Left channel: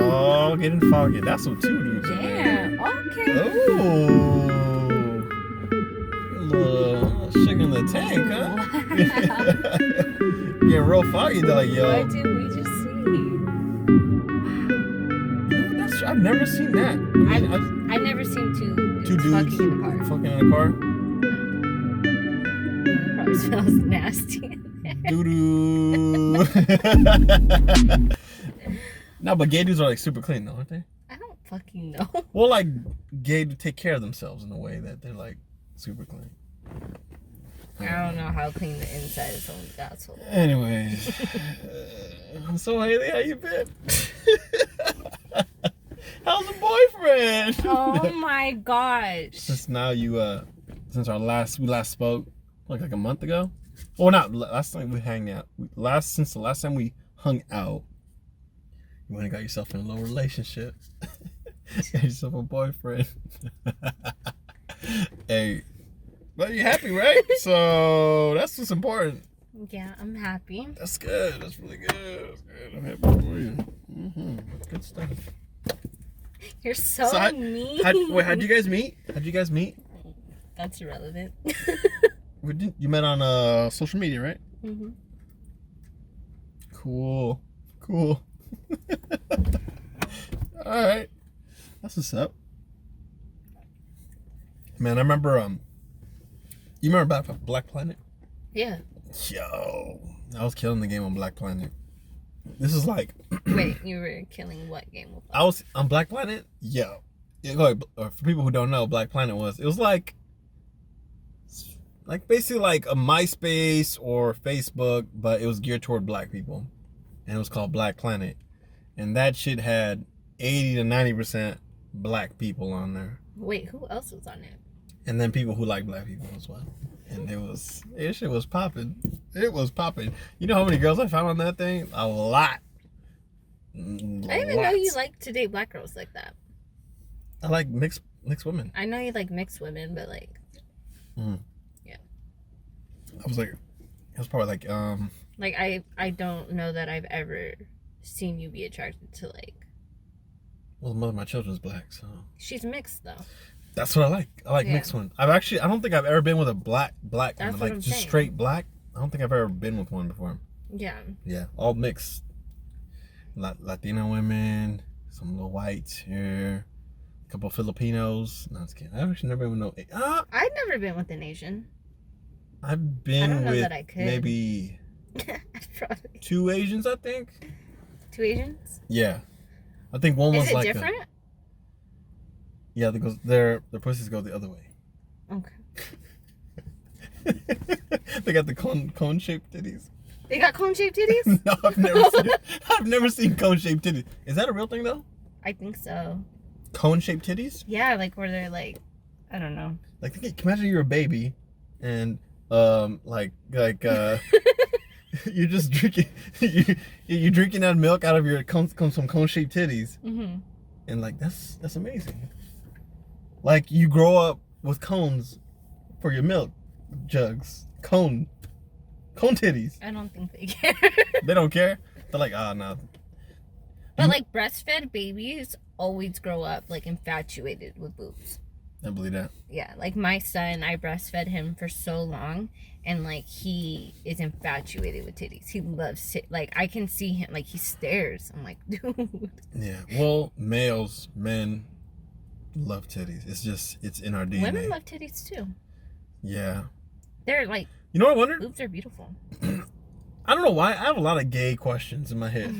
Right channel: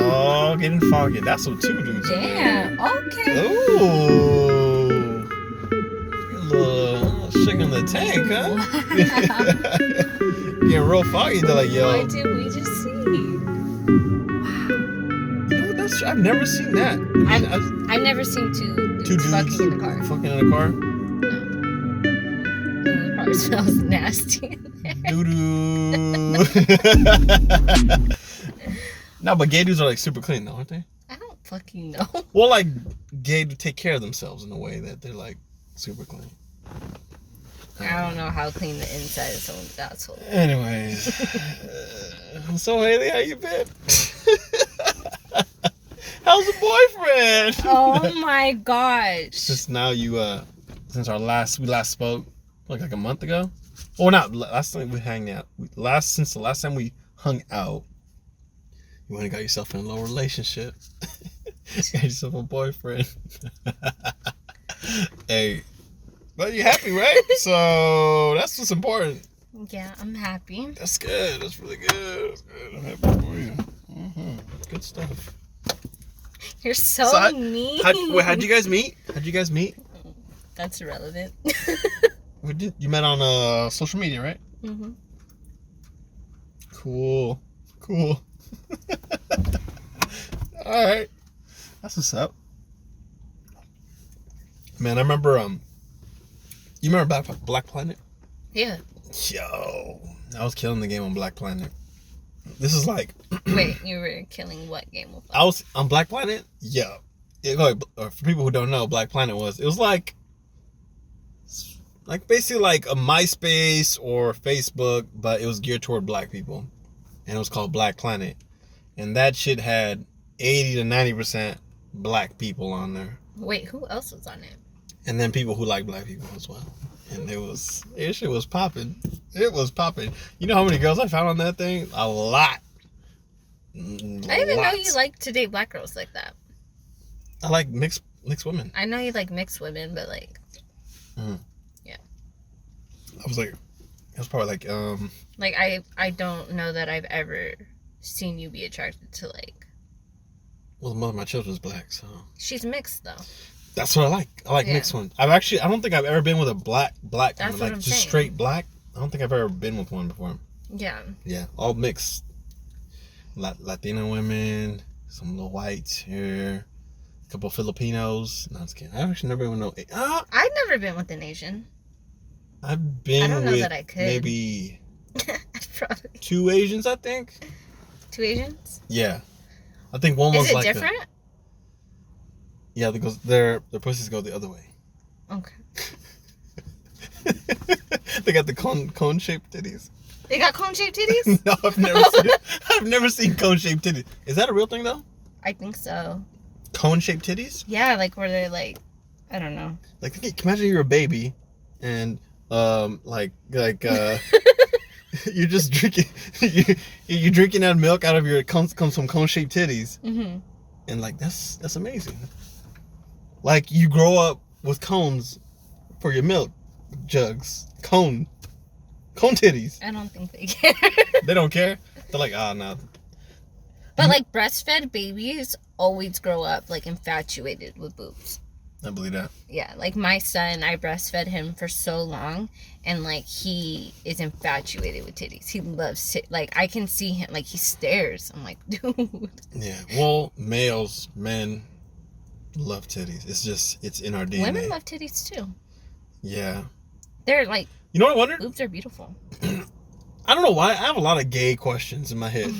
Oh, getting foggy. That's what two dudes are doing. Yeah, okay. Oh. A little shake in the tank, huh? Getting real foggy. They're like, yo. What did we just see? I've never seen that. I've never seen two dudes dudes fucking in the car. fucking in the car? No. It probably smells nasty in there. Doo-doo. No, but gay dudes are like super clean though, aren't they? I don't fucking know. Well, like gay to take care of themselves in a way that they're like super clean. I don't know how clean the inside of someone's asshole. Anyways, so Haley, how you been? How's the boyfriend? Oh my gosh. Since we last spoke, like a month ago. Well, not last time we hung out. Since the last time we hung out, you went and got yourself in a little relationship. Got yourself a boyfriend. Hey, but you're happy, right? So that's what's important. Yeah, I'm happy. That's good. That's really good. That's good. I'm happy for you. Mm-hmm. Good stuff. You're so mean. How'd you guys meet? That's irrelevant. You met on social media, right? Mm-hmm. Cool. All right. That's what's up. Man, I remember, you remember Black Planet? Yeah. Yo, I was killing the game on Black Planet. This is like... Wait, you were killing what game? I was on Black Planet? Yeah. For people who don't know, Black Planet was like basically like a MySpace or Facebook, but it was geared toward black people. And it was called Black Planet. And that shit had 80 to 90% black people on there. Wait, who else was on it? And then people who like black people as well. And it shit was popping. It was popping. You know how many girls I found on that thing? A lot. I didn't even know you like to date black girls like that. I like mixed women. I know you like mixed women, but like, yeah. I was like, it was probably like, like I don't know that I've ever seen you be attracted to like. Well, the mother of my children's black, so. She's mixed though. That's what I like. I like mixed ones. I don't think I've ever been with a black That's woman, what like I'm just saying. straight black. I don't think I've ever been with one before. Yeah. Yeah, all mixed. Latina women, some little whites here, a couple of Filipinos. No, I'm just kidding. I've actually never been with no. I've never been with an Asian. I've been I don't know with that I could. maybe Probably. 2 Asians, I think. 2 Asians? Yeah, I think one was Is it like different? yeah, because their pussies go the other way. Okay. They got the cone shaped titties. They got cone-shaped titties? No, I've never seen cone shaped titties. Is that a real thing though? I think so. Cone shaped titties? Yeah, like where they're like, I don't know. Like, imagine you're a baby, and you're just drinking, you're drinking that milk out of your comes from cone shaped titties, and like that's amazing. Like you grow up with cones for your milk jugs, cone titties. I don't think they care. They don't care. They're like, no. But like breastfed babies always grow up like infatuated with boobs. I believe that. Yeah, like my son, I breastfed him for so long, and like he is infatuated with titties. He loves like I can see him, like he stares. I'm like, dude. Yeah. Well, men love titties. It's in our DNA. Women love titties too. Yeah. They're like, you know what I wondered? boobs are beautiful. I don't know why. I have a lot of gay questions in my head.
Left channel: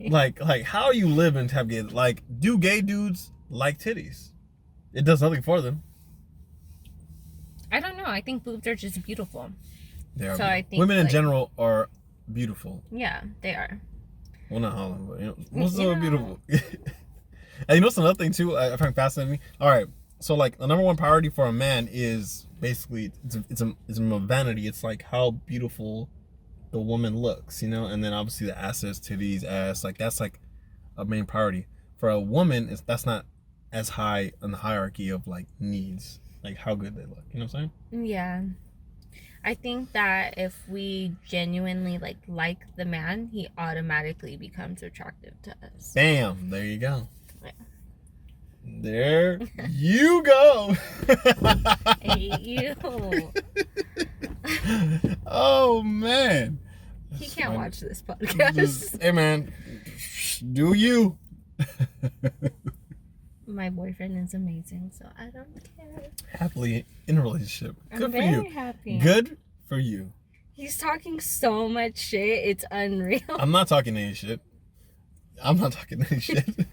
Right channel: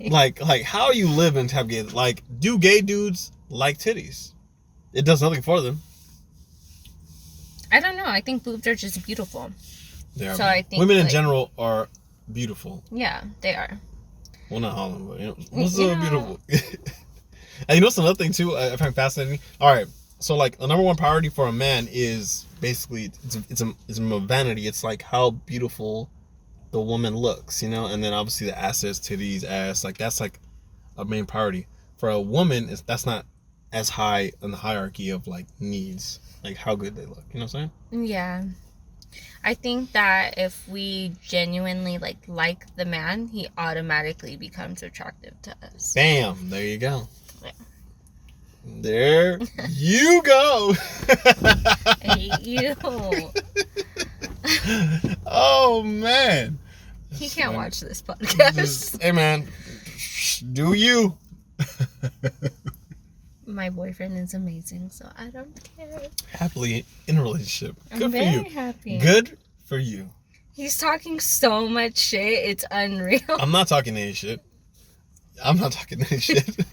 Okay. Like how you live and have gay. Like, do gay dudes like titties? It does nothing for them. I don't know. I think boobs are just beautiful. They are. So I think women in general are beautiful. Yeah, they are. Well, not all of them, but most of them are beautiful. And you know what's another thing too? I find fascinating. All right, so like the number one priority for a man is basically it's a vanity. It's like how beautiful the woman looks, you know, and then obviously the assets, titties, ass, like that's like a main priority. For a woman, that's not as high in the hierarchy of like needs, like how good they look. You know what I'm saying? Yeah. I think that if we genuinely like the man, he automatically becomes attractive to us. Bam! There you go. Yeah. There you go. I hate you. Oh man. He can't watch this podcast. Hey man, do you? My boyfriend is amazing, so I don't care. Happily in a relationship. Good I'm for very you. happy. Good for you. He's talking so much shit. It's unreal. I'm not talking any shit. I'm not talking any shit.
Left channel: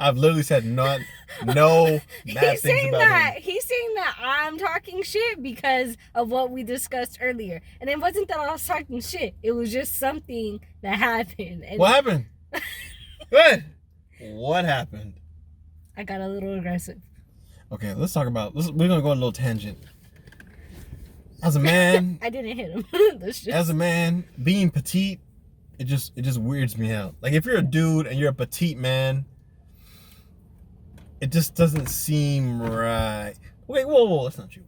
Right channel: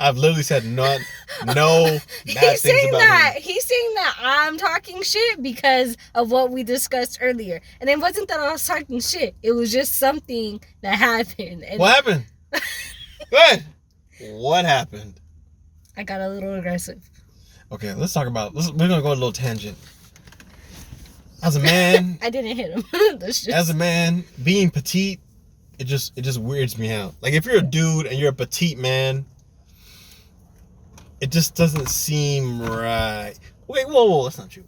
I've literally said no bad He's things saying about that. him. He's saying that I'm talking shit because of what we discussed earlier. And it wasn't that I was talking shit. It was just something that happened. And What happened? What happened? I got a little aggressive. Okay, let's talk about. We're gonna go on a little tangent. As a man, I didn't hit him. That's just... as a man, being petite, it just weirds me out. Like if you're a dude and you're a petite man, it just doesn't seem right. Wait, whoa, that's not true.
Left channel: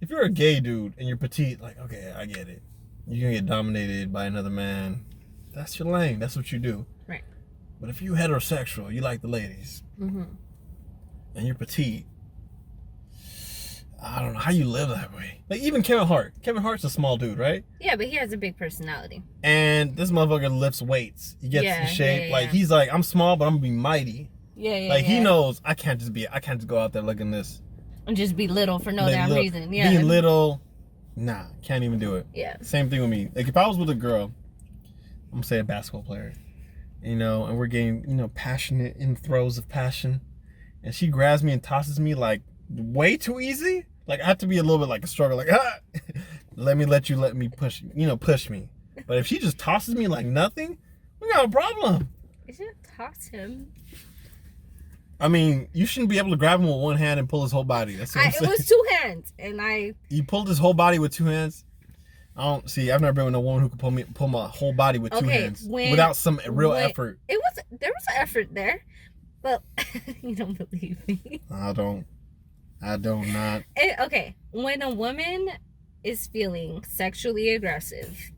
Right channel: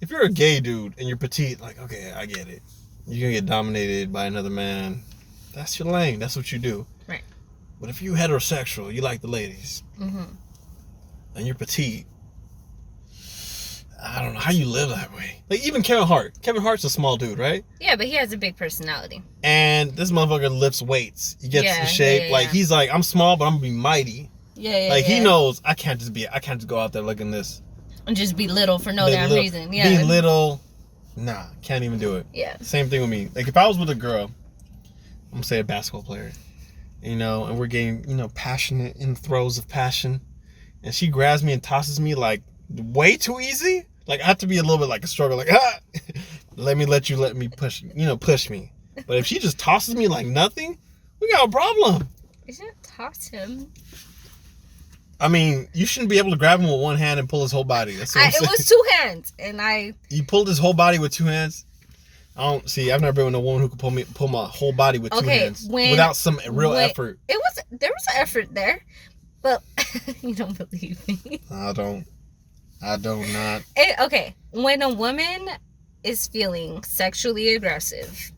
If you're a gay dude and you're petite, like okay, I get it. You're gonna get dominated by another man. That's your lane. That's what you do. Right. But if you heterosexual, you like the ladies, Mm-hmm. and you're petite, I don't know how you live that way. Like even Kevin Hart. Kevin Hart's a small dude, right? Yeah, but he has a big personality. And this motherfucker lifts weights. He gets in shape. Yeah. Like he's like, I'm small, but I'm gonna be mighty. Yeah. Like he knows I can't just go out there looking this. And just be little for no damn reason. Yeah. Being little, nah, can't even do it. Yeah. Same thing with me. Like if I was with a girl, I'm gonna say a basketball player, and we're getting, passionate in throes of passion, and she grabs me and tosses me like way too easy. Like I have to be a little bit like a struggle, like let me push me. But if she just tosses me like nothing, we got a problem. You shouldn't toss him. I mean, you shouldn't be able to grab him with one hand and pull his whole body. That's what I'm saying. It was 2 hands, and You pulled his whole body with 2 hands. I've never been with a woman who could pull my whole body with 2 hands without some real effort. There was an effort there, but you don't believe me. I don't not. Okay, when a woman is feeling sexually aggressive,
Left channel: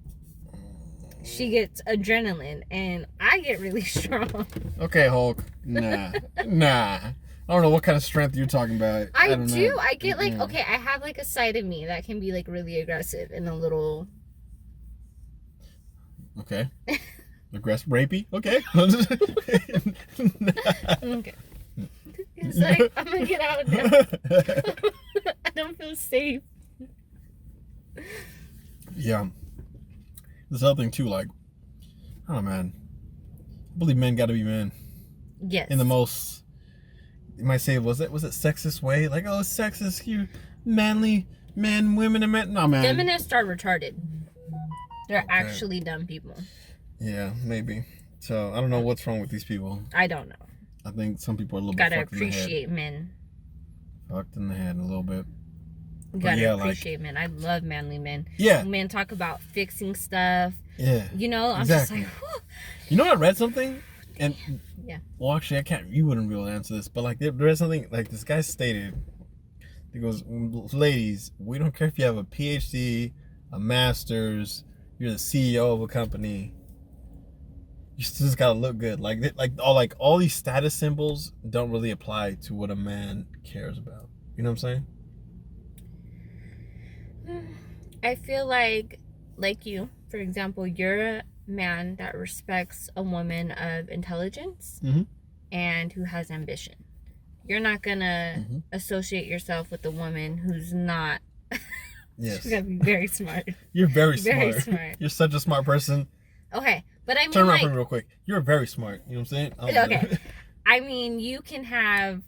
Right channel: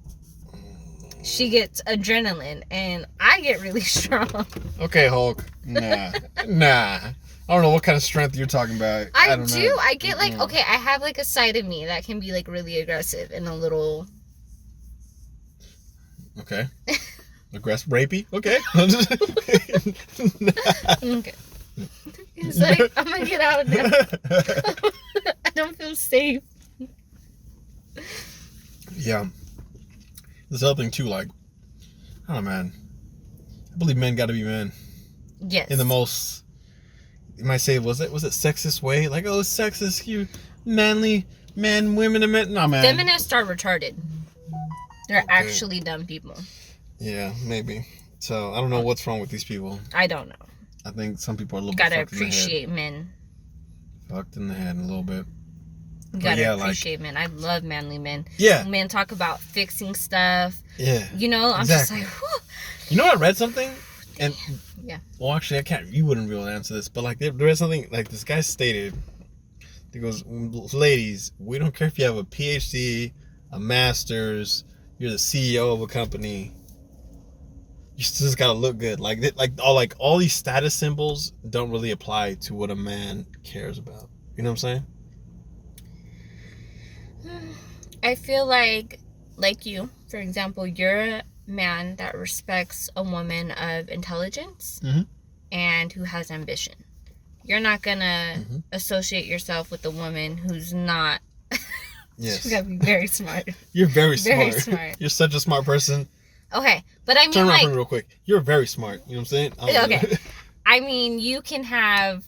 she gets adrenaline, and I get really strong. Okay, Hulk. Nah. I don't know what kind of strength you're talking about. I don't do. know. I get okay, I have a side of me that can be really aggressive and a little. Okay. Aggressive, rapey. Okay. Okay. It's like I'm gonna get out now. I don't feel safe. Yeah. This other thing too, like, I don't know, man. I believe men got to be men. Yes. In the most, you might say, was it sexist way? Like, oh, it's sexist, you manly men, women, and men. No, man. Feminists are retarded. They're actually dumb people. Yeah, maybe. So I don't know what's wrong with these people. I don't know. I think some people are a little Gotta bit fucked appreciate in the head. men. Fucked in the head a little bit. Gotta appreciate men. I love manly men. Yeah. Men talk about fixing stuff. Yeah. I'm just like, whew. You know, I read something, and yeah. Well, actually, I can't. You wouldn't be able to answer this, but like, there is something like this guy stated. He goes, "Ladies, we don't care if you have a PhD, a master's, you're the CEO of a company. You still just gotta look good. Like all these status symbols don't really apply to what a man cares about. You know what I'm saying?" I feel like you, for example, you're a man that respects a woman of intelligence and who has ambition. You're not gonna associate yourself with a woman who's not. Yes. She's gotta be very smart. You're very smart. Very smart. You're such a smart person. Okay, but I mean, turn around for me real quick. You're very smart. You know what I'm saying? Okay. I mean, you can have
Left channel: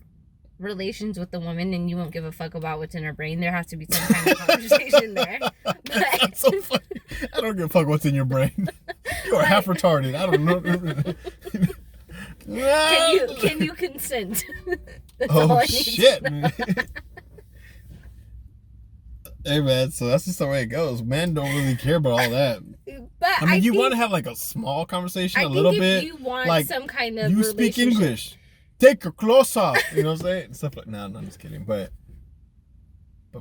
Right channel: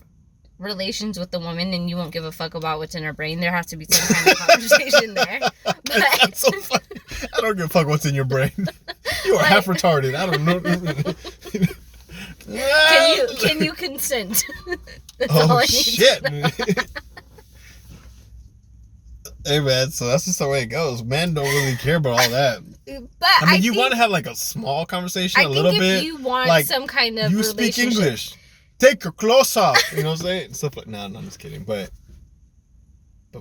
relations with the woman and you won't give a fuck about what's in her brain. There has to be some kind of conversation there. But that's so funny. I don't give a fuck what's in your brain. You are half retarded. I don't know. Can you consent? That's all all I I need shit. to know. Hey man, so that's just the way it goes. Men don't really care about all that. But I mean, you want to have a small conversation, a little bit. You want some kind of you speak English. Take your clothes off. You know what I'm saying? Stuff like no, I'm just kidding. But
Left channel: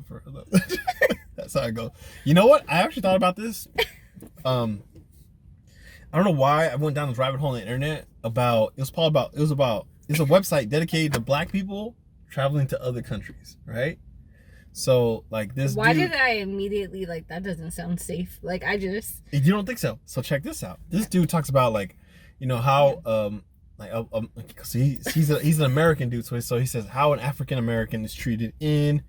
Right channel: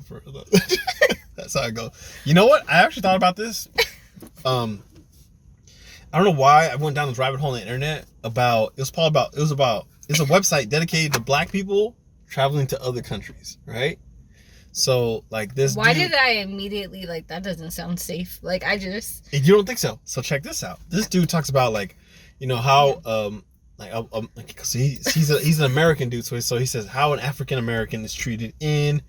for That's how I go. You know what? I actually thought about this. I don't know why I went down this rabbit hole on the internet about. It's a website dedicated to black people traveling to other countries, right? So like this. Why did I immediately like that? Doesn't sound safe. Like I just. You don't think so? So check this out. This dude talks about like, you know how cause he's an American dude. So he says how an African American is treated in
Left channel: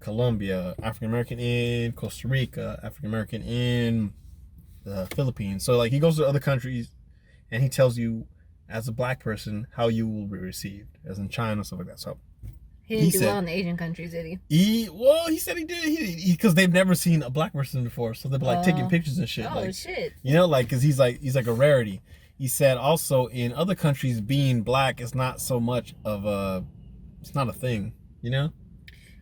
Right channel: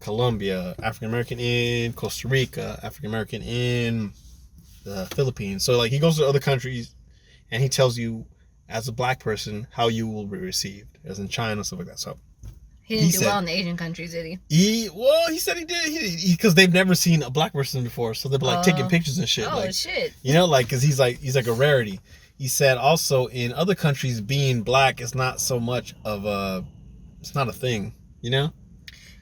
Colombia, African American in Costa Rica, African American in the Philippines. So like he goes to other countries, and he tells you as a black person how you will be received, as in China, stuff like that. So he didn't do well in the Asian countries, did he? He said he did. Because they've never seen a black person before, so they're like taking pictures and shit. Oh like, shit! You know, like because he's like a rarity. He said also in other countries being black is not so much of it's not a thing. You know.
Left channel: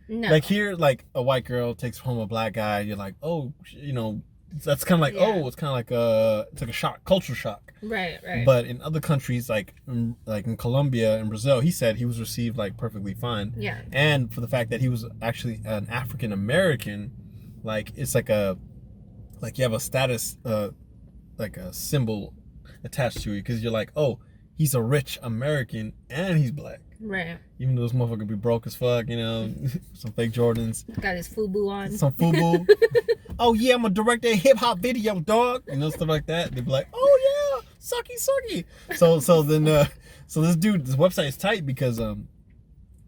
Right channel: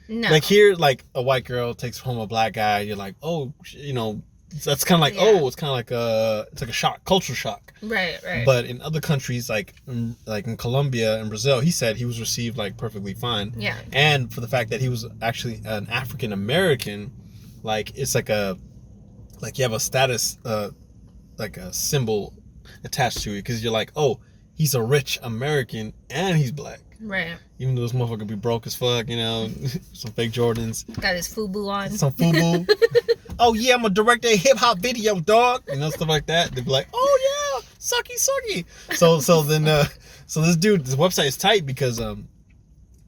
No. Like here, like a white girl takes home a black guy, you're like, oh, you know, that's kind of like, oh, it's kind of like it's like a shock, culture shock. Right. But in other countries, like in Colombia and Brazil, he said he was received like perfectly fine. Yeah. And for the fact that he was actually an African American, like it's like you have a status, like a symbol attached to it, because you're like, oh, he's a rich American and he's black. Right. Even though this motherfucker be broke as fuck, you know, some fake Jordans. Got his FUBU on. Some FUBU. Oh yeah, I'm a director of hip hop video, dog. You know, stuff like that. They'd be like, oh yeah, sucky. So this dude, this website is tight because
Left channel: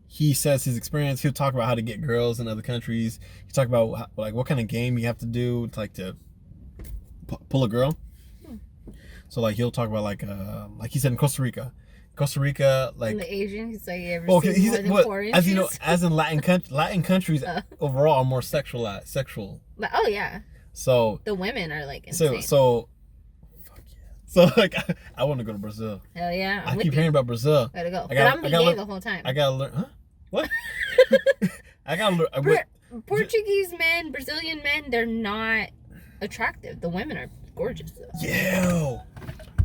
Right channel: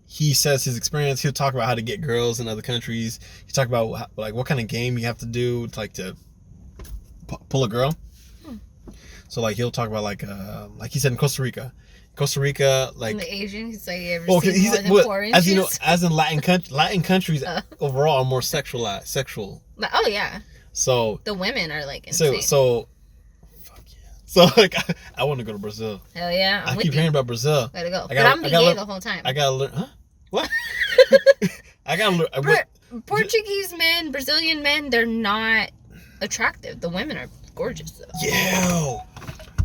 he says his experience. He'll talk about how to get girls in other countries. He talk about like what kind of game you have to do to pull a girl. So like he'll talk about like he said in Costa Rica, like in the Asian, he's like, you ever okay, seen more than 4 inches? as you know, as in Latin countries overall are more sexual. Oh yeah. So the women are like insane. So fuck yeah. So like I want to go to Brazil. Hell yeah. I keep hearing about Brazil. Gotta go. But I'm being gay the whole time. I gotta learn. Huh? What? I gotta learn. Portuguese men, Brazilian men, they're not attractive. The women are gorgeous though. Yeah.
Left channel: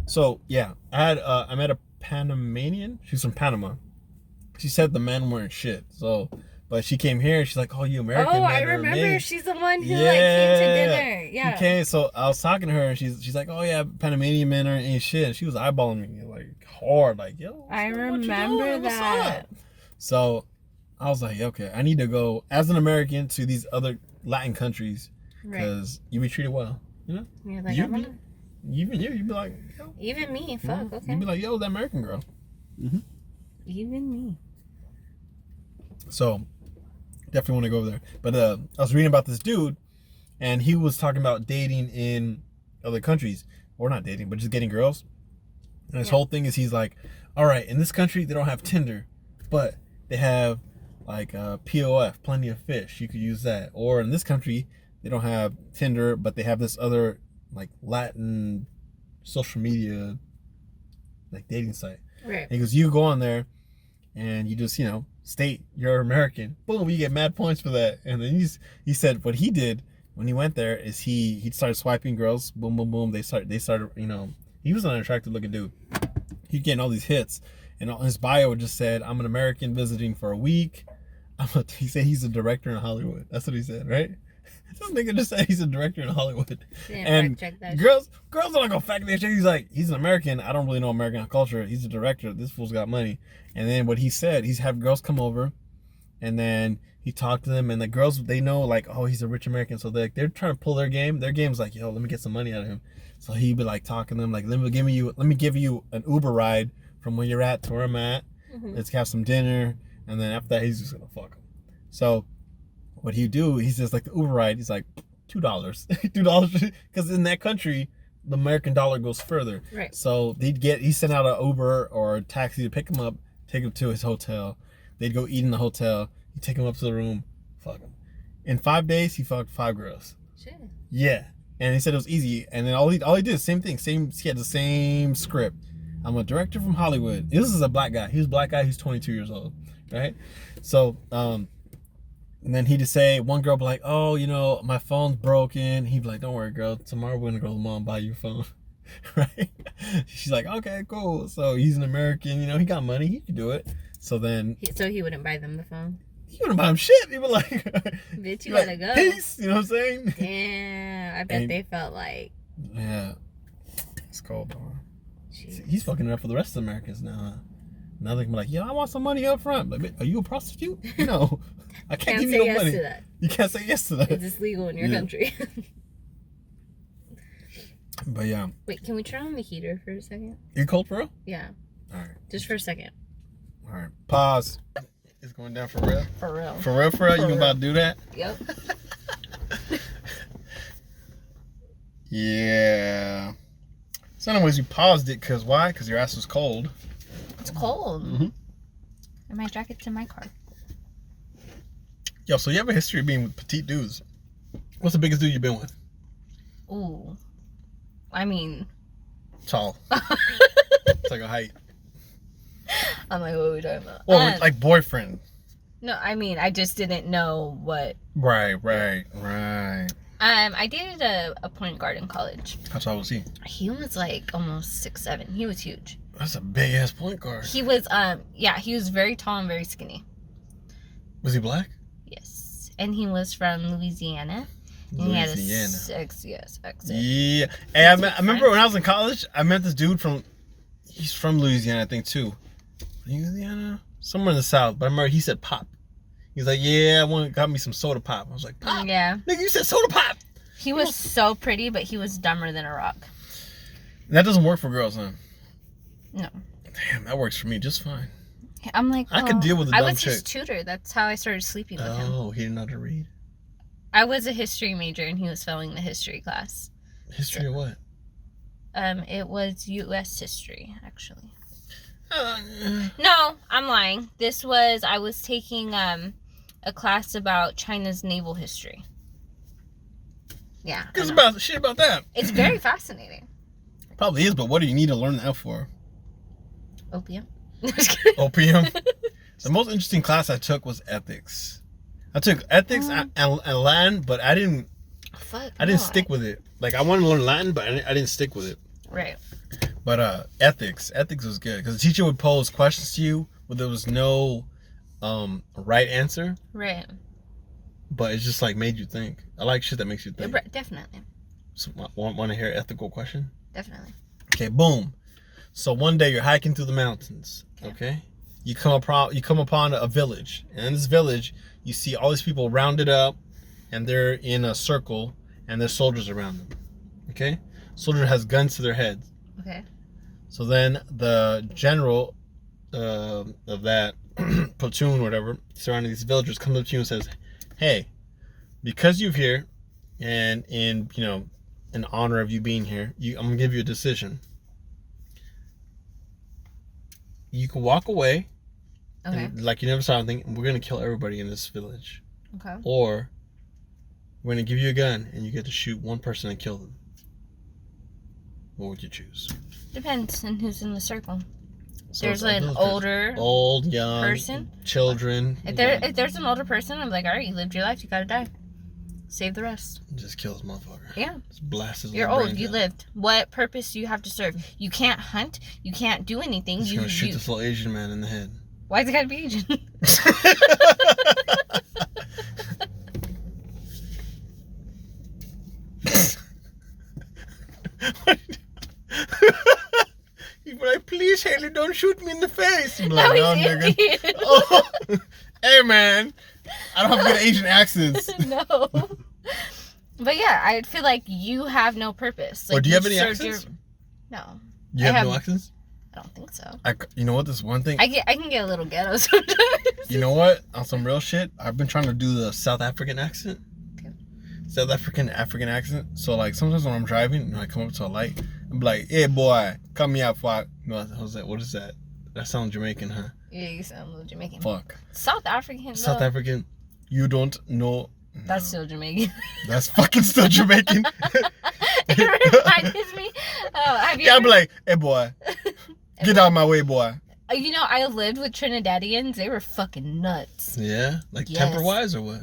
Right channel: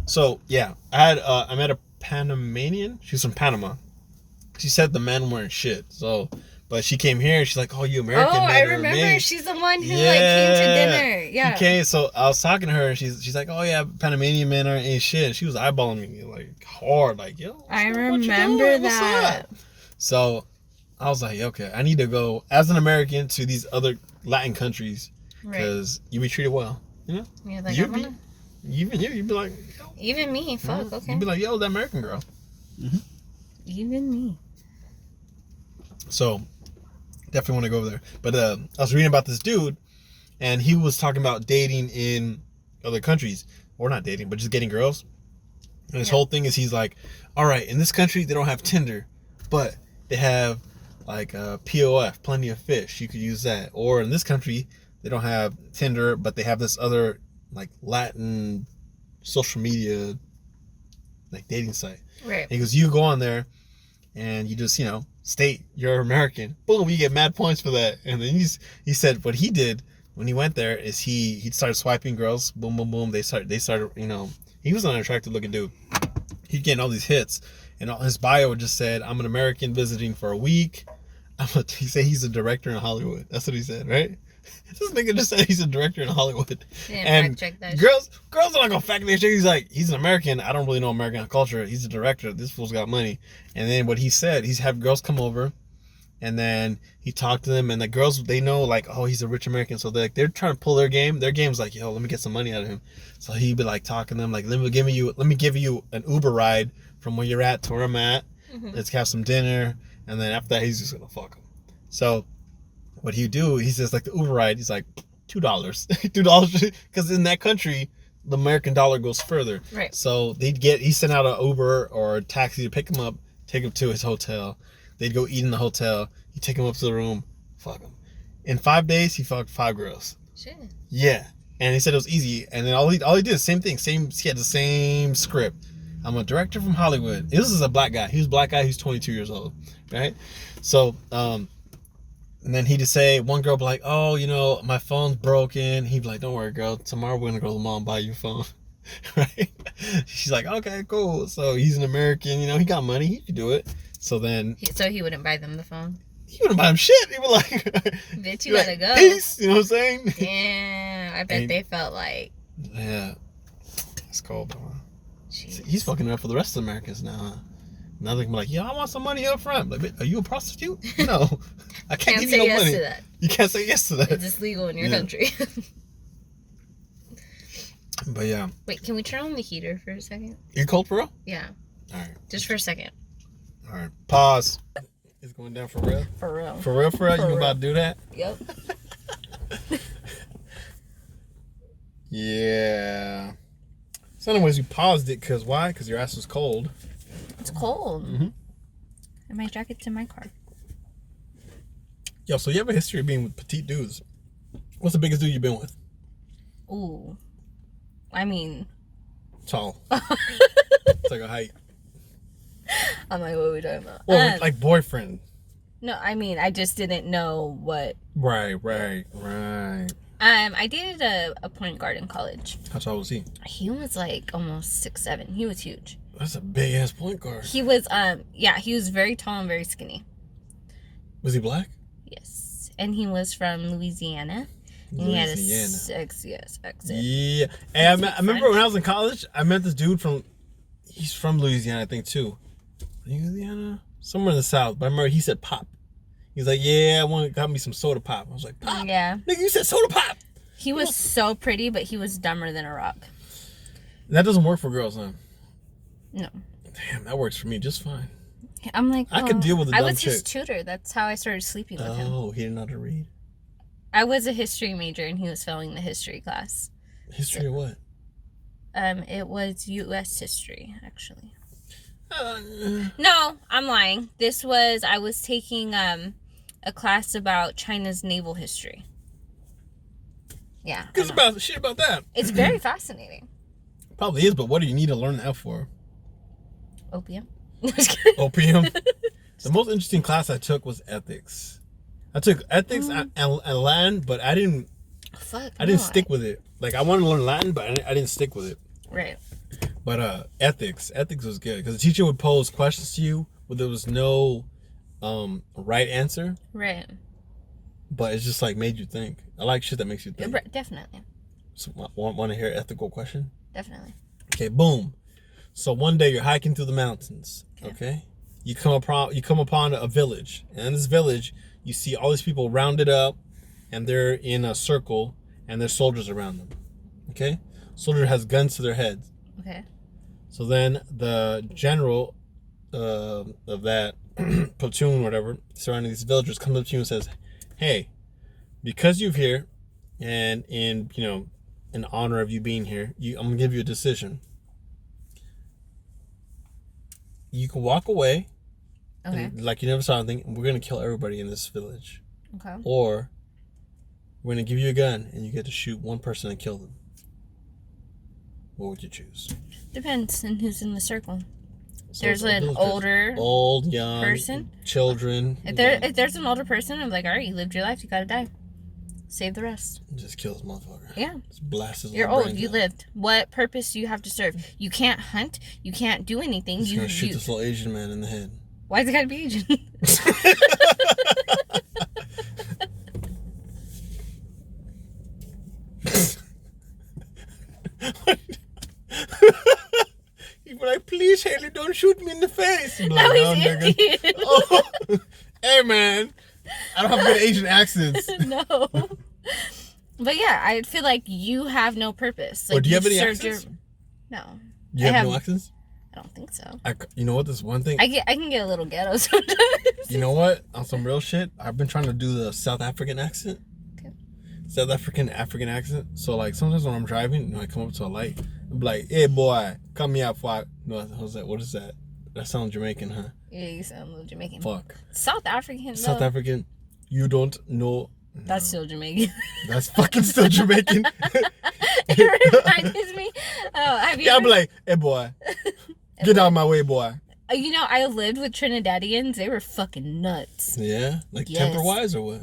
So yeah, I met a Panamanian. She's from Panama. She said the men weren't shit. So, but she came here and she's like, "Oh, you American men I are remember. amazing." She's the one who like came to dinner. Yeah. Okay, so I was talking to her and she's like, "Oh yeah, Panamanian men ain't shit." And she was eyeballing me like hard, like, "Yo." I remember that. So I was like, "Okay, I need to go as an American to these other Latin countries because you be treated well." You know? Yeah, like you'd be like, yo. Even me, fuck, okay. You'd be like, yo, that American girl. Mm-hmm. Even me. So, definitely want to go over there. But I was reading about this dude, and he was talking about dating in other countries. Or not dating, but just getting girls. And his whole thing is he's like, all right, in this country, they don't have Tinder, but they have like POF, plenty of fish. You could use that. Or in this country, they don't have Tinder, but they have this other like Latin social media like dating site. Right. And he goes, you go on there and you just, state you're American. Boom, you get mad points for that. And then he said what he did when he went there is he started swiping girls. Boom, boom, boom. They started, he was an unattractive looking dude. He's getting all these hits. And his bio just said, I'm an American visiting for a week. He said he's a director in Hollywood. That's what he said, right? This nigga just said he's a director in Hollywood. And girls are not gonna fact that shit. He's like, he's an American. I don't really know American culture. He's a director. This fool's got money. And then what he said, he's have girls come over, and then he talked to them, and the girls, they know like, oh, he's a rich American, so they're trying to pull their game. Their game's like, yo, let me get some money out of him. So he'd be like talking to them like, let me give you an Uber ride from where you're at to where I'm at. Mm-hmm. Let's have some dinner, and then after that, he's just gonna fuck them. So what he do, he says like the Uber ride, he's like $2, because in that country the American dollar goes further. Right. So he sent out an Uber or a taxi to pick him up, take him to his hotel. They'd go eat in the hotel. He'd take him up to the room, fuck him. In 5 days, he fucked 5 girls. Shit. Yeah, and he said it was easy. And then all he did, same thing. He had the same script. I'm a director from Hollywood. This is a black guy. He was a black guy. He's 22 years old, right? So, and then he'd just say, one girl be like, oh, my phone's broken. He'd be like, don't worry, girl. Tomorrow we're going to go to the mall and buy you a phone. Right? She's like, okay, cool. So he's an American. He got money. He could do it. So then... So he wouldn't buy them the phone? He wouldn't buy him shit. He was like, bitch, you gotta go. Peace. You know what I'm saying? Damn, I bet they felt like. Yeah. It's cold, though. He's fucking it up for the rest of the Americans now, huh? Now they can be like, yo, I want some money up front. Like, are you a prostitute? No. I can't give you no money. To that. You can't say yes to that. It's legal in your country. But yeah. Wait, can we turn on the heater for a second? You cold for real? Yeah. All right. Just for a second. All right. Pause. It's going down for real? For real. For real, for real? You about to do that? Yep. Yeah. So anyways, you paused it because why? Because your ass was cold. It's cold. Mm-hmm. And my jacket's in my car. Yo, so you have a history of being with petite dudes. What's the biggest dude you've been with? Ooh. I mean... Tall. It's like a height. I'm like, what are we talking about? Well, like boyfriend. No, I mean, I just didn't know what... Right. I dated a point guard in college. How tall was he? He was like almost 6'7". He was huge. That's a big ass point guard. He was, he was very tall and very skinny. Was he black? Yes. And he was from Louisiana. And he had a accent. Yeah. Hey, I remember when I was in college, I met this dude he's from Louisiana, I think, too. Louisiana? Somewhere in the South. But I remember he said pop. He's like, yeah, got me some soda pop. I was like, pop? Yeah. Nigga, you said soda pop. He was so pretty, but he was dumber than a rock. That doesn't work for girls, huh? No. Damn, that works for me just fine. I'm like, I could deal with a dumb chick. I was his tutor. That's how I started sleeping with him. Oh, he didn't know how to read. I was a history major, and he was failing the history class. History of what? It was U.S. history, actually. No, I'm lying. I was taking a class about China's naval history. Yeah. It's about shit about that. It's very fascinating. Probably is, but what do you need to learn that for? Opium. Opium? The most interesting class I took was ethics. I took ethics and Latin, but I didn't stick with it. Like, I wanted to learn Latin, but I didn't stick with it. Right. But ethics was good because the teacher would pose questions to you where there was no right answer. Right. But it's just like made you think. I like shit that makes you think. Definitely. So, want to hear an ethical question? Definitely. Okay, boom. So one day you're hiking through the mountains. Okay. You come upon a village, and in this village you see all these people rounded up, and they're in a circle, and there's soldiers around them. Okay. Soldier has guns to their heads. Okay. So then the general of that platoon, whatever, surrounding these villagers, comes up to you and says, "Hey, because you're here, and in honor of you being here, I'm gonna give you a decision. You can walk away, like you never saw anything, and we're gonna kill everybody in this village. Okay. Or we're gonna give you a gun, and you get to shoot one person and kill them. What would you choose?" Depends on who's in the circle. So there's an old, young person, children. If there's an older person, I'm like, all right, you lived your life, you gotta die. Save the rest. Just kill this motherfucker. Yeah. Just blast his. You're old. You lived. What purpose do you have to serve? You can't hunt. You can't do anything. He's gonna shoot this little Asian man in the head. Why's it gotta be Asian? You'd be like, please, Haley, don't shoot me in the face. Like, no, he's Indian. Oh. Hey, man. I don't have good Asian accents. No. But yeah, I feel like you have no purpose. Like, do you have any accents? No. You have no accents? I don't think so. You know what? This one thing. I can get a little ghetto sometimes. You know what? On some real shit, I've been trying to do the South African accent. Okay. South African accent. So like sometimes when I'm driving, I come up to a light, I'm like, "Hey boy, come here for." No, I was like, "What is that? That sounds Jamaican, huh?" Yeah, you sound a little Jamaican. Fuck. South African. South African. You don't know. No. That's still Jamaican. That's fucking still Jamaican. It reminds me. I'll be like, "Hey boy, get out of my way, boy." You know, I lived with Trinidadians. They were fucking nuts. Yeah? Like temper-wise or what?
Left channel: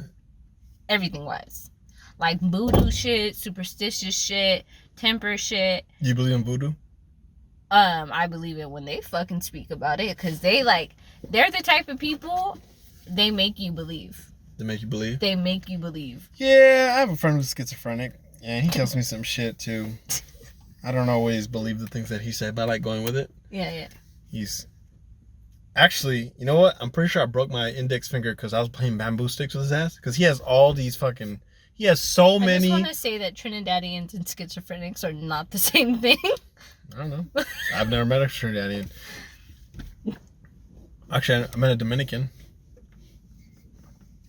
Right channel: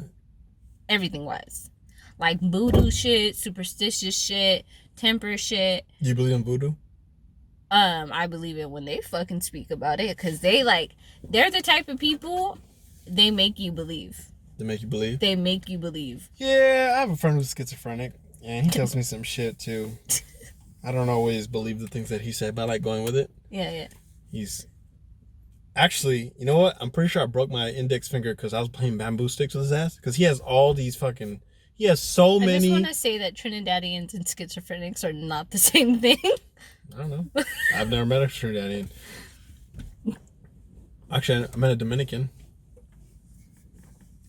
Everything wise. Like voodoo shit, superstitious shit, temper shit. You believe in voodoo? I believe it when they fucking speak about it. Because they're the type of people, they make you believe. They make you believe? They make you believe. Yeah, I have a friend who's schizophrenic, and he tells me some shit, too. I don't always believe the things that he said, but I like going with it. Yeah. He's... Actually, you know what? I'm pretty sure I broke my index finger because I was playing bamboo sticks with his ass. Because he has all these fucking... He has so many... I just want to say that Trinidadians and schizophrenics are not the same thing. I don't know. I've never met a Trinidadian. Actually, I met a Dominican.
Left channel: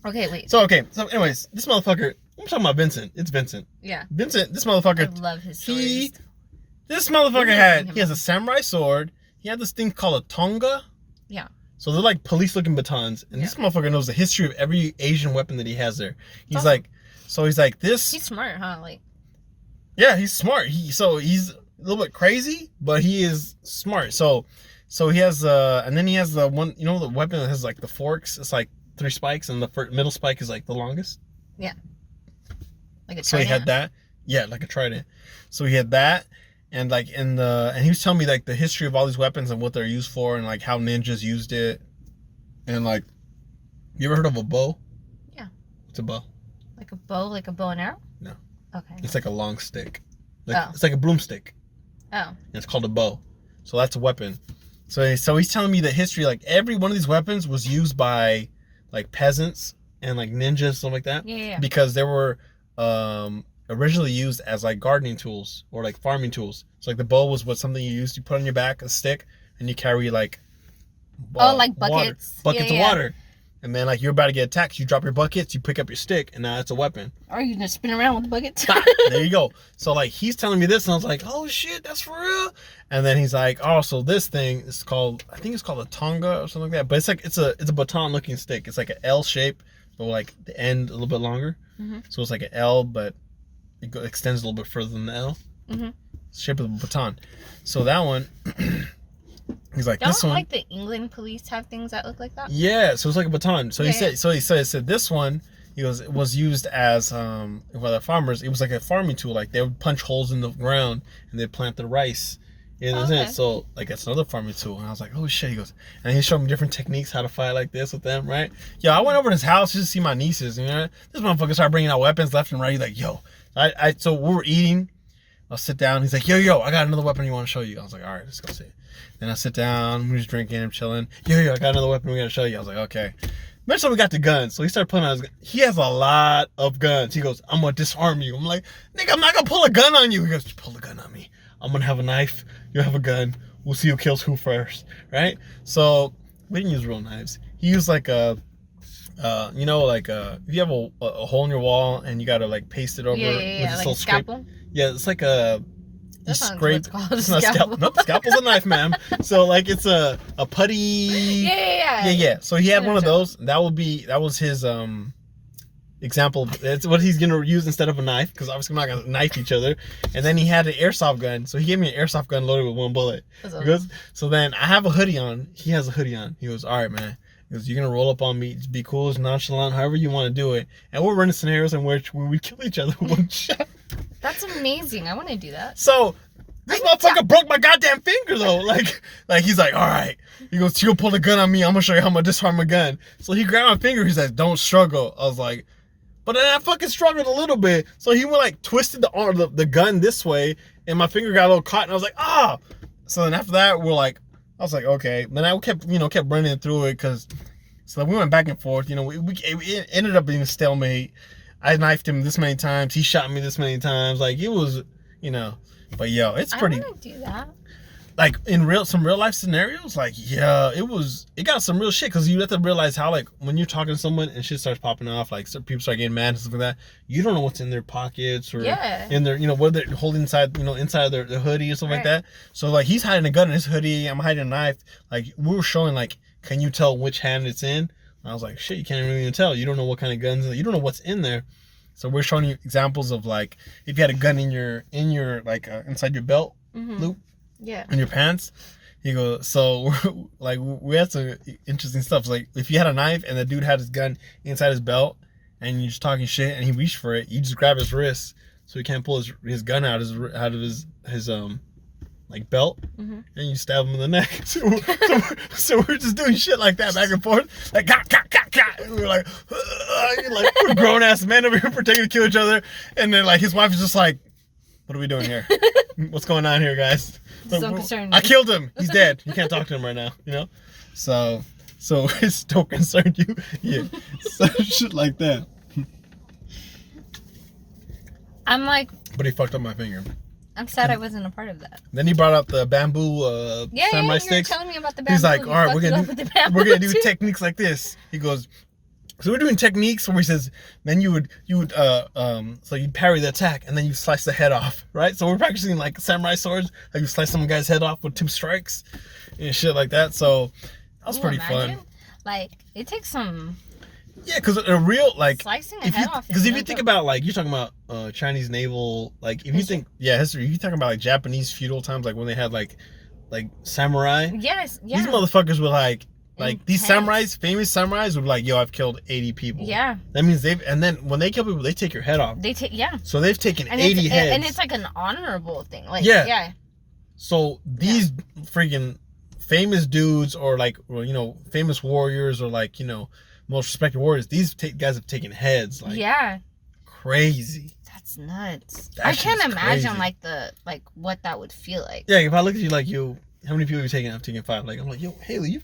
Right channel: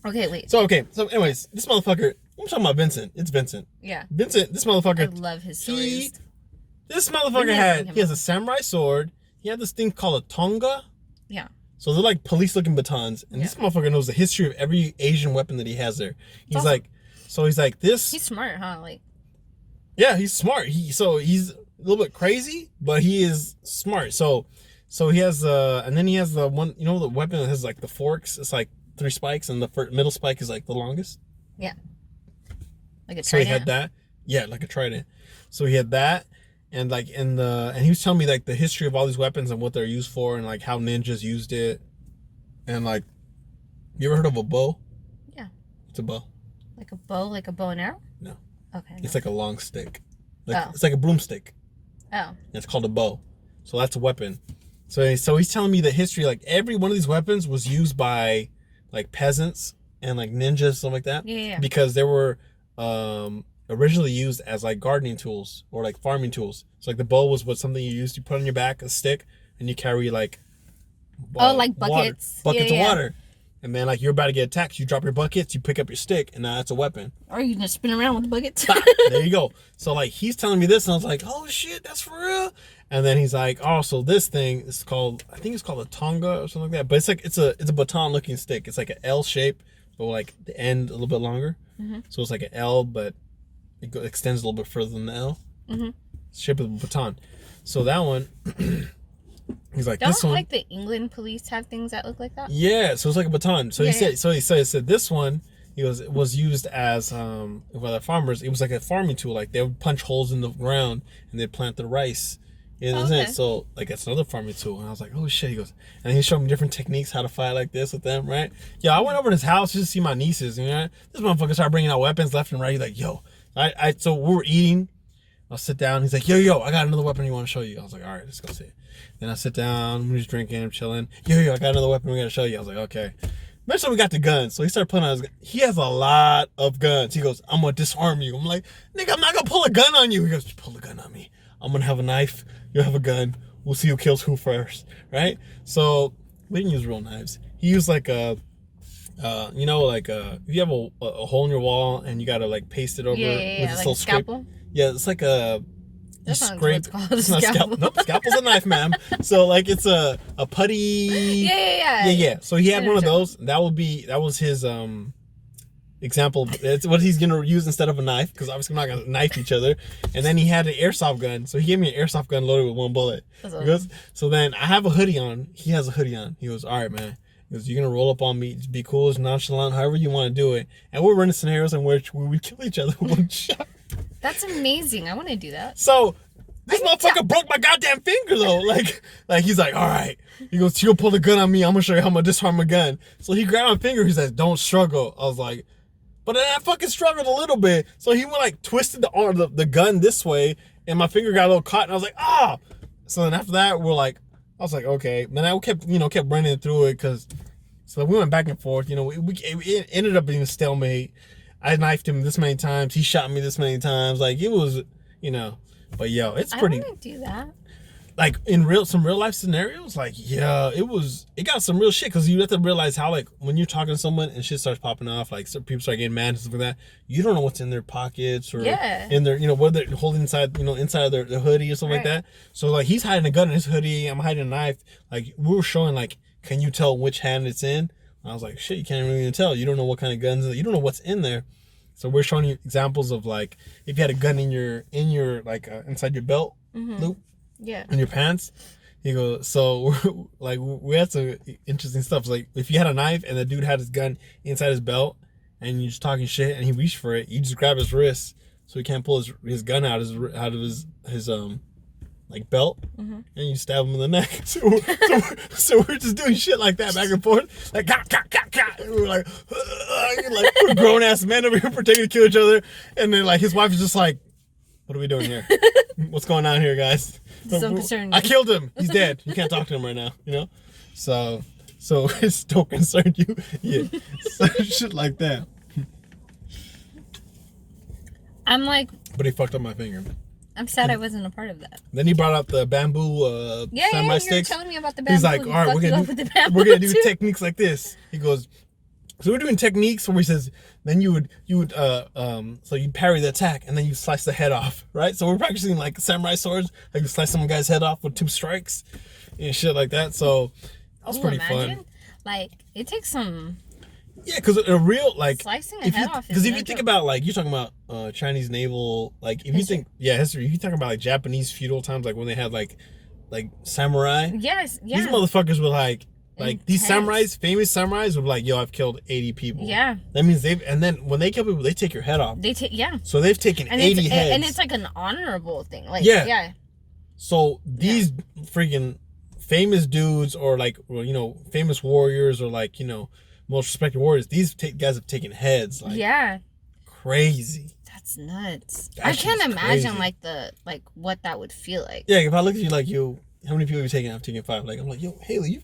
Okay, wait. So anyways, this motherfucker... I'm talking about Vincent. It's Vincent. Yeah. Vincent, this motherfucker... I love his stories. This motherfucker he has a samurai sword. He had this thing called a tonga. Yeah. So they're like police-looking batons. And this motherfucker knows the history of every Asian weapon that he has there. He's awesome. This... He's smart, huh? Like... Yeah, he's smart. He's a little bit crazy, but he is smart. So he has... and then he has the one... You know the weapon that has like the forks? It's like 3 spikes, and the middle spike is like the longest? Yeah. Like a trident? So he had that. Yeah, like a trident. So he had that. And like and he was telling me like the history of all these weapons and what they're used for and like how ninjas used it. And like, you ever heard of a bow? Yeah. What's a bow? Like a bow and arrow? No. Okay. It's like a long stick. It's like a broomstick. Oh. And it's called a bow. So that's a weapon. So he's telling me the history, like every one of these weapons was used by like peasants and like ninjas, stuff like that. Yeah. Because they were originally used as like gardening tools or like farming tools. So like the bow was something you used. You put on your back a stick and you carry like like buckets of water, and then like you're about to get attacked, you drop your buckets, you pick up your stick, and now that's a weapon. Or you just spin around with the buckets. There you go. So like he's telling me this, and I was like, oh shit, that's for real. And then he's like, oh, so this thing is called, I think it's called a tonga or something like that. But it's like it's a baton looking stick. It's like an L shape, but like the end a little bit longer. Mm-hmm. So it's like an L, but it extends a little bit further than the L. Mm-hmm. It's shape of a baton. So that one, he's like, don't this one. Like the England police have things that look like that? Yeah, so it's like a baton. So he said this one, it was used as by the farmers. It was like a farming tool. Like they would punch holes in the ground and they'd plant the rice. So like that's another farming tool. And I was like, oh shit. He goes, and he showed me different techniques how to fight like this with them, right? Yo, I went over to his house just to see my nieces. You know, this motherfucker started bringing out weapons left and right. He's like, yo, so we were eating. I'll sit down. He's like, yo, I got another weapon you want to show you. I was like, all right, let's go see it. Then I sit down. We're just drinking. I'm chilling. Yo, I got another weapon we're going to show you. I was like, okay. Eventually, we got the guns. So he started pulling out his gun. He has a lot of guns. He goes, I'm going to disarm you. I'm like, nigga, I'm not going to pull a gun on you. He goes, pull the gun on me. I'm going to have a knife. You'll have a gun. We'll see who kills who first. Right? So we didn't use real knives. He used like a... if you have a hole in your wall and you gotta like paste it over with this like little scalpel. Yeah, it's like a scrape. It's not scalpel. Nope, scalpel's a knife, ma'am. So like it's a putty. Yeah. So he had one of those. That was his example. It's what he's gonna use instead of a knife, because obviously we're not gonna knife each other. And then he had an airsoft gun. So he gave me an airsoft gun loaded with 1 bullet. So then I have a hoodie on. He has a hoodie on. He goes, all right, man. He goes, you're going to roll up on me. Just be cool, just nonchalant, however you want to do it. And we're running scenarios in which we would kill each other with 1 shot. That's amazing. I want to do that. So, this motherfucker broke my goddamn finger, though. Like he's like, all right. He goes, you gonna pull the gun on me. I'm going to show you how I'm going to disarm a gun. So, he grabbed my finger. He's like, don't struggle. I was like, but then I fucking struggled a little bit. So, he went like twisted the gun this way. And my finger got a little caught. And I was like, ah. So, then after that, I was like, okay. Then I kept running through it so we went back and forth. It ended up being a stalemate. I knifed him this many times. He shot me this many times. Like, it was, but yo, it's pretty. I want to do that. Like, in some real life scenarios, like, yeah, it got some real shit, because you have to realize how, like, when you're talking to someone and shit starts popping off, like, so people start getting mad and stuff like that, you don't know what's in their pockets or in their, what they're holding inside, inside of their hoodie or something like that. So, like, he's hiding a gun in his hoodie, I'm hiding a knife. Like, we were showing, like, can you tell which hand it's in? I was like, shit, you can't really even tell. You don't know what kind of guns, you don't know what's in there. So we're showing you examples of, like, if you had a gun in your like, inside your belt loop. Yeah. In your pants. He goes, so like we had some interesting stuff. So, like, if you had a knife and the dude had his gun inside his belt and you're just talking shit and he reached for it, you just grab his wrist so he can't pull his gun out of his like belt, and you stab him in the neck. So we're just doing shit like that back and forth, like ka. And we're like we're grown ass men over here pretending to kill each other, and then like his wife is just like, what are we doing here? What's going on here, guys? So concerned. I killed him. He's dead. You can't talk to him right now. You know, so it still concerned you, yeah. So shit like that. I'm like, but he fucked up my finger. I'm sad I wasn't a part of that. Then he brought out the bamboo samurai sticks. You were telling me about the bamboo. He's like, all right, we're gonna do techniques like this. He goes, so we're doing techniques where he says, then you would so you'd parry the attack and then you slice the head off, right? So we're practicing like samurai swords, like you slice some guy's head off with 2 strikes and shit like that. So that was pretty fun. Like it takes some. Yeah, because a real like slicing a head off. Because if you think about like you're talking about Chinese naval, like if you think history, if you talking about like Japanese feudal times, like when they had like samurai. Yes. Yeah. These motherfuckers were like these samurais, famous samurais were like, yo, I've killed 80 people. Yeah. That means and then when they kill people, they take your head off. So they've taken 80 heads. And it's like an honorable thing. Like, yeah. So these freaking famous dudes or like, you know, famous warriors or like, you know, most respected warriors, these guys have taken heads. Like, crazy. That's nuts. I can't imagine crazy. What that would feel like. Yeah, if I look at you like, yo, how many people have you taken? I've taken 5. Like, I'm like, yo, Haley, you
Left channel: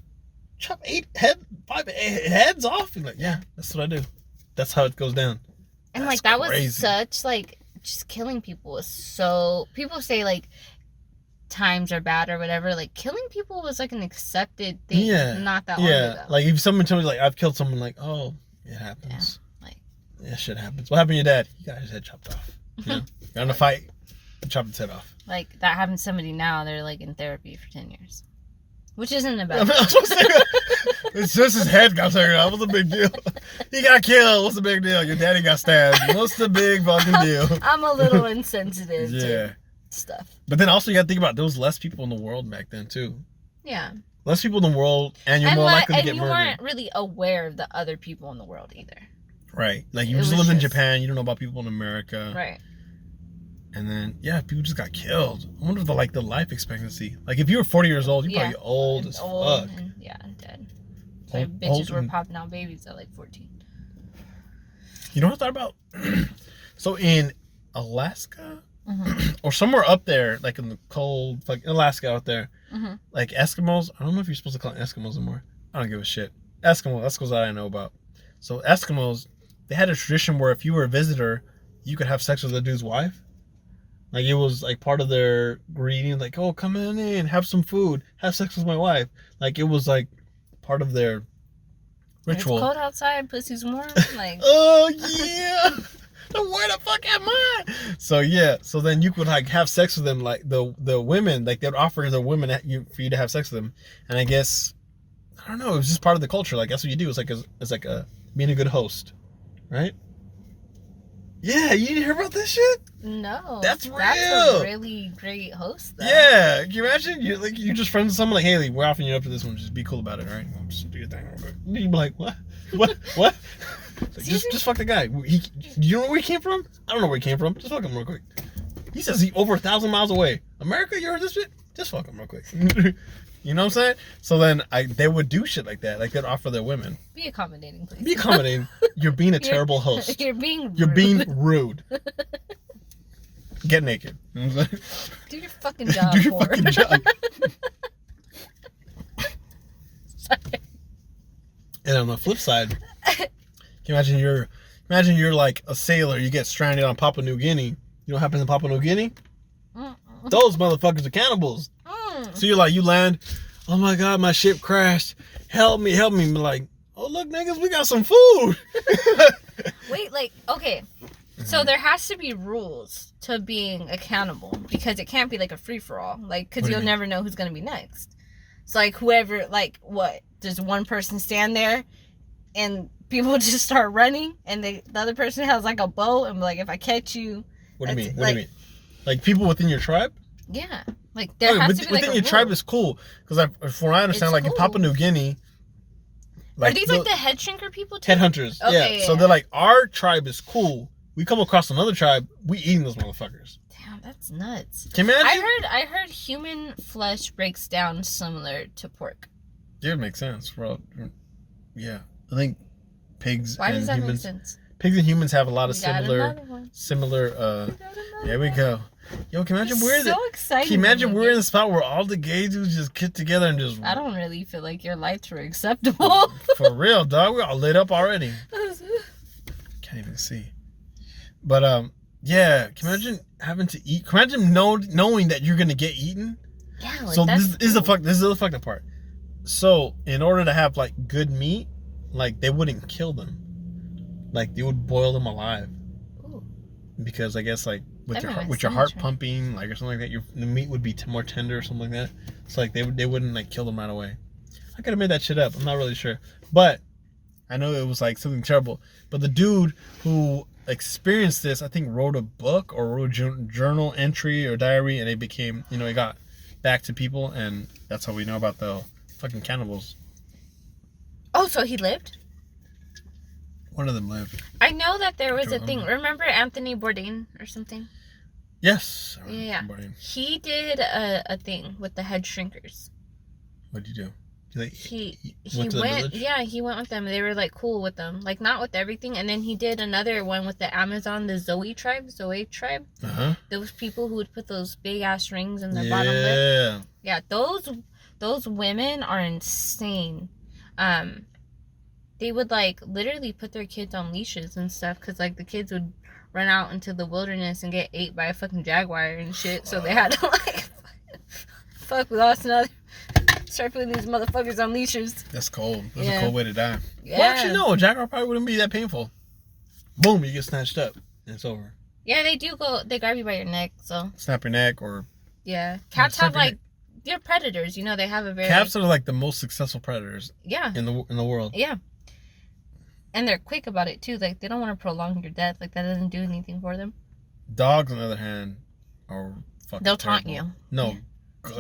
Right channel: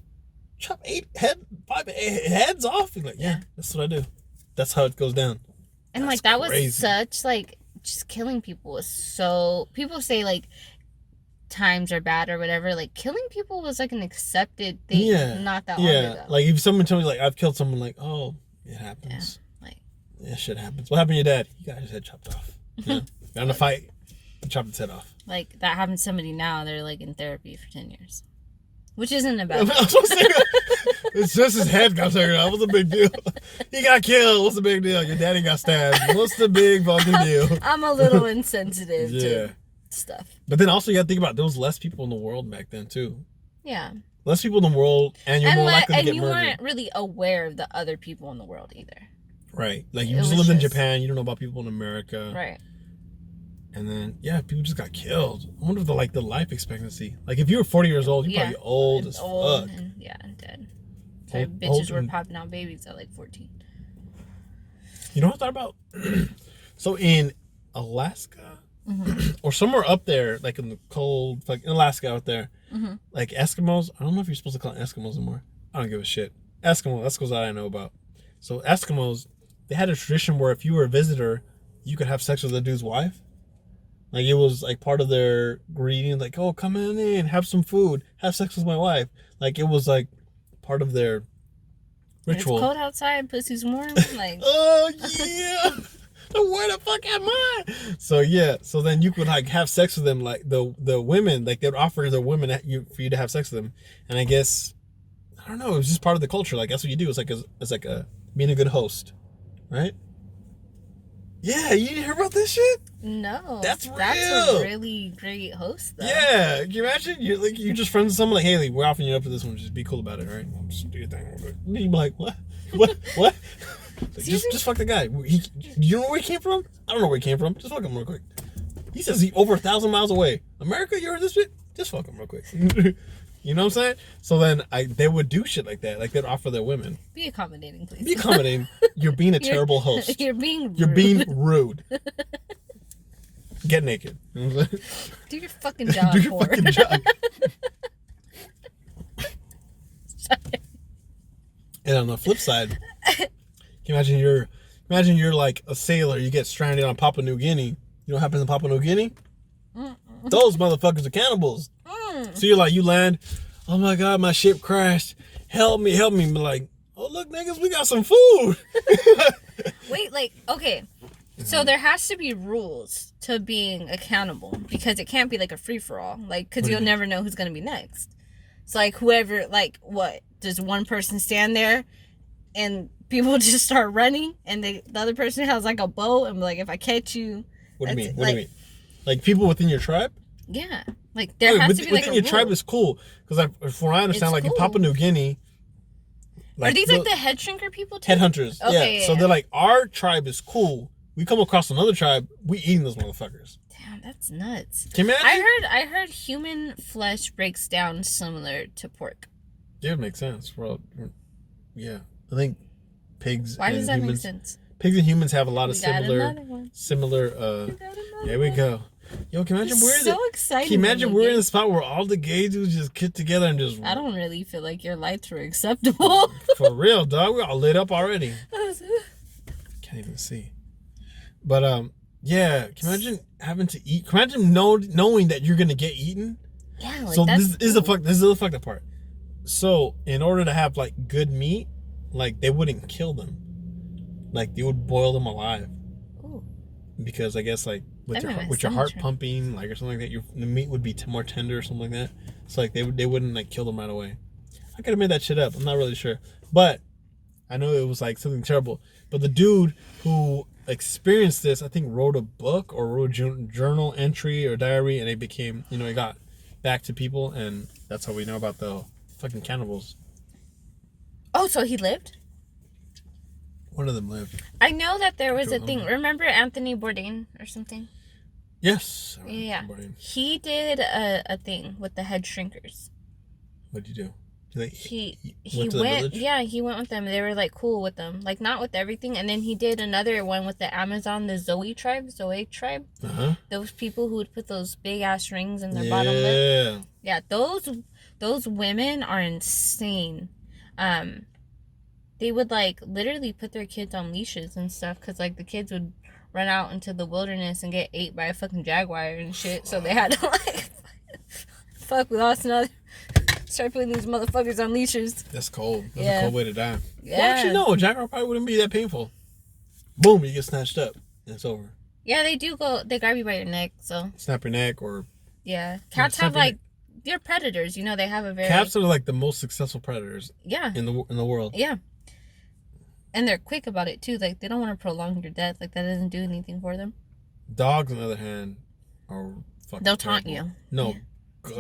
chop 5 heads off? You're like, yeah, that's what I do. That's how it goes down. And like that crazy. Was such like just killing people was so. People say like times are bad or whatever. Like killing people was like an accepted thing. Not that long ago. Like if someone told me like I've killed someone, like, oh, it happens. Yeah, shit happens. What happened to your dad? He got his head chopped off. You know? Got in a fight, chopped his head off. Like that happened to somebody now. They're like in therapy for 10 years. Which isn't a bad thing. It's just his head got taken off. What's the big deal? He got killed. What's the big deal? Your daddy got stabbed. What's the big fucking deal? I'm a little insensitive to stuff. But then also you gotta think about there was less people in the world back then too. Yeah. Less people in the world and you're more likely to get murdered. And you weren't really aware of the other people in the world either. Right. Like you just lived in Japan, you don't know about people in America. Right. And then people just got killed. I wonder if the life expectancy. Like if you were 40 years old, you're probably old as fuck. And dead. So bitches were popping out babies at like 14. You know what I thought about? So in Alaska or somewhere up there, like in the cold, like in Alaska out there, like Eskimos. I don't know if you're supposed to call them Eskimos anymore. I don't give a shit. Eskimos, that's what I know about. So Eskimos, they had a tradition where if you were a visitor, you could have sex with a dude's wife. Like it was like part of their greeting, like, oh, come in, have some food, have sex with my wife. Like it was like part of their ritual. It's cold outside, pussy's warm. Like, oh yeah. Where the fuck am I? So yeah, so then you could like have sex with them, like the women, like they'd offer the women for you to have sex with them, and I guess I don't know, it was just part of the culture. Like that's what you do. It's like a being a good host, right? Yeah, you didn't hear about this shit? No, that's real. That's a really great host, though. Yeah, can you imagine? You're just friends with someone like, Haley, we're offering you up for this one. Just be cool about it, all right? Just do your thing real quick. And you'd be like, what? Like, just fuck the guy. Do you know where he came from? I don't know where he came from. Just fuck him real quick. He says he's over 1,000 miles away. America, you heard this shit? Just fuck him real quick. You know what I'm saying? So then they would do shit like that. Like they'd offer their women. Be accommodating, please. Be accommodating. You're being a terrible host. You're being rude. Get naked. You know what I'm saying? Do your fucking job. Do your fucking job. Sorry. And on the flip side, can you imagine you're like a sailor, you get stranded on Papua New Guinea. You know what happens in Papua New Guinea? Those motherfuckers are cannibals. So you land, oh my God, my ship crashed. Help me. But like, oh look, niggas, we got some food. Wait, like, okay. So there has to be rules to being accountable because it can't be like a free-for-all. Like, because you'll never know who's going to be next. So like whoever, like what? Does one person stand there and people just start running and the other person has like a bow and like, if I catch you. What do you mean? What do you mean? Like people within your tribe? Yeah. Like there has to be like within your tribe is cool. Because from what I understand, like in Papua New Guinea. Like, are these like the head shrinker people too? Headhunters. Okay, yeah. So they're like, our tribe is cool. We come across another tribe, we eating those motherfuckers. Damn, that's nuts. Can you imagine? I heard human flesh breaks down similar to pork. Yeah, it makes sense. Well, yeah, I think pigs. Why and does that humans, make sense? Pigs and humans have a lot of We got another one. There we go. Yo, can you imagine we're so excited. Can you imagine we're in the spot where all the gay dudes just get together and just? I don't really feel like your lights were acceptable. For real, dog. We're all lit up already. Can't even see. But yeah. Can you imagine having to eat? Can you imagine knowing that you're gonna get eaten? Yeah. Like, So that's this is the fucked up part. So in order to have like good meat, like they wouldn't kill them. Like they would boil them alive. Ooh. Because I guess like with That your heart pumping, like or something like that, the meat would be more tender or something like that. It's like they wouldn't like kill them right away. I could have made that shit up. I'm not really sure, but I know it was like something terrible. But the dude who experienced this, I think, wrote a book or wrote a journal entry or diary, and it became, it got back to people, and that's how we know about the fucking cannibals. Oh, so he lived? One of them lived. I know that there was a thing. Remember Anthony Bourdain or something? Yes. Yeah. He did a thing with the head shrinkers. What did you do? He went. Yeah, he went with them. They were like cool with them, like not with everything. And then he did another one with the Amazon, the Zoe tribe. Those people who would put those big ass rings in their bottom lip. Yeah, those women are insane. They would like literally put their kids on leashes and stuff because like the kids would run out into the wilderness and get ate by a fucking jaguar and shit. So they had to like, fuck, we lost another. Start putting these motherfuckers on leashes. That's cold. That's a cold way to die. Yeah. Well, actually, no. A jaguar probably wouldn't be that painful. Boom, you get snatched up. And it's over. Yeah, they do go. They grab you by your neck, so. Snap your neck or. Yeah. Cats have like. They're predators. They have a very. Cats are like the most successful predators. Yeah. In the world. Yeah. And they're quick about it too. Like they don't want to prolong your death. Like that doesn't do anything for them. Dogs, on the other hand, are fucking. They'll taunt you. No. Yeah.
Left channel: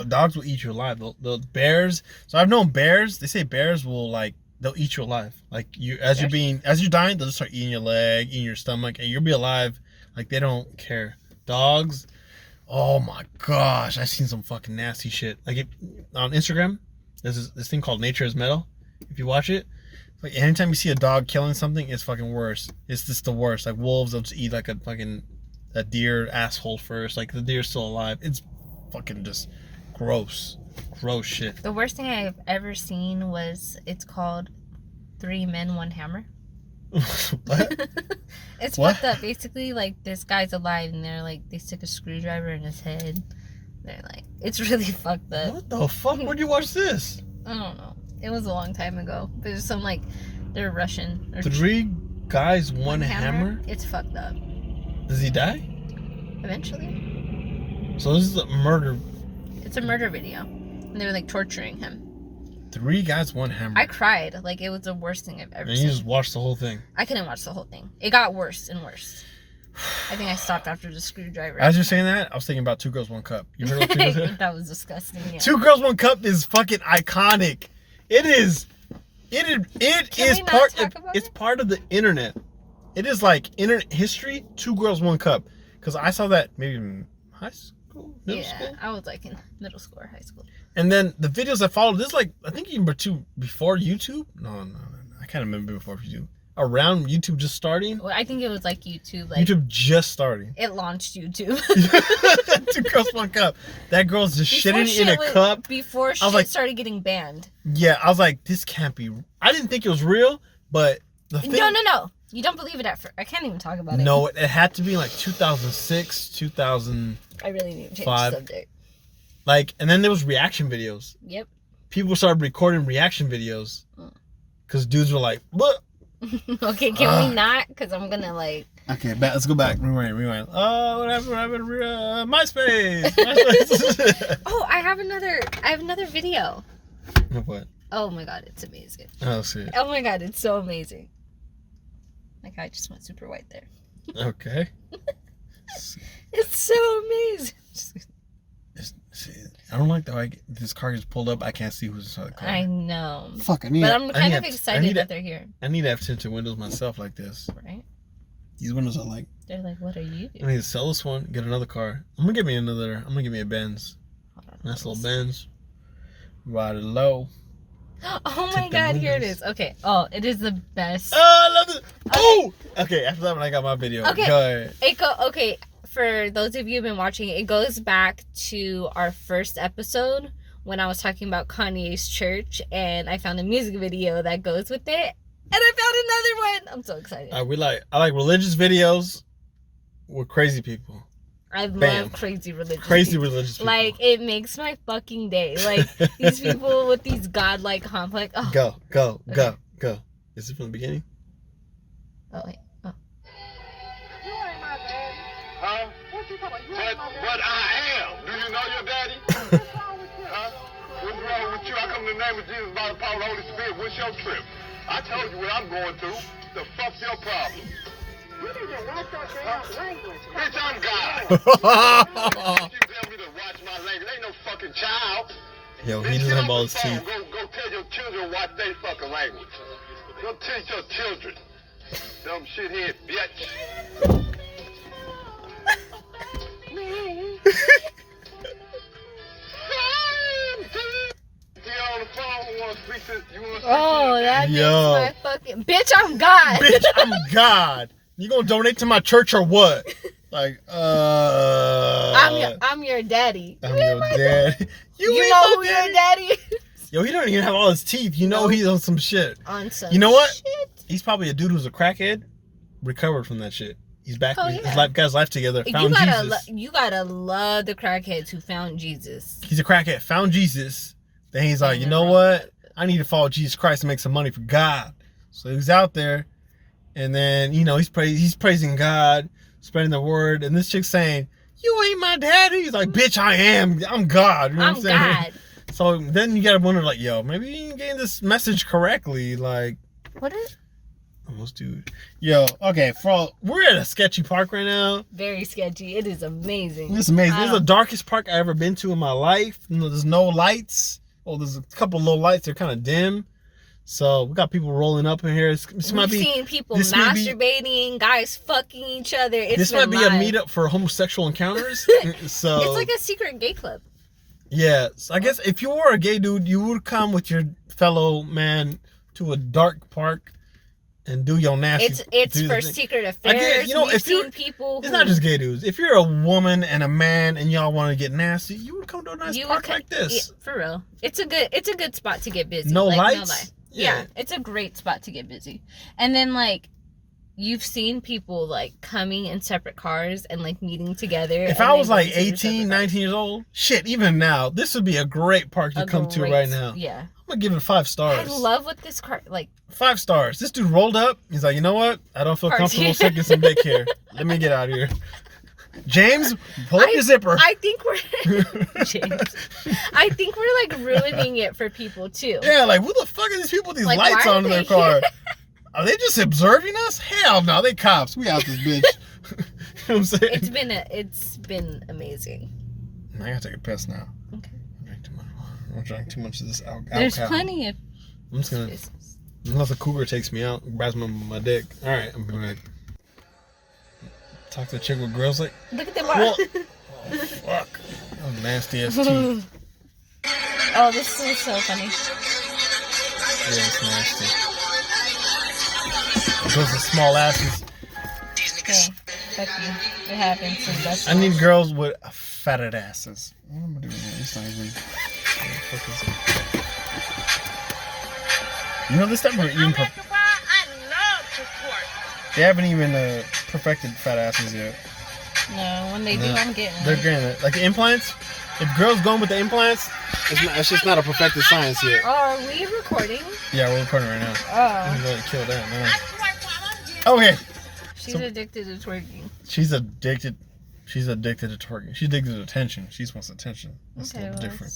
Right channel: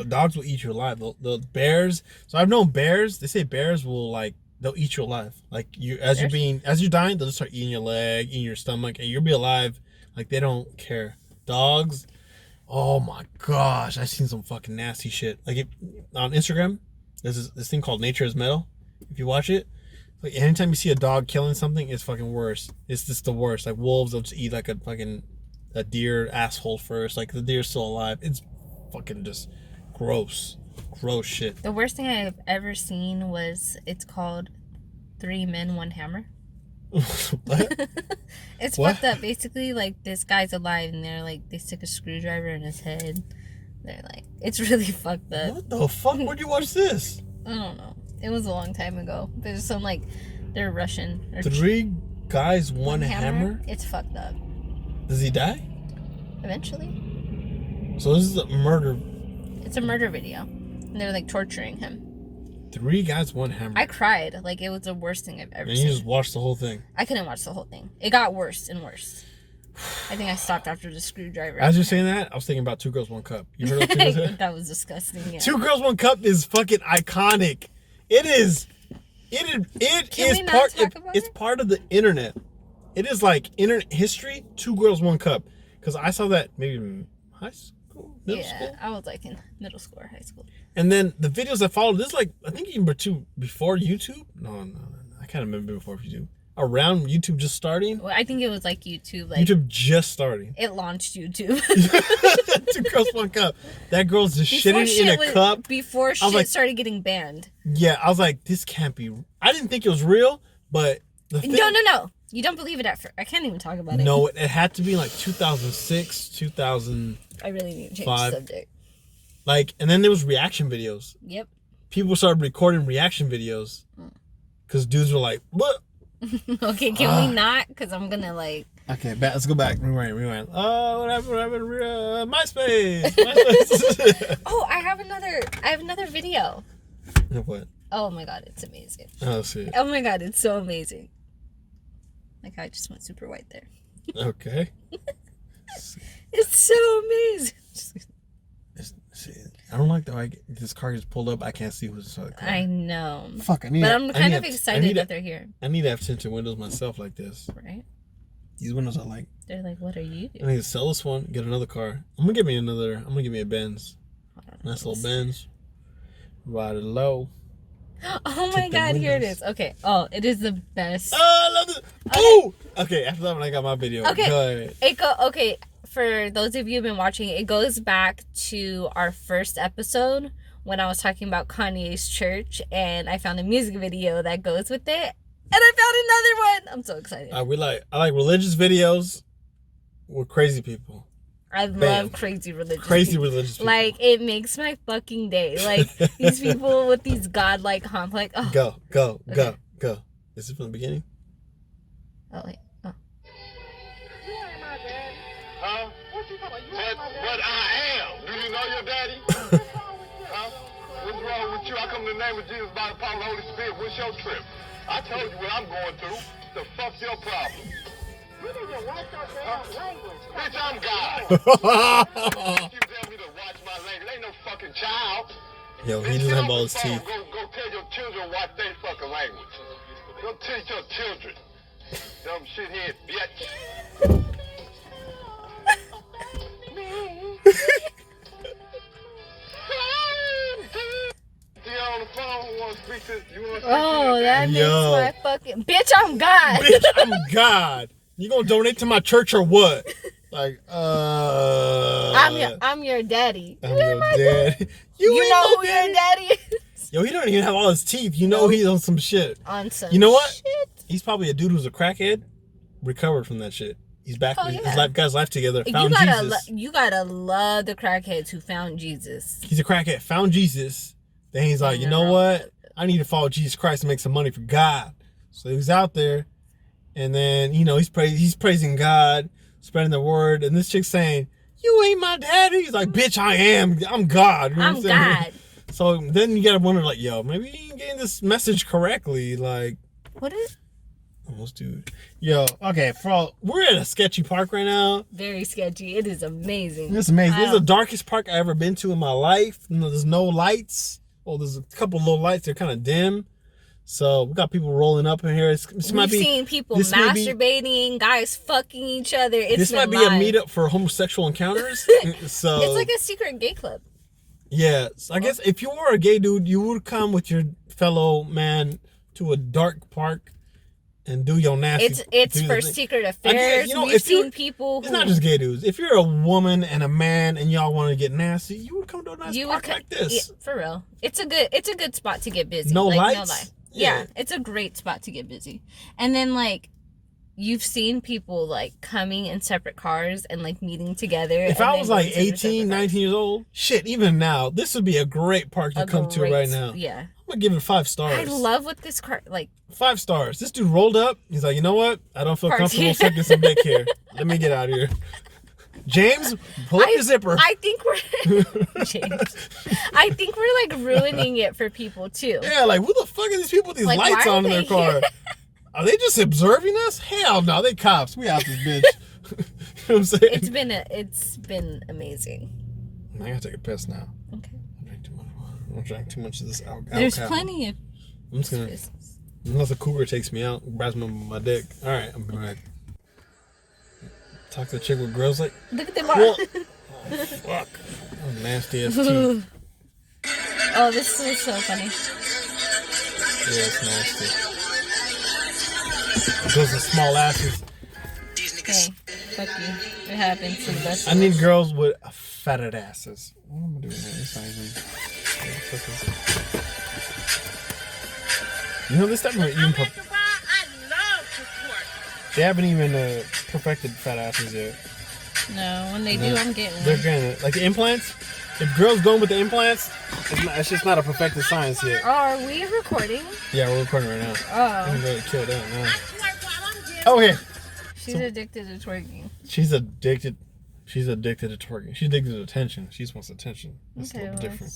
Dogs will eat you alive. The bears. So I've known bears. They say bears will they'll eat you alive. Like as you're dying, they'll just start eating your leg, eating your stomach, and you'll be alive. Like they don't care. Dogs. Oh my gosh, I've seen some fucking nasty shit. Like on Instagram, there's this thing called Nature is Metal. If you watch it, like anytime you see a dog killing something, it's fucking worse. It's just the worst. Like wolves, they'll just eat like a deer asshole first. Like the deer's still alive. It's fucking just gross shit. The worst thing I've ever seen was it's called 3 Men 1 Hammer. What? It's fucked up. Basically, like this guy's alive and they're like they stick a screwdriver in his head. They're like it's really fucked up. What the fuck? Where'd you watch this? I don't know. It was a long time ago. There's some they're Russian. 3 guys, 1 hammer? It's fucked up. Does he die? Eventually. So this is a murder. It's a murder video. And they were like torturing him. 3 guys, 1 hammer. I cried. Like it was the worst thing I've ever seen. And you just watched the whole thing? I couldn't watch the whole thing. It got worse and worse. I think I stopped after the screwdriver. As you're saying that, I was thinking about 2 Girls, 1 Cup. You heard of 2 Girls? That was disgusting. Yeah. 2 Girls, 1 Cup is fucking iconic. It is. It's part of the internet. It is like internet history. 2 Girls, 1 Cup. Because I saw that maybe in high school, middle school. Yeah, I was like in middle school or high school. And then the videos that followed, this I think even before YouTube. No, I can't remember before YouTube. Around YouTube just starting. Well, I think it was like YouTube. YouTube just starting. It launched YouTube. 2 Girls, 1 Cup. That girl's just shitting in a cup. Before shit started getting banned. Yeah, I was like, this can't be. I didn't think it was real, but the thing. No. You don't believe it at first. I can't even talk about it. No, it had to be 2006, 2000. I really need to change the subject. And then there was reaction videos. Yep. People started recording reaction videos. Because dudes were like, what? Okay, can we not? Because I'm going to Okay, let's go back. Rewind. What happened? MySpace. Oh, I have another video. What? Oh my God, it's amazing. Oh, see. Oh my God, it's so amazing. Like I just went super white there. Okay. It's so amazing. I don't like that. This car gets pulled up. I can't see who's inside the car. I know. Fuck, But I'm kind of excited that they're here. I need to have tinted windows myself like this. Right? These windows are like. They're like, what are you I doing? need to sell this one, get another car. I'm gonna give me a Benz. Nice little Benz. Ride it low. Oh my God, here it is. Okay. Oh, it is the best. Oh, I love this. Okay. Oh! Okay, after that one, I got my video. Okay. Go ahead. Okay, for those of you who've been watching, it goes back to our first episode when I was talking about Kanye's church, and I found a music video that goes with it. And I found another one. I'm so excited. I like religious videos with crazy people. I love crazy religious people. Like, it makes my fucking day. Like, these people with these godlike complex. Oh. Go. Is it from the beginning? Oh, wait. Oh. You ain't my daddy. Huh? What you talking about? You ain't my daddy. But I am. Do you know your daddy? What's wrong with you? Huh? What's wrong with you? I come in the name of Jesus by the power of the Holy Spirit. What's your trip? I told you what I'm going through. The fuck's your problem? You need to watch your damn language. Bitch, I'm God. You tell me to watch my language. Ain't no fucking child. Yo, he doesn't have all his teeth. Go tell your children watch their fucking language. Go teach your children. Dumb shithead bitch. Oh, that makes my fucking... Bitch, I'm God. Bitch, I'm God. You gonna donate to my church or what? Like, I'm your daddy. I'm your daddy. You know who your daddy is? Yo, he don't even have all his teeth. You know he's on some shit. On some You know what? shit? He's probably a dude who's a crackhead, recovered from that shit. He's back. Oh, His yeah. life, got his life together. Found Jesus. You gotta love the crackheads who found Jesus. He's a crackhead. Found Jesus. Then he's like, you know what? I need to follow Jesus Christ and make some money for God. So he's out there, and then he's praising God, spreading the word, and this chick's saying, "You ain't my daddy." He's like, "Bitch, I am. I'm God." You know what I'm saying? God. So then you gotta wonder, like, yo, maybe you ain't getting this message correctly. Like, what is? Almost, dude. Yo, okay, we're at a sketchy park right now. Very sketchy. It is amazing. It's amazing. This is the darkest park I ever been to in my life. There's no lights. Well, there's a couple little lights. They're kind of dim. So we got people rolling up in here. We've seen people masturbating, guys fucking each other. This might be a meetup for homosexual encounters. So it's like a secret gay club. Yeah, so I guess if you were a gay dude, you would come with your fellow man to a dark park and do your nasty. It's for secret affairs. We've seen people. It's not just gay dudes. If you're a woman and a man and y'all want to get nasty, you would come to a nice park like this. Yeah, for real, it's a good spot to get busy. No lights. No lie. Yeah, it's a great spot to get busy. And then like, you've seen people like coming in separate cars and like meeting together. If I was like 18, 19 years old, shit, even now, this would be a great park to come to right now. Yeah. I'm gonna give it 5 stars. I love what this car, like. 5 stars. This dude rolled up. He's like, you know what? I don't feel comfortable sucking some dick here. Let me get out of here. James, pull up your zipper. I think we're James. I think we're like ruining it for people too. Yeah, like who the fuck are these people with these lights on in their car? Are they just observing us? Hell no, they cops. We out this bitch. You know what I'm saying? It's been amazing. I gotta take a piss now. Okay. I don't drink too much of this alcohol. There's plenty of. I'm just gonna. Unless a cougar takes me out, grabs my dick. All right, I'm back. Talk to a chick with grills like. Look at them. Oh fuck! That was nasty ass too. Oh, this is so funny. Yeah, it's nasty. Those are small asses. Okay, fuck you. It happens to the best. I need girls with fatted asses. What am I doing here? It's not even. What the fuck is it? You know, this time we're even. They haven't even perfected fat asses yet. No, when they do, I'm getting. They're getting it. Like the implants. If girls going with the implants, it's just not a perfected science yet. Oh, are we recording? Yeah, we're recording right now. Oh. We can really kill that now. Okay. She's addicted to twerking. She's addicted to twerking. She's addicted to attention. She just wants attention. That's a little different.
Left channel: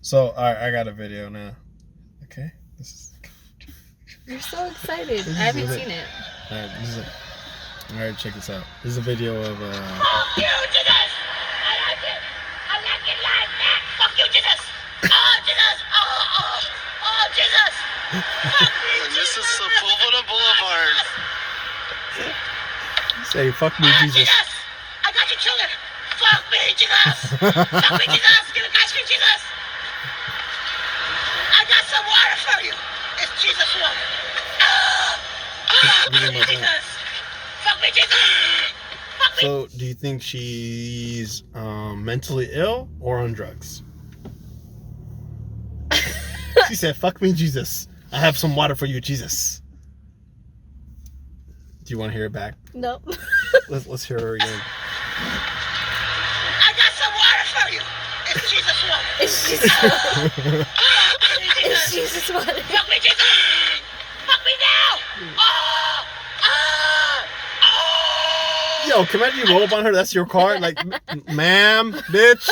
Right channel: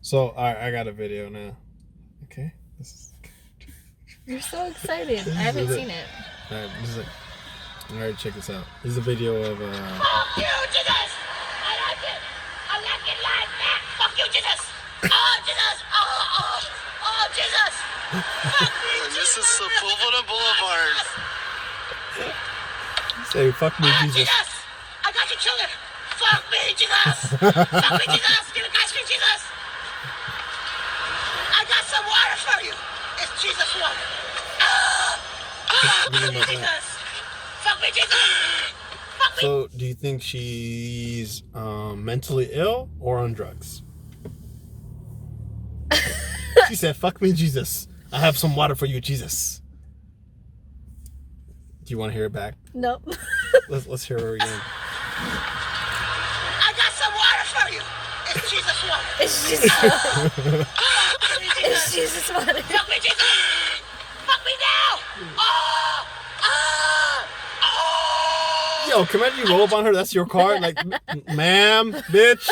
So, all right, I got a video now. Okay. You're so excited. I haven't seen it. All right, all right, check this out. This is a video of. Fuck you, Jesus! I like it. I like it like that. Fuck you, Jesus! Oh, Jesus! Oh, Jesus! Fuck you, This is Sepulveda Boulevard. Say, fuck me, Jesus. I got your children. Fuck me, Jesus. Fuck me, Jesus. Give it guys for Jesus. I got some water for you. It's Jesus water. Fuck me, Jesus. Fuck me, Jesus. Fuck me. So, do you think she's mentally ill or on drugs? She said, fuck me, Jesus. I have some water for you, Jesus. Do you want to hear it back? Nope. Let's hear her again. I got some water for you. It's Jesus water. It's Jesus. It's Jesus water. Fuck me, Jesus. Fuck me now. Yo, can I imagine you roll up on her? That's your car? Like, ma'am, bitch,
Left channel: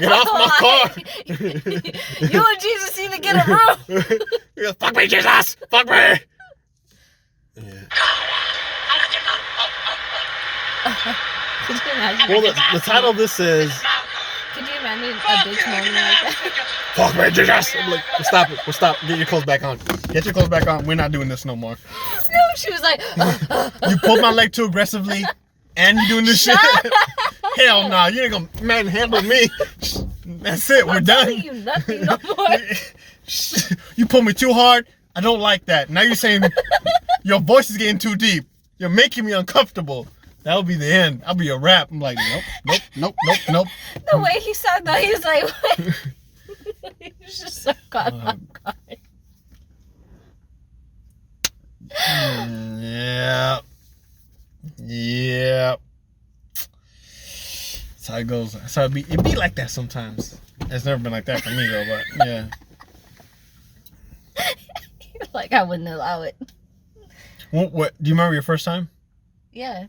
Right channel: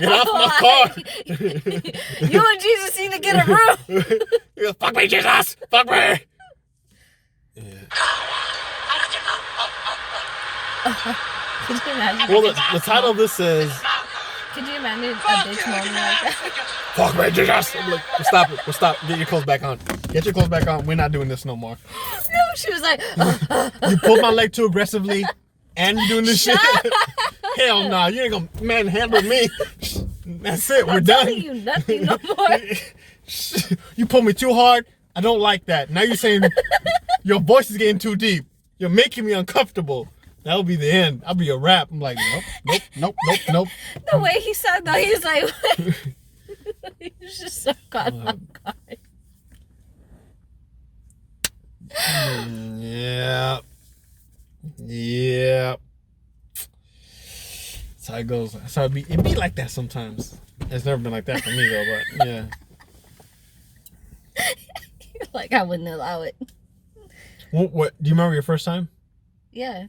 get off my car. You and Jesus need to get a room. Fuck me, Jesus. Fuck me. Yeah. Could you imagine? Well, the title of this says, Could you imagine a bitch moaning like that? fuck me, Jesus. I'm like, stop it. Stop. Get your clothes back on. Get your clothes back on. We're not doing this no more. No, she was like, You pulled my leg too aggressively, and you doing this shit? Hell no. You ain't gonna manhandle me. That's it. We're I'm done. telling you nothing no more. You pulled me too hard. I don't like that. Now you're saying your voice is getting too deep. You're making me uncomfortable. That'll be the end. I'll be a rap. I'm like, nope. The way he said that, he was like, what? He was just so caught off guard. Yeah. That's how it goes. That's how it be like that sometimes. It's never been like that for me though, but yeah. Like, I wouldn't allow it. What do you remember your first time? Yeah.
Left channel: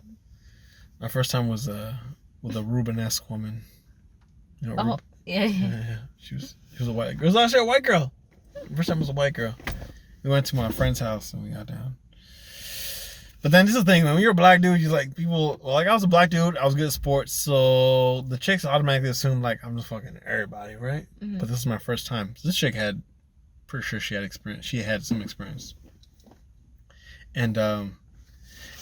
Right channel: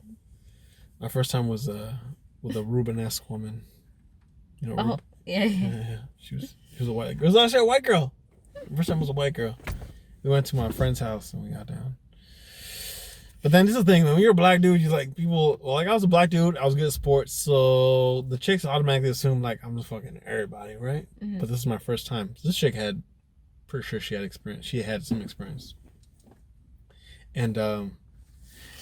My first time was with a Rubenesque woman. You know, Oh, yeah. yeah. She was a white girl. It was actually a white girl. First time was a white girl. We went to my friend's house and we got down. But then this is the thing, when you're a black dude, you like people. Well, like I was a black dude, I was good at sports, so the chicks automatically assume like I'm just fucking everybody, right? Mm-hmm. But this is my first time. So this chick had, pretty sure she had experience. She had some experience. And yeah,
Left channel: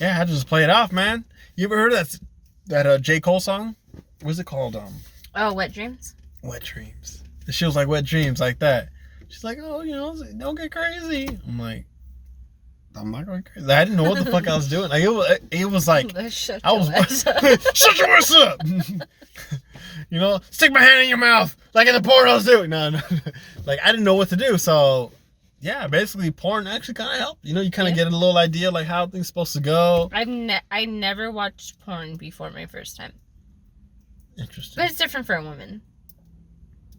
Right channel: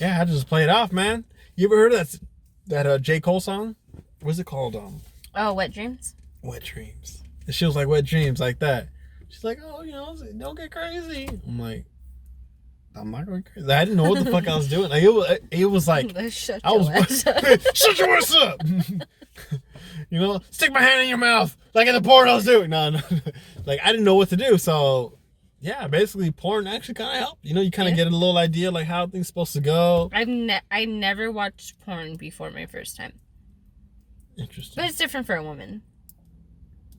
I had to just play it off, man. You ever heard of that J. Cole song? What's it called? Oh, Wet Dreams? Wet Dreams. And she was like, wet dreams, like that. She's like, oh, you know, don't get crazy. I'm like, I'm not going crazy. I didn't know what the fuck I was doing. Like it was like Shut I was your ass up. shut your ass up. You know, stick my hand in your mouth like in the pornos do. No. Like I didn't know what to do. So yeah, basically porn actually kind of helped. You know, you kind of get a little idea like how things supposed to go. I never watched porn before my first time. Interesting. But it's different for a woman.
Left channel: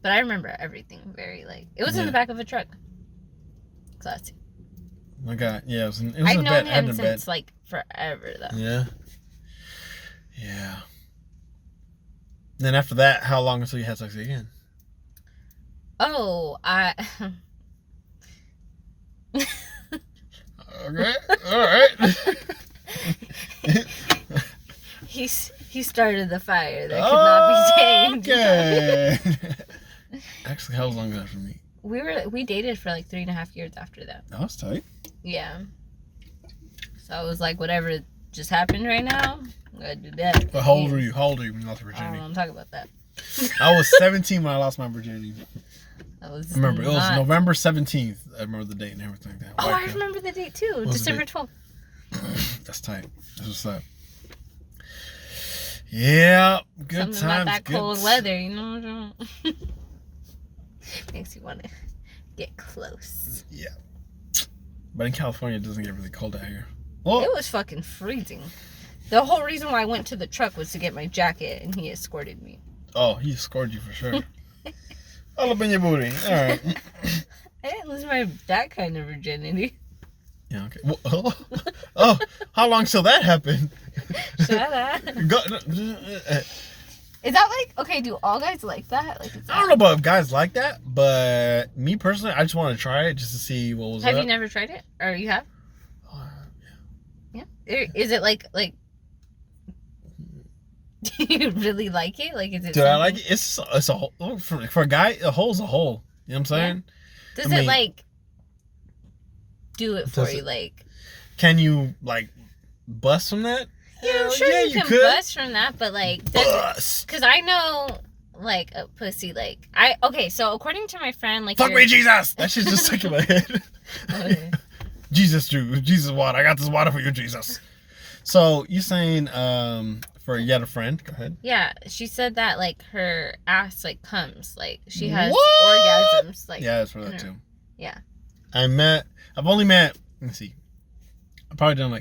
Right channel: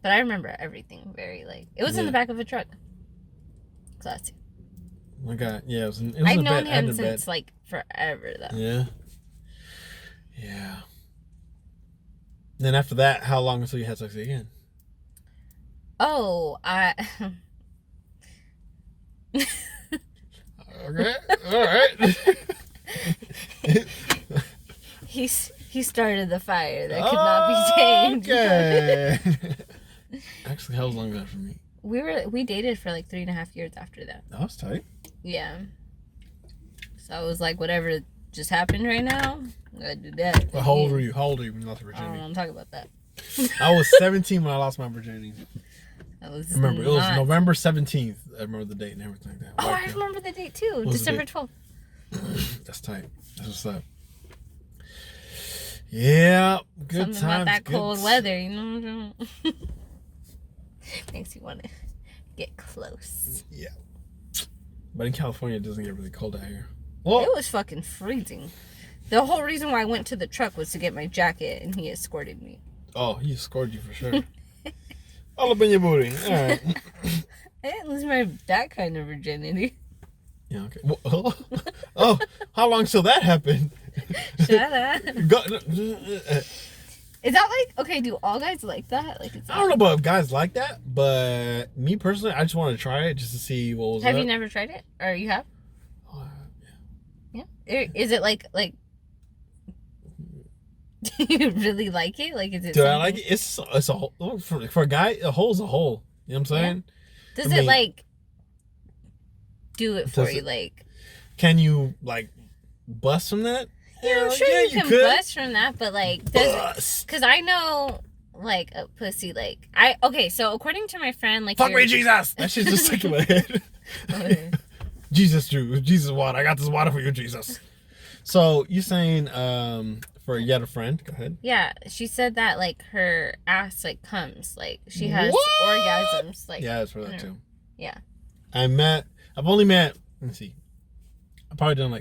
But I remember everything very like it was in the back of a truck. Classy. My God, yeah, it was I've a known bed. him since like forever though. Yeah. Then after that, how long until you had sex again? Oh, Okay, all right. He started the fire that could not be tamed. Okay. Actually, how long ago for me? We dated for like 3.5 years after that. That was tight. Yeah. So I was like, whatever just happened right now, I'm gonna do that. But how old were you? How old were you when you lost your I don't virginity? want to talk about that. I was 17 when I lost my virginity. I was I remember it was not- November 17th. I remember the date and everything like that. Oh, White I girl. remember the date too. was the December date? 12th. That's tight. That's what's up. Yeah, good Something times. about that good cold weather, you know. Makes you want to get close. Yeah. But in California, it doesn't get really cold out here. Well, It was fucking freezing. The whole reason why I went to the truck was to get my jacket, and he escorted me. oh, he scored you for sure. All up in your booty. All right. I didn't lose that kind of virginity. Yeah, okay. Well, oh, how long till that happened? Shut up. Is that like, okay, do all guys like that? Like, I don't know about if guys like that, but me personally, I just want to try it just to see what was Have up. you never tried it? Or you have? Yeah. Yeah. Is it like, do you really like it? Like, is it Do I something- like it? It's a hole. For a guy, a hole's a hole. You know what I'm saying? Does I mean, it like do it for does you? it- Like, Can you like bust from that? Yeah, I'm sure you can bust from that, but like, because I know like a pussy, like so according to my friend, like, fuck me, Jesus. That shit's just stuck in my head. Okay. Jesus water. I got this water for you, Jesus. So you saying for yet a friend? Go ahead. Yeah, she said that like her ass like comes, like she has orgasms, like yeah, it's for that too. Yeah. I've only met. Let me see. I've probably done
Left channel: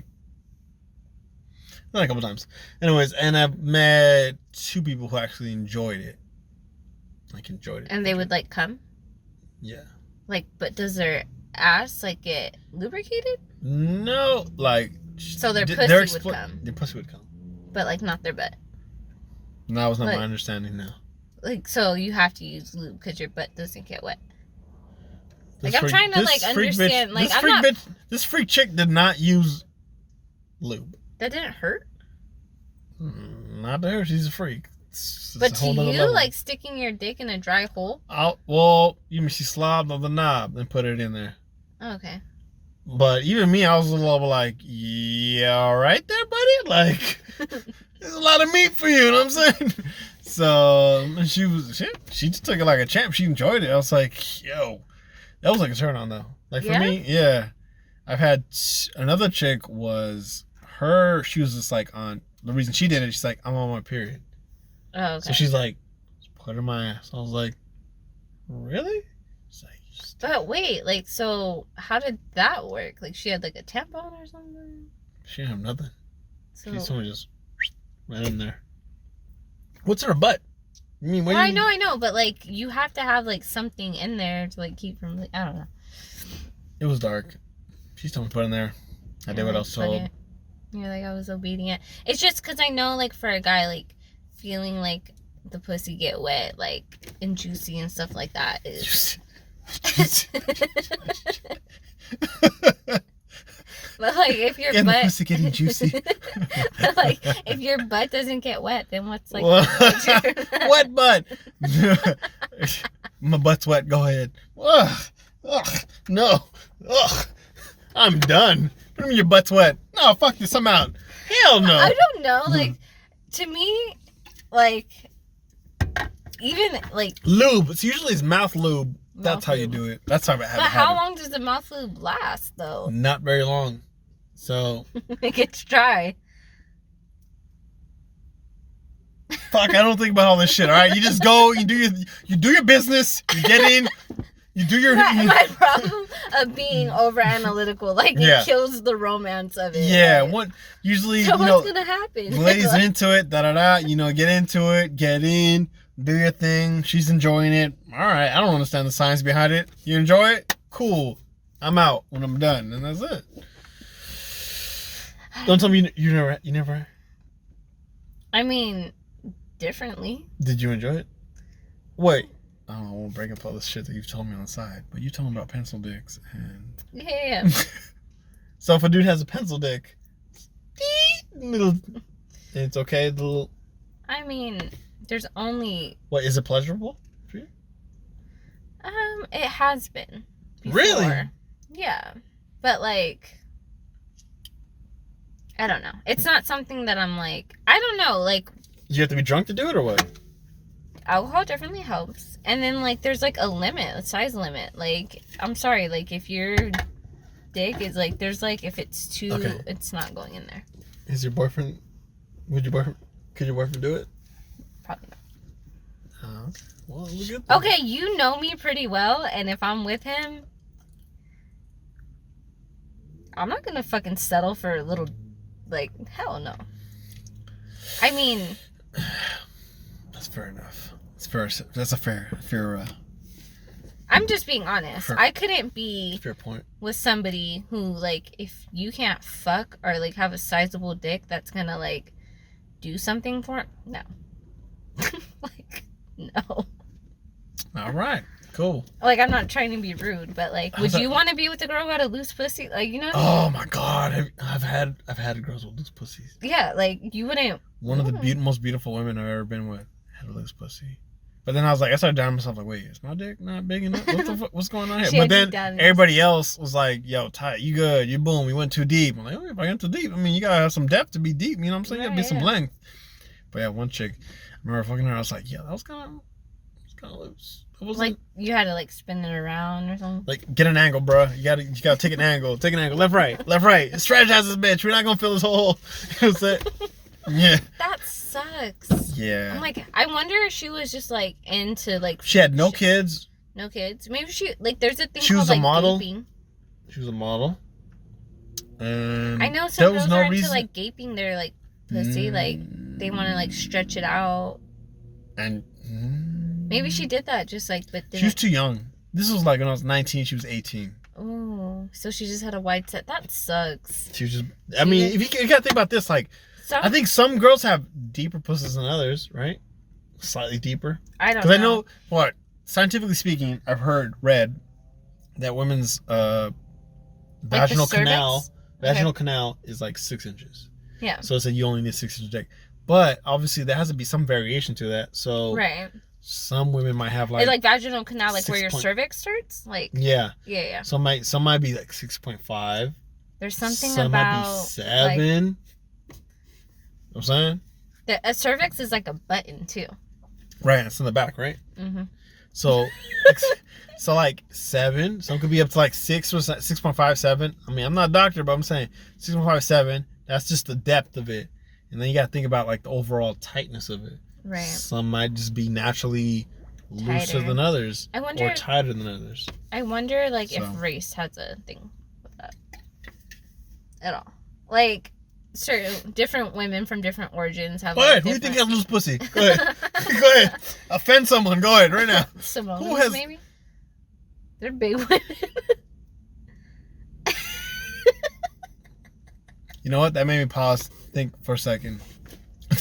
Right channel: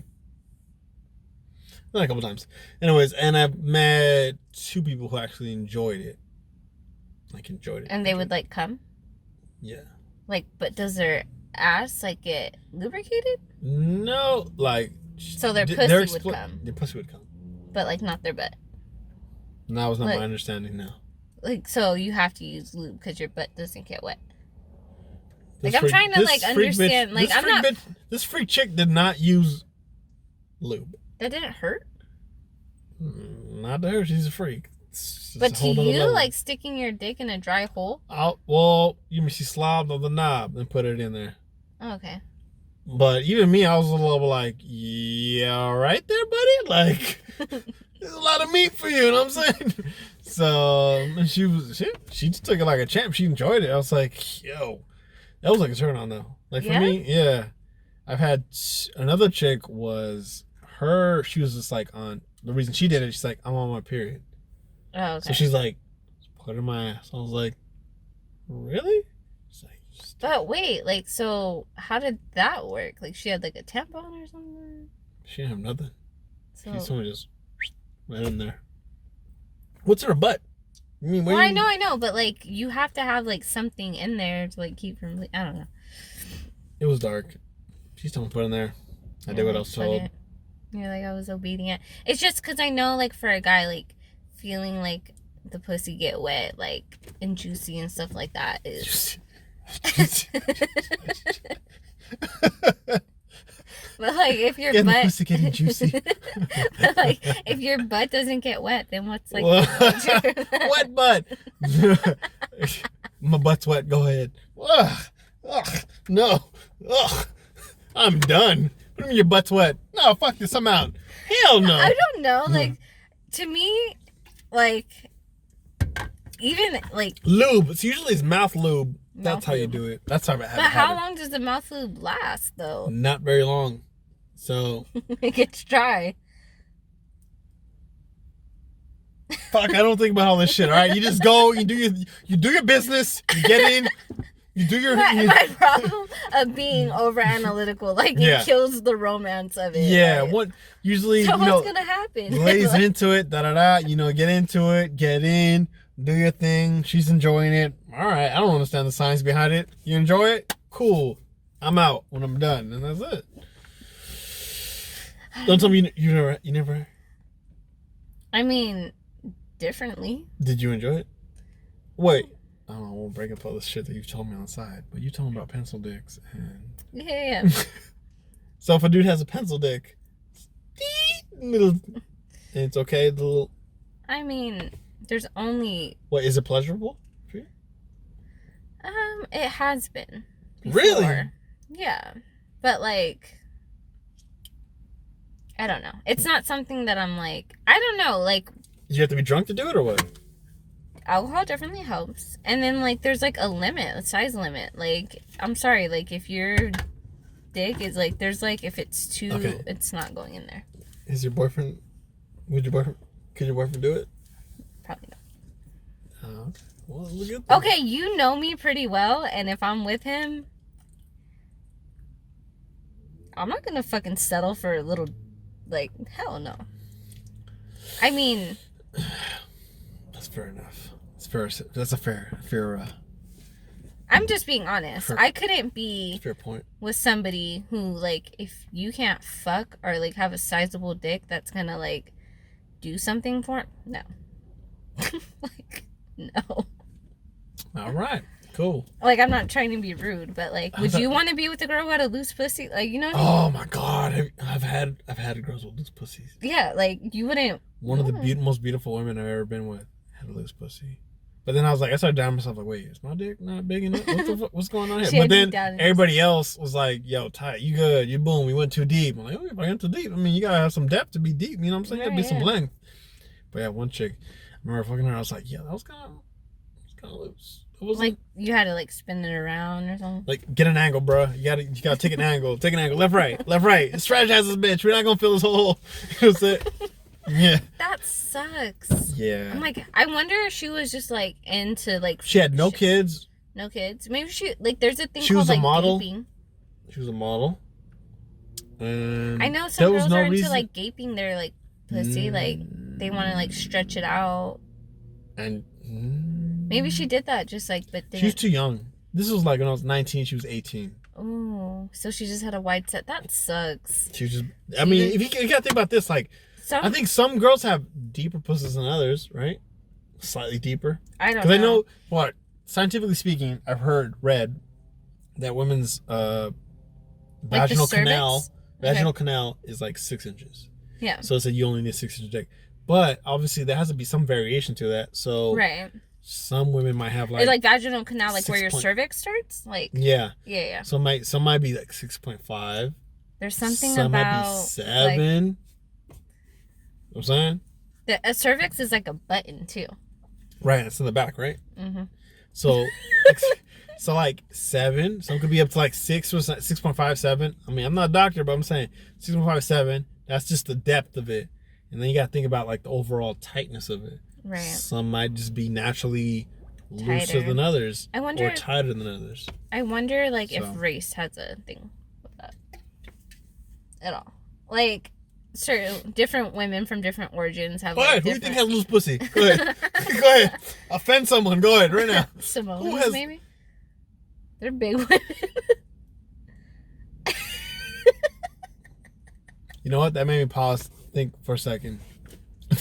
a couple times. Anyways, and I've met 2 people who actually enjoyed it. Like enjoyed it. And they would like come? Yeah. Like, but does their ass like get lubricated? No, like. So their pussy would come. Their pussy would come. But like not their butt. No, that was not my understanding now. Like, so you have to use lube because your butt doesn't get wet. Like, I'm trying to like understand. Like, I'm not. This freak chick did not use lube. That didn't hurt? Not to her. She's a freak. But to you, like sticking your dick in a dry hole? Well, you mean she slobbed on the knob and put it in there. Oh, okay. But even me, I was a little like, yeah, all right there, buddy. Like, there's a lot of meat for you. You know what I'm saying? So she just took it like a champ. She enjoyed it. I was like, yo, that was like a turn on though. Like for me, yeah. I've had another chick was her. She was just like on the reason she did it. She's like, I'm on my period. Oh, okay. So she's like, put it in my ass. I was like, really? She's like, but wait, like, so how did that work? Like, she had like a tampon or something? She didn't have nothing. So she told me just right in there. What's in her butt? I mean, well, I know, but like, you have to have like something in there to like keep from. I don't know. It was dark. She's told me to put in there. I did what I was told. You're like, I was obedient. It's just because I know, like, for a guy, like, feeling like the pussy get wet, like, and juicy and stuff like that is. But like, if your butt pussy getting juicy. But like, if your butt doesn't get wet, then what's like wet butt? My butt's wet. Go ahead. Ugh. No. Ugh. I'm done. What do you mean your butt's wet? No, fuck this. I'm out. Hell no. I don't know. Like, to me, like, even like lube. It's usually mouth lube. That's how you do it. That's how I have it. But how long does the mouth lube last, though? Not very long. So it gets dry. Fuck, I don't think about all this shit. All right, you just go. You do your business. You get in. You do your. My problem of being over analytical, like, it kills the romance of it. Yeah. Like, What usually? So what's gonna happen? The lady's into it. You know, get into it. Get in. Do your thing. She's enjoying it. All right. I don't understand the science behind it. You enjoy it? Cool. I'm out when I'm done, and that's it. Don't tell me you never. I mean, differently. Did you enjoy it? Wait. I won't break up all this shit that you've told me on the side, but you told me about pencil dicks and. Yeah. So if a dude has a pencil dick, it's okay. Little. I mean, there's only. What, is it pleasurable for you? It has been. Before. Really? Yeah, but like, I don't know. It's not something that I'm like. I don't know. Like. You have to be drunk to do it, or what? Alcohol definitely helps, and then like there's like a limit, a size limit. Like, I'm sorry, like if your dick is like, there's like, if it's too, it's not going in there. Is your boyfriend? Could your boyfriend do it? Probably not. Oh, okay. Well, look at that. Okay, you know me pretty well, and if I'm with him, I'm not gonna fucking settle for a little, like, hell no. I mean, that's fair enough. That's a fair. I'm just being honest. I couldn't be fair point with somebody who, like, if you can't fuck or like have a sizable dick that's gonna like do something for it. No. Like, no. All right. Cool. Like, I'm not trying to be rude, but like, would you want to be with a girl who had a loose pussy? Like, you know what I mean? Oh my god, I've had girls with loose pussies. Yeah, like, you wouldn't. One of the most beautiful women I've ever been with had a loose pussy. But then I started doubting myself, like, wait, is my dick not big enough? What the fuck? What's going on here? She But had then you everybody else was like, yo, Ty, you good? You boom? We went too deep. I'm like, oh, if I went too deep, I mean, you gotta have some depth to be deep. You know what I'm saying? Gotta be some length. But yeah, one chick, I remember fucking her. I was like, yeah, that was kind of loose. It wasn't like you had to like spin it around or something. like get an angle, bro. You gotta take an angle. Take an angle. Left, right. Strategize this bitch. We're not gonna fill this hole. That's it. Yeah. That sucks. Yeah. I'm like, I wonder if she was just like into like. She had no kids. No kids. Maybe she like. There's a thing She called was a like model. gaping. She was a model. And I know some there was girls no are into reason. like gaping their like pussy, like they want to like stretch it out. And Maybe she did that, just like, but didn't. she was too young. This was like when I was 19. She was 18. Oh, so she just had a wide set. That sucks. She was just. I mean, if you gotta think about this, like, I think some girls have deeper pussies than others, right? Slightly deeper. I don't know. Because I know what, scientifically speaking, I've read that women's vaginal canal is like 6 inches. Yeah. So it's like you only need 6 inches dick. But obviously there has to be some variation to that. So Right. some women might have like vaginal canal, like where your cervix starts, like yeah. Yeah. Some might be like 6.5. There's something some about might be 7. You know what I'm saying? A cervix is like a button too. Right, it's in the back, right? Mm-hmm. So, so like 7. Some could be up to like 6 or 6.5, 7. I mean, I'm not a doctor, but I'm saying 6.5, 7. That's just the depth of it, and then you got to think about like the overall tightness of it. Right. Some might just be naturally looser than others, or tighter than others. I wonder, like, if race has a thing with that at all. Like, certain different women from different origins have. Go ahead. Who do you think has loose pussy? Go ahead. Go ahead. Offend someone. Go ahead right now. Samoans, maybe. They're big women. You know what? That made me pause. Think for a second.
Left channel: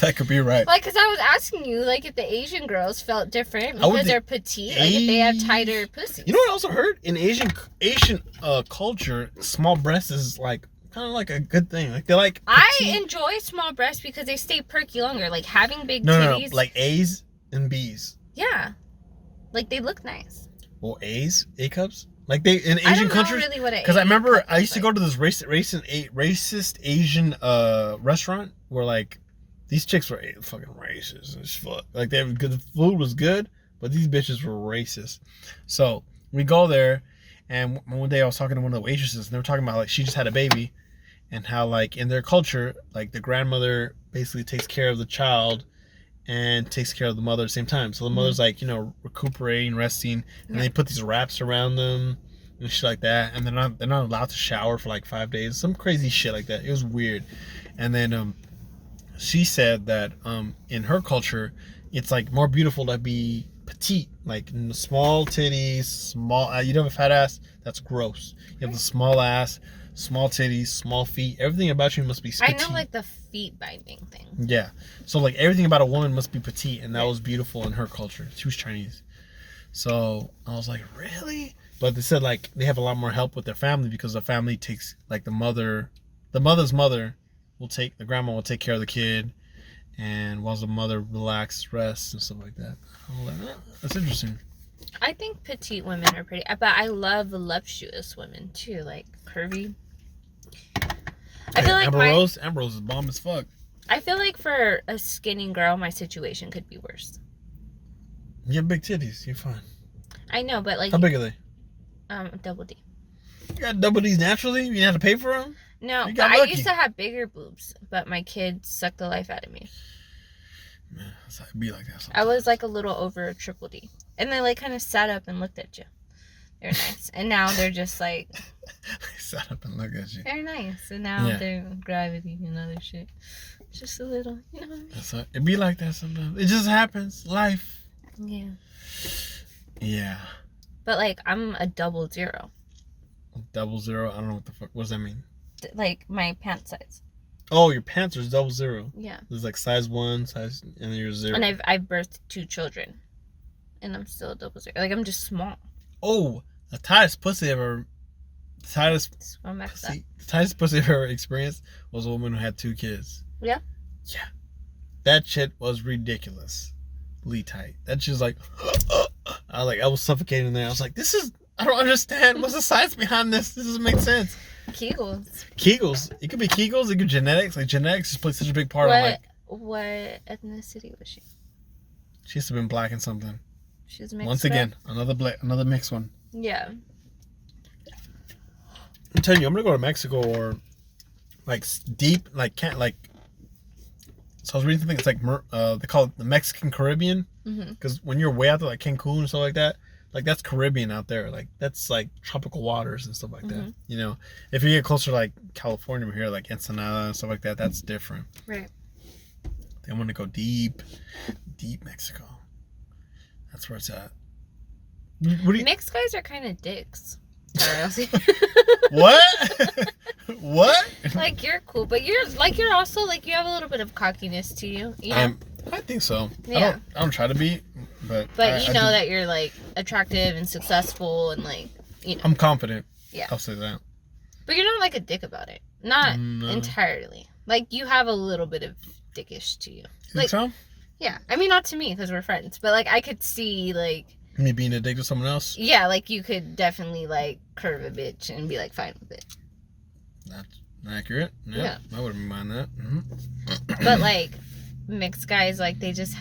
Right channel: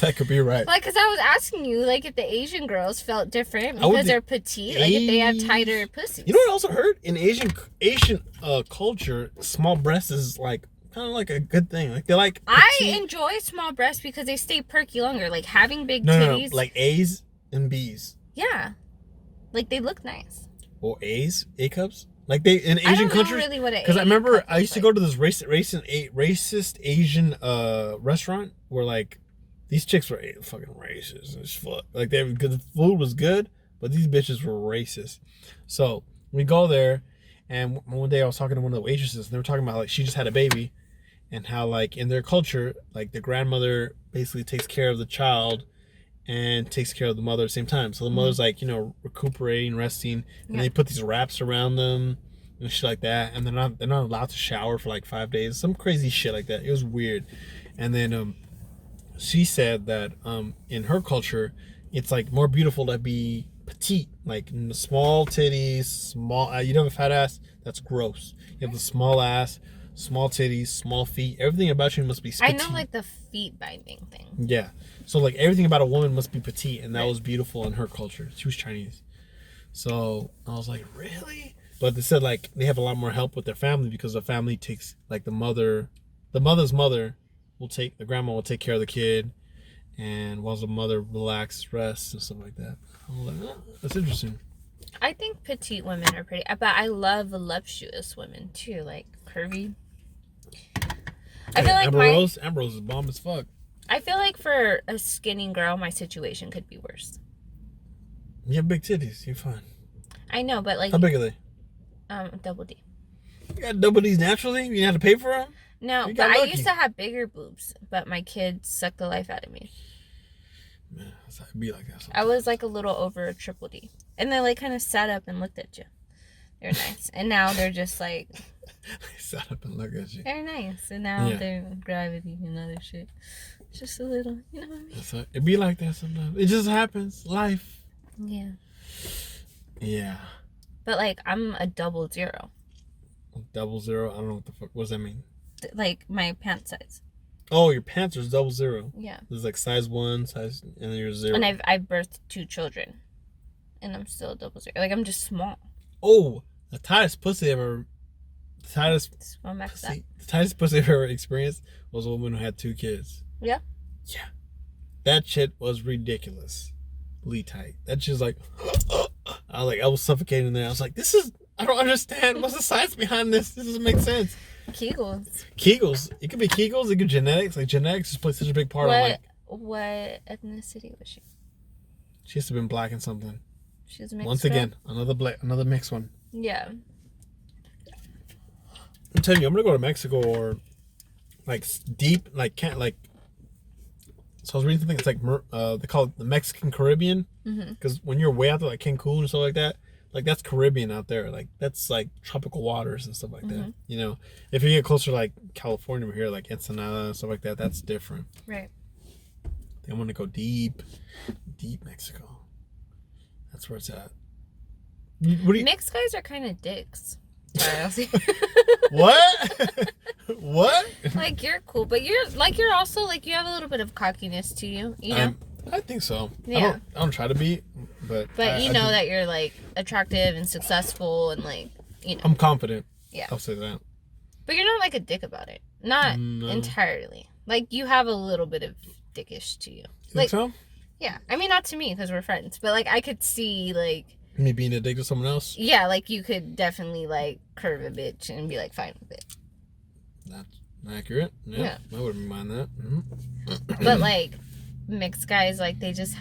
That could be right. Like, because I was asking you, like, if the Asian girls felt different because they're petite, like if they have tighter pussies. You know what I also heard? In Asian culture, small breasts is like kind of like a good thing. Like they like. Petite. I enjoy small breasts because they stay perky longer. Like having big titties. No, like A's and B's. Yeah, like they look nice. Well, A cups. Like they in Asian countries. I don't know really what it is. Because I remember I used to go to this racist Asian restaurant where like these chicks were fucking racist as fuck. Like the food was good, but these bitches were racist. So we go there, and one day I was talking to one of the waitresses, and they were talking about like she just had a baby, and how like in their culture, like the grandmother basically takes care of the child and takes care of the mother at the same time. So the mother's like, you know, recuperating, resting, and they put these wraps around them and shit like that, and they're not allowed to shower for like 5 days, some crazy shit like that. It was weird. And then she said that in her culture, it's like more beautiful to be petite, like small titties, small. You don't have a fat ass, that's gross. You have the small ass, small titties, small feet. Everything about you must be petite. I know, like the feet binding thing. Yeah. So like everything about a woman must be petite, and that was beautiful in her culture. She was Chinese. So I was like, really? But they said like they have a lot more help with their family because the family takes like the mother's mother will take, the grandma will take care of the kid, and while the mother relaxes, rests, and stuff like that. I was like, oh, that's interesting. I think petite women are pretty, but I love voluptuous women too, like curvy. I feel like Amber Rose is bomb as fuck. I feel like for a skinny girl, my situation could be worse. You have big titties, you're fine. I know, but like, how big are they? Double D. You got double D's naturally? You didn't have to pay for them? No, but I used to have bigger boobs, but my kids sucked the life out of me. Man, it'd be like that sometimes. I was like a little over a triple D. And they like kind of sat up and looked at you. They're nice. And now they're just like... They sat up and looked at you. They're nice. And now they're gravity and other shit. Just a little, you know what I mean? It'd be like that sometimes. It just happens. Life. Yeah. Yeah. But like, I'm a 00. 00? I don't know what the fuck. What does that mean? Like my pant size. Oh, your pants are 00. Yeah. There's like size 1, size, and then you're 0. And I've birthed 2 children, and I'm still 00. Like I'm just small. Oh, the tightest pussy ever. The tightest pussy I've ever experienced was a woman who had 2 kids. Yeah. Yeah. That shit was ridiculous. really tight. That's just like, I was suffocating there. I was like, I don't understand. What's the science behind this? This doesn't make sense. Kegels. It could be Kegels. It could be genetics. Like genetics just plays such a big part. What ethnicity was she? She has to have been black and something. She's mixed. Once again, another mixed one. Yeah. I'm telling you, I'm gonna go to Mexico or like deep, like can't like. So I was reading something. It's like they call it the Mexican Caribbean, because when you're way out there, like Cancun and stuff like that, like that's Caribbean out there. Like that's like tropical waters and stuff like that. You know, if you get closer to like California here, like Ensenada and stuff like that, that's different. Right. I think I'm gonna go deep Mexico. That's where it's at. Mixed guys are kind of dicks. Sorry, I'll see. What? What? Like you're cool, but you're also like you have a little bit of cockiness to you. You know? I think so. Yeah. I don't try to be, but you know that you're like attractive and successful and like you know. I'm confident. Yeah. I'll say that. But you're not like a dick about it. Not entirely. Like you have a little bit of dickish to you. Like so? Yeah. I mean, not to me because we're friends, but like I could see like me being a dick to someone else. Yeah, like you could definitely like curve a bitch and be like fine with it. That's accurate. Yeah. I wouldn't mind that. But like mixed guys, like they're just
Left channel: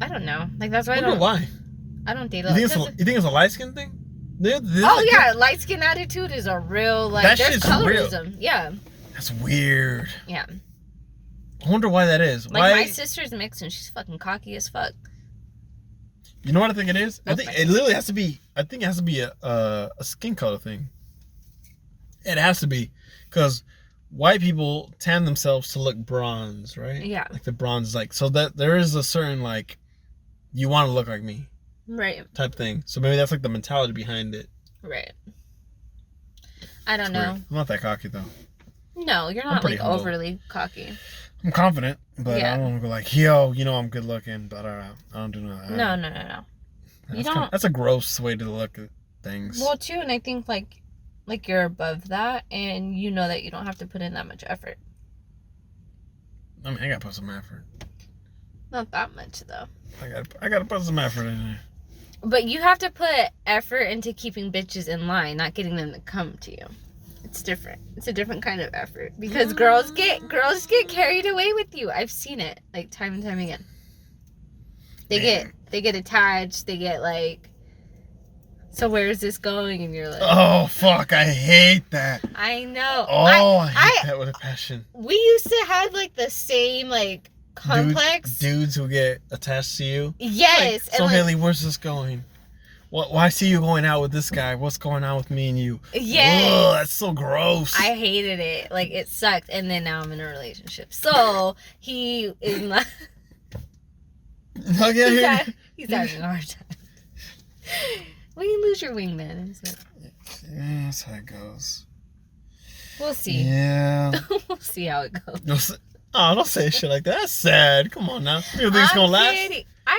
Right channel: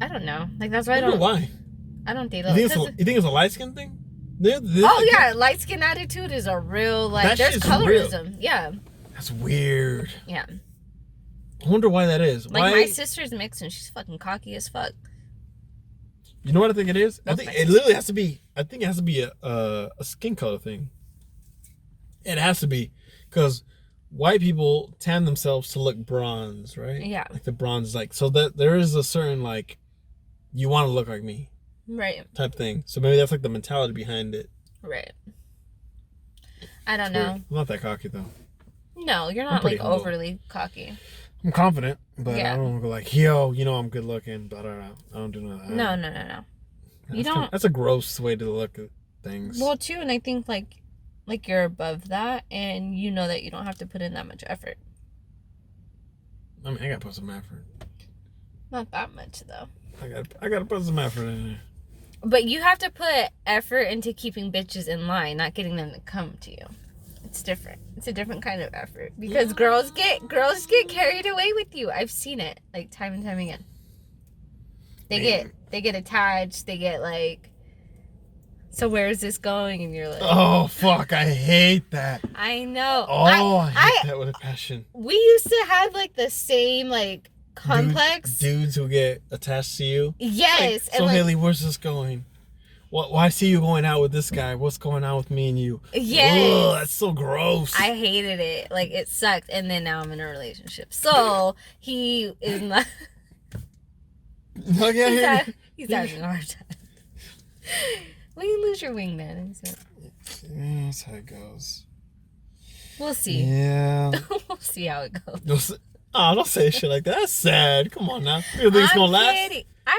I don't know. Like that's why I don't date. You think it's a light skin thing? Yeah, light skin attitude is a real like. There's colorism. Real. Yeah. That's weird. Yeah. I wonder why that is. Like my sister's mixed and she's fucking cocky as fuck. You know what I think it is? I think it literally has to be. I think it has to be a skin color thing. It has to be, because white people tan themselves to look bronze, right? Yeah. Like the bronze is like, so that there is a certain like, you want to look like me, right? Type thing. So maybe that's like the mentality behind it. Right. I don't know. I'm not that cocky though. No, you're not like overly cocky. I'm confident, but I don't go like, yo, you know I'm good looking, but I don't do that. No. You don't. That's a gross way to look at things. Well, too, and I think like you're above that, and you know that you don't have to put in that much effort. I mean, I gotta put some effort. Not that much though. I gotta put some effort in there. But you have to put effort into keeping bitches in line, not getting them to come to you. It's different. It's a different kind of effort because girls get carried away with you. I've seen it like time and time again. They get attached. They get like, so where is this going? And you're like, oh fuck, I hate that. I know. Oh, I hate that with a passion. We used to have like the same like complex dudes who get attached to you. Yes. Like, so Haley, where's this going? Well, I see you going out with this guy. What's going on with me and you? Yes. Ugh, that's so gross. I hated it. Like, it sucked. And then now I'm in a relationship. So, he is not... he's having a hard time. When you lose your wingman. Yeah, that's how it goes. We'll see. Yeah. We'll see how it goes. Oh, don't say shit like that. That's sad. Come on now. You think it's gonna last?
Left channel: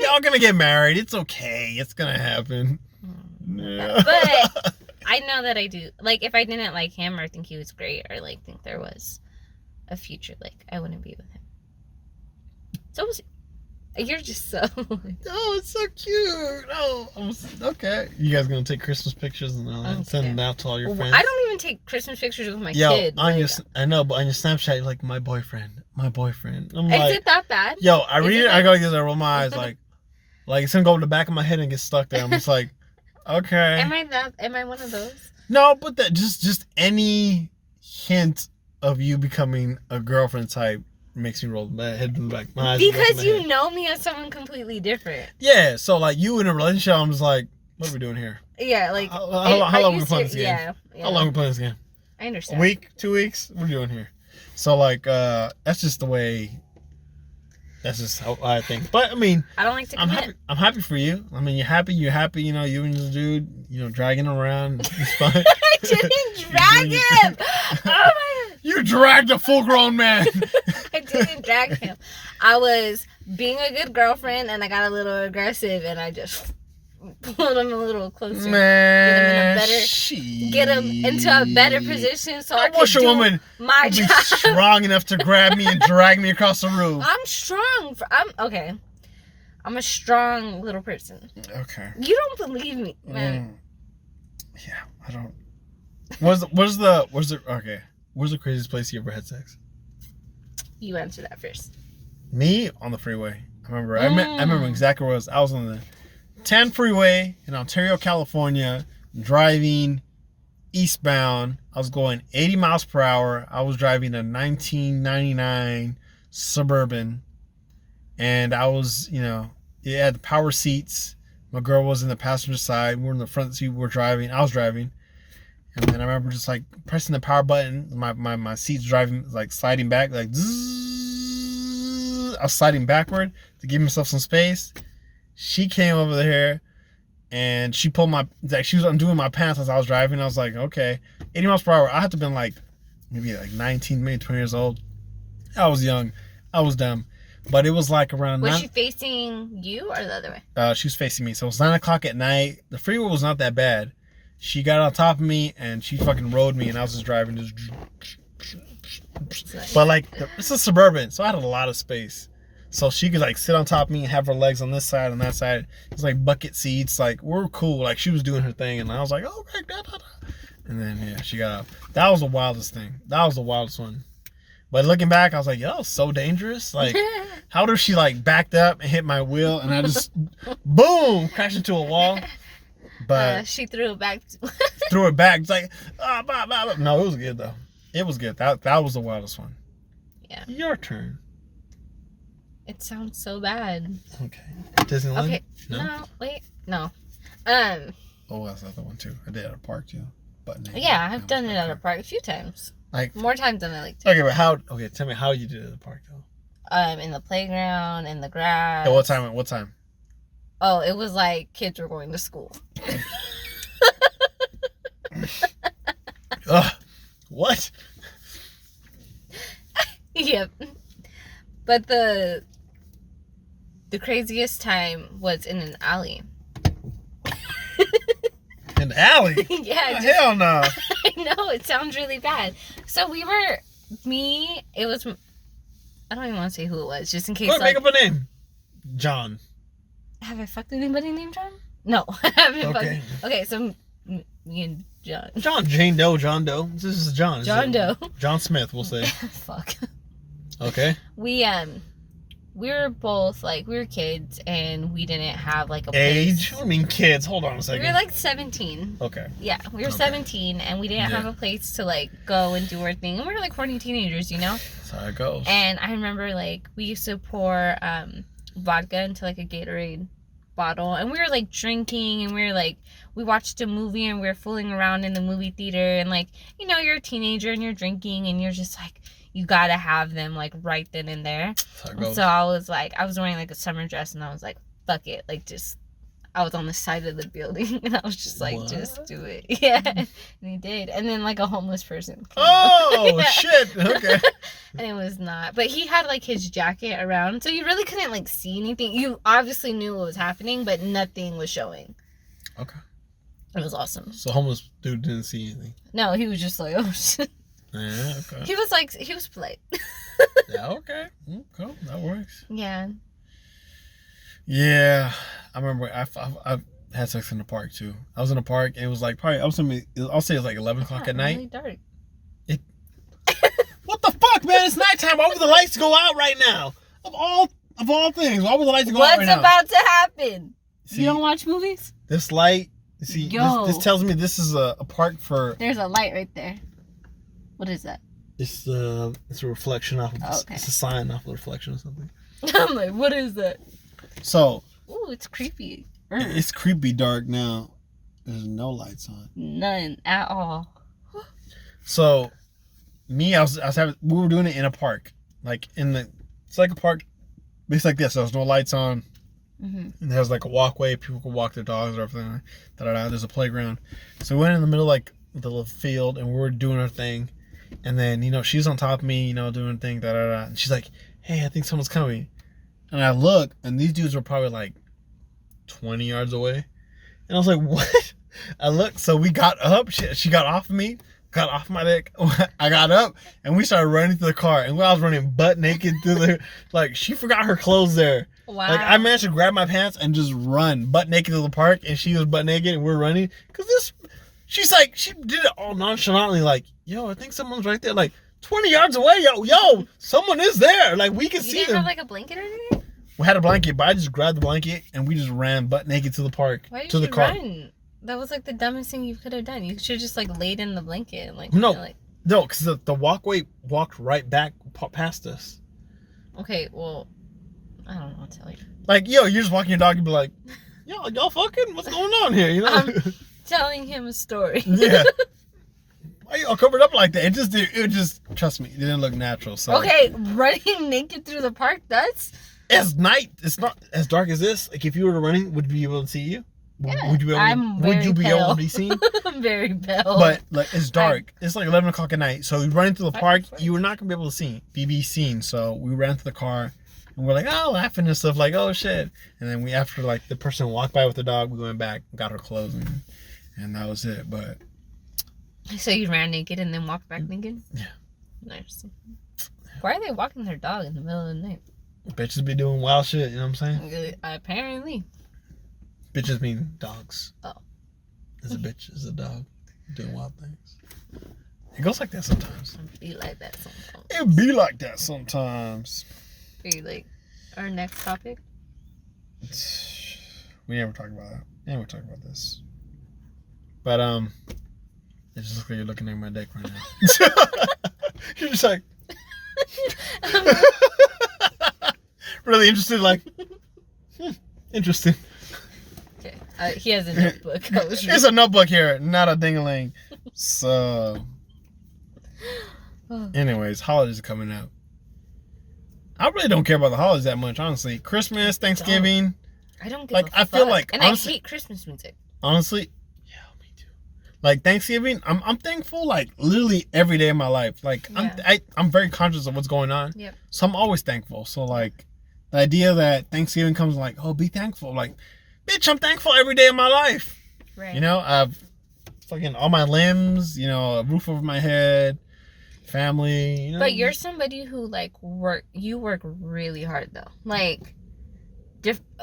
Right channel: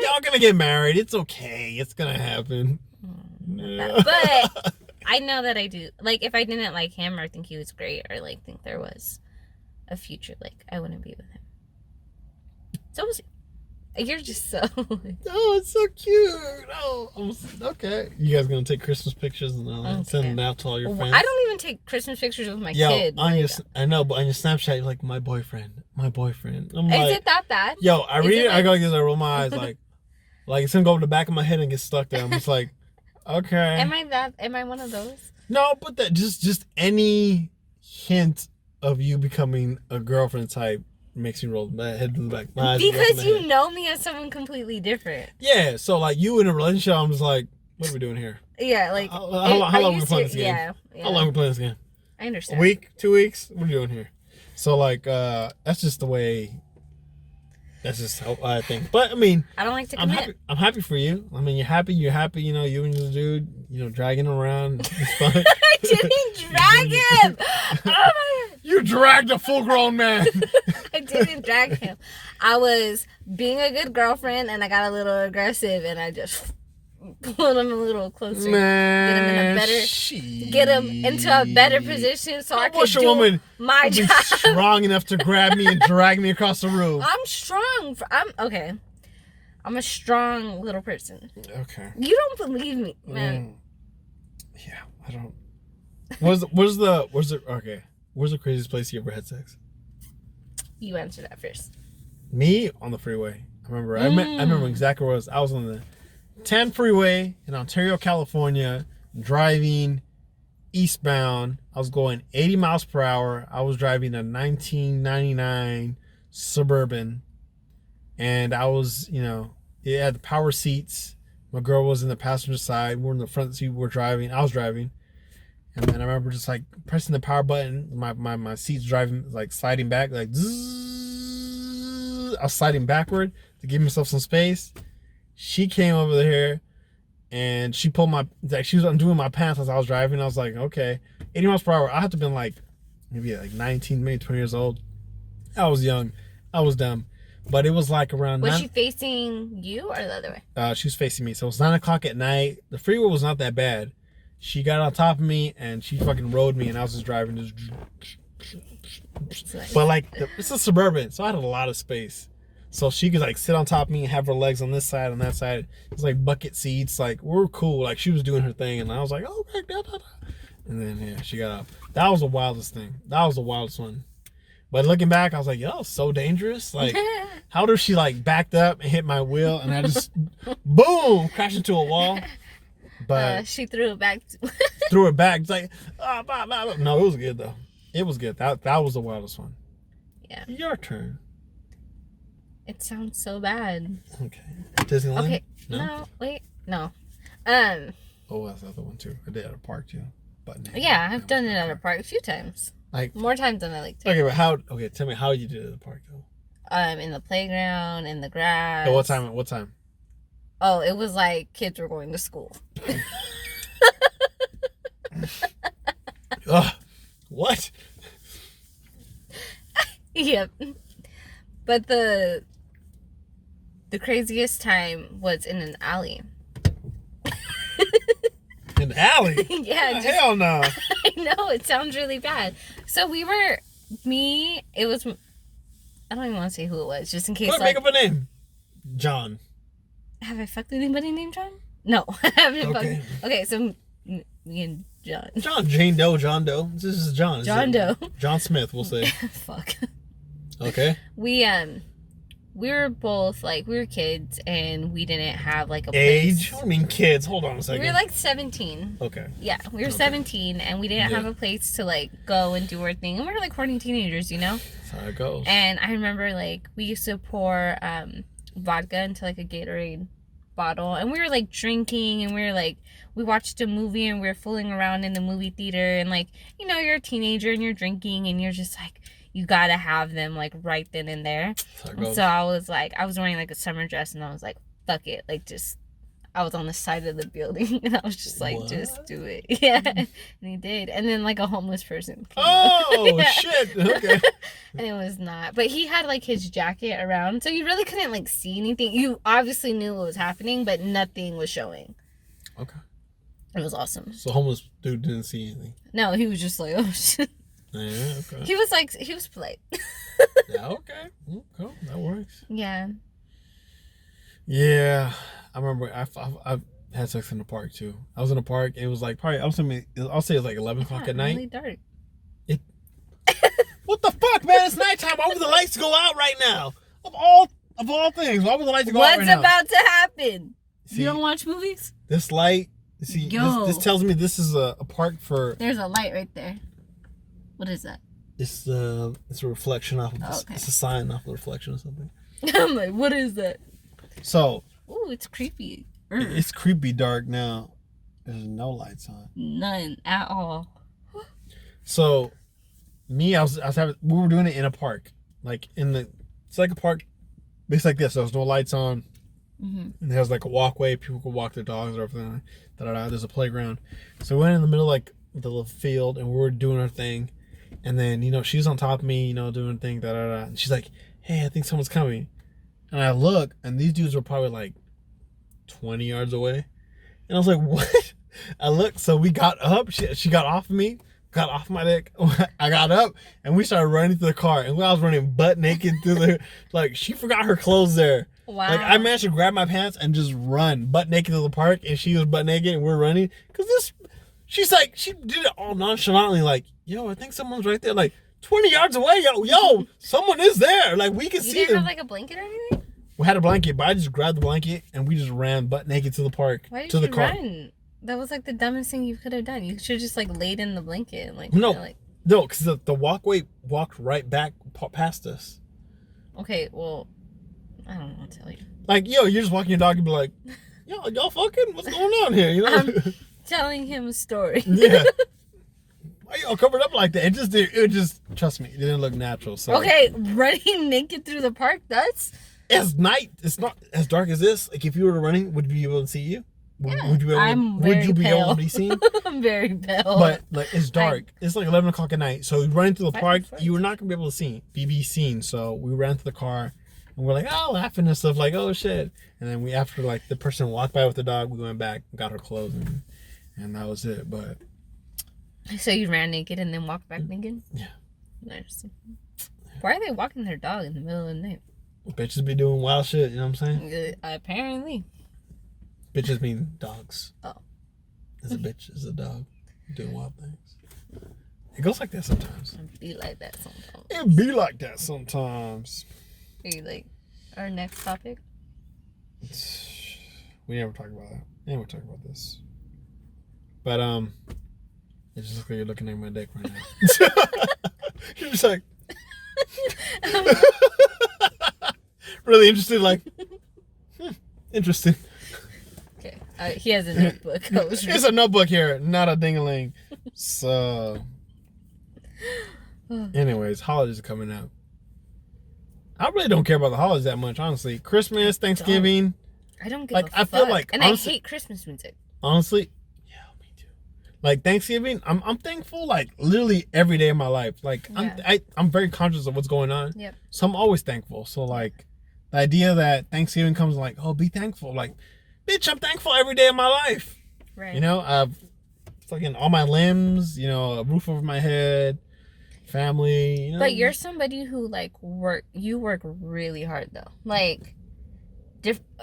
Y'all gonna get married. It's okay. It's gonna happen. Yeah. But I know that I do. Like, if I didn't like him or think he was great or like think there was a future, like I wouldn't be with him. So we'll see. You're just so. Oh, it's so cute. Oh, okay. You guys gonna take Christmas pictures and send them out to all your friends? I don't even take Christmas pictures with my kid. I know, but on your Snapchat, you're like my boyfriend. I'm Is like, it that bad? Yo, I read it. I gotta get I roll my eyes like it's gonna go over the back of my head and get stuck there. I'm just like, okay. Am I one of those? No, but that just any hint of you becoming a girlfriend type makes me roll my head in the back. My eyes because you know me as someone completely different. Yeah, so like you in a relationship, I'm just like, what are we doing here? Yeah, like how long are we playing this game? Yeah. How long are we playing this game? I understand. A week, 2 weeks? What are we doing here? So like that's just the way. That's just how I think. But I mean, I don't like to commit. I'm happy for you. I mean, you're happy. You know, you and the dude, dragging around. It's fun. I didn't drag him. Oh my God. You dragged a full-grown man. I didn't drag him. I was being a good girlfriend, and I got a little aggressive, and I just pulled him a little closer. Man, get him into a better position so I could do my job. Strong enough to grab me and drag me across the room. I'm strong. I'm okay. I'm a strong little person. Okay. You don't believe me, man. Yeah, I don't. Where's the craziest place you ever had sex? You answer that first. Me on the freeway. I remember exactly where I was. I was on the 10 freeway in Ontario, California, driving eastbound. I was going 80 miles per hour. I was driving a 1999 Suburban, and I was, it had the power seats. My girl was in the passenger side. We were in the front seat. I was driving. And then I remember just like pressing the power button. My seat's driving, like sliding back, like zzz. I was sliding backward to give myself some space. She came over here and she pulled she was undoing my pants as I was driving. I was like, okay, 80 miles per hour. I had to have been like, maybe like 19, maybe 20 years old. I was young. I was dumb. But it was like around. Was she facing you or the other way? She was facing me. So it was 9 o'clock at night. The freeway was not that bad. She got on top of me and she fucking rode me, and I was just driving. But like, it's a Suburban, so I had a lot of space. So she could like sit on top of me and have her legs on this side, on that side. It was like bucket seats. Like, we're cool. Like, she was doing her thing, and I was like, oh, okay, and then yeah, she got up. That was the wildest thing. That was the wildest one. But looking back, I was like, yo, that was so dangerous. Like, how did she like backed up and hit my wheel, and I just boom, crashed into a wall. But she threw it back. Threw it back. It's like, no, it was good though. It was good. That was the wildest one. Yeah. Your turn. It sounds so bad. Okay. Disneyland? Okay. No, Oh, that's the other one too. I did at a park too. But yeah, I've done it at a park a few times. Like more times than I like to. Okay, but tell me how you did it at the park though. In the playground, in the grass. At what time? Oh, it was like kids were going to school. What? Yep. But the craziest time was in an alley. An alley? Yeah. Hell no. I know, it sounds really bad. So it was, I don't even want to say who it was, just in case. Make up a name. John. Have I fucked anybody named John? No, I haven't fucked. Okay, so me and John. Jane Doe, John Doe. This is John. John Doe. John Smith, we'll say. Fuck. Okay. We were both like, we were kids and we didn't have like a age. place. I mean kids. Hold on a second. We were like 17. Okay. Yeah, we were 17 and we didn't have a place to like go and do our thing. And we were like horny teenagers, That's how it goes. And I remember like we used to pour vodka into like a Gatorade bottle, and we were like drinking, and we were like, we watched a movie and we were fooling around in the movie theater, and like, you're a teenager and you're drinking and you're just like, you gotta have them like right then and there. And so I was wearing like a summer dress, and I was like, fuck it, like just, I was on the side of the building and I was just like, what? Just do it. Yeah. And he did. And then like a homeless person came yeah. Shit. Okay. And it was not. But he had like his jacket around, so you really couldn't like see anything. You obviously knew what was happening, but nothing was showing. Okay. It was awesome. So homeless dude didn't see anything? No, he was just like, oh shit. Yeah, okay. He was polite. Yeah, okay. Cool. That works. Yeah. Yeah. I remember I had sex in the park too. I was in the park. It was like probably I'll say it was like 11 o'clock at night. Really dark. What the fuck, man? It's nighttime. Why would the lights go out right now? Of all things, why would the lights go out right now? What's about to happen? See, you don't watch movies? This light. See, this tells me this is a park for. There's a light right there. What is that? It's a reflection off of. Okay. It's a sign off the reflection or something. I'm like, what is that? So. Ooh, it's creepy. It's creepy dark now. There's no lights on. None at all. So, we were doing it in a park, like it's like a park, it's like this. There's no lights on, and there's like a walkway. People could walk their dogs or everything. There's a playground. So we went in the middle like the little field, and we were doing our thing, and then she's on top of me, doing her thing. And she's like, "Hey, I think someone's coming." And I look, and these dudes were probably like 20 yards away. And I was like, what? I looked, so we got up. She got off of me, got off my dick. I got up, and we started running to the car. And I was running butt naked through she forgot her clothes there. Wow. Like, I managed to grab my pants and just run butt naked to the park, and she was butt naked, and we're running. Because she's like, she did it all nonchalantly, like, yo, I think someone's right there, like, 20 yards away, yo, someone is there. Like, we can You see didn't them. have like a blanket or anything? We had a blanket, but I just grabbed the blanket, and we just ran butt naked to the park. Why did to the you car. run? That was like the dumbest thing you could have done. You should have just like laid in the blanket and like, No. kinda, like... No, because the walkway walked right back past us. Okay, well, I don't know what to tell you. Like, yo, you're just walking your dog and be like, yo, y'all fucking? What's going on here? You know? I'm telling him a story. Yeah. Why y'all covered up like that? It just, trust me, it didn't look natural. So Okay, running naked through the park, that's... As night, it's not as dark as this. Like, if you were running, would we be able to see you? Yeah, Would you be able, I'm would very you be able pale. to be seen? I'm very pale. But like, it's dark. It's like 11 o'clock at night. So running through the park, 5:40. you were not gonna be able to be seen. So we ran to the car, and we're like, oh, laughing and stuff, like, oh shit. And then after like the person walked by with the dog, we went back, got her clothes, and that was it. But So you ran naked and then walked back naked? Yeah. Nice. Why are they walking their dog in the middle of the night? bitches be doing wild shit. You know what I'm saying? Apparently. Bitches mean dogs. Oh. Is a bitch, is a dog doing wild things. It goes like that sometimes. It be like that sometimes. It be like that sometimes. Are you like our next topic? We never talk about that. We never talk about this. But it just looks like you're looking at my dick right now. You're just like really interested, like interesting. Okay. He has a notebook. There's a notebook here, not a ding-a-ling. So anyways, holidays are coming up. I really don't care about the holidays that much, honestly. Christmas, Thanksgiving. I don't give like, a fuck. I feel like, and honestly, I hate Christmas music. honestly, yeah, me too. Like Thanksgiving, I'm thankful like literally every day of my life. Like I'm very conscious of what's going on. Yep. So I'm always thankful. So like the idea that Thanksgiving comes like, oh, be thankful. Like, bitch, I'm thankful every day of my life. Right. You know, I've fucking all my limbs, you know, a roof over my head, family, you know. But you're somebody who like you work really hard though. Like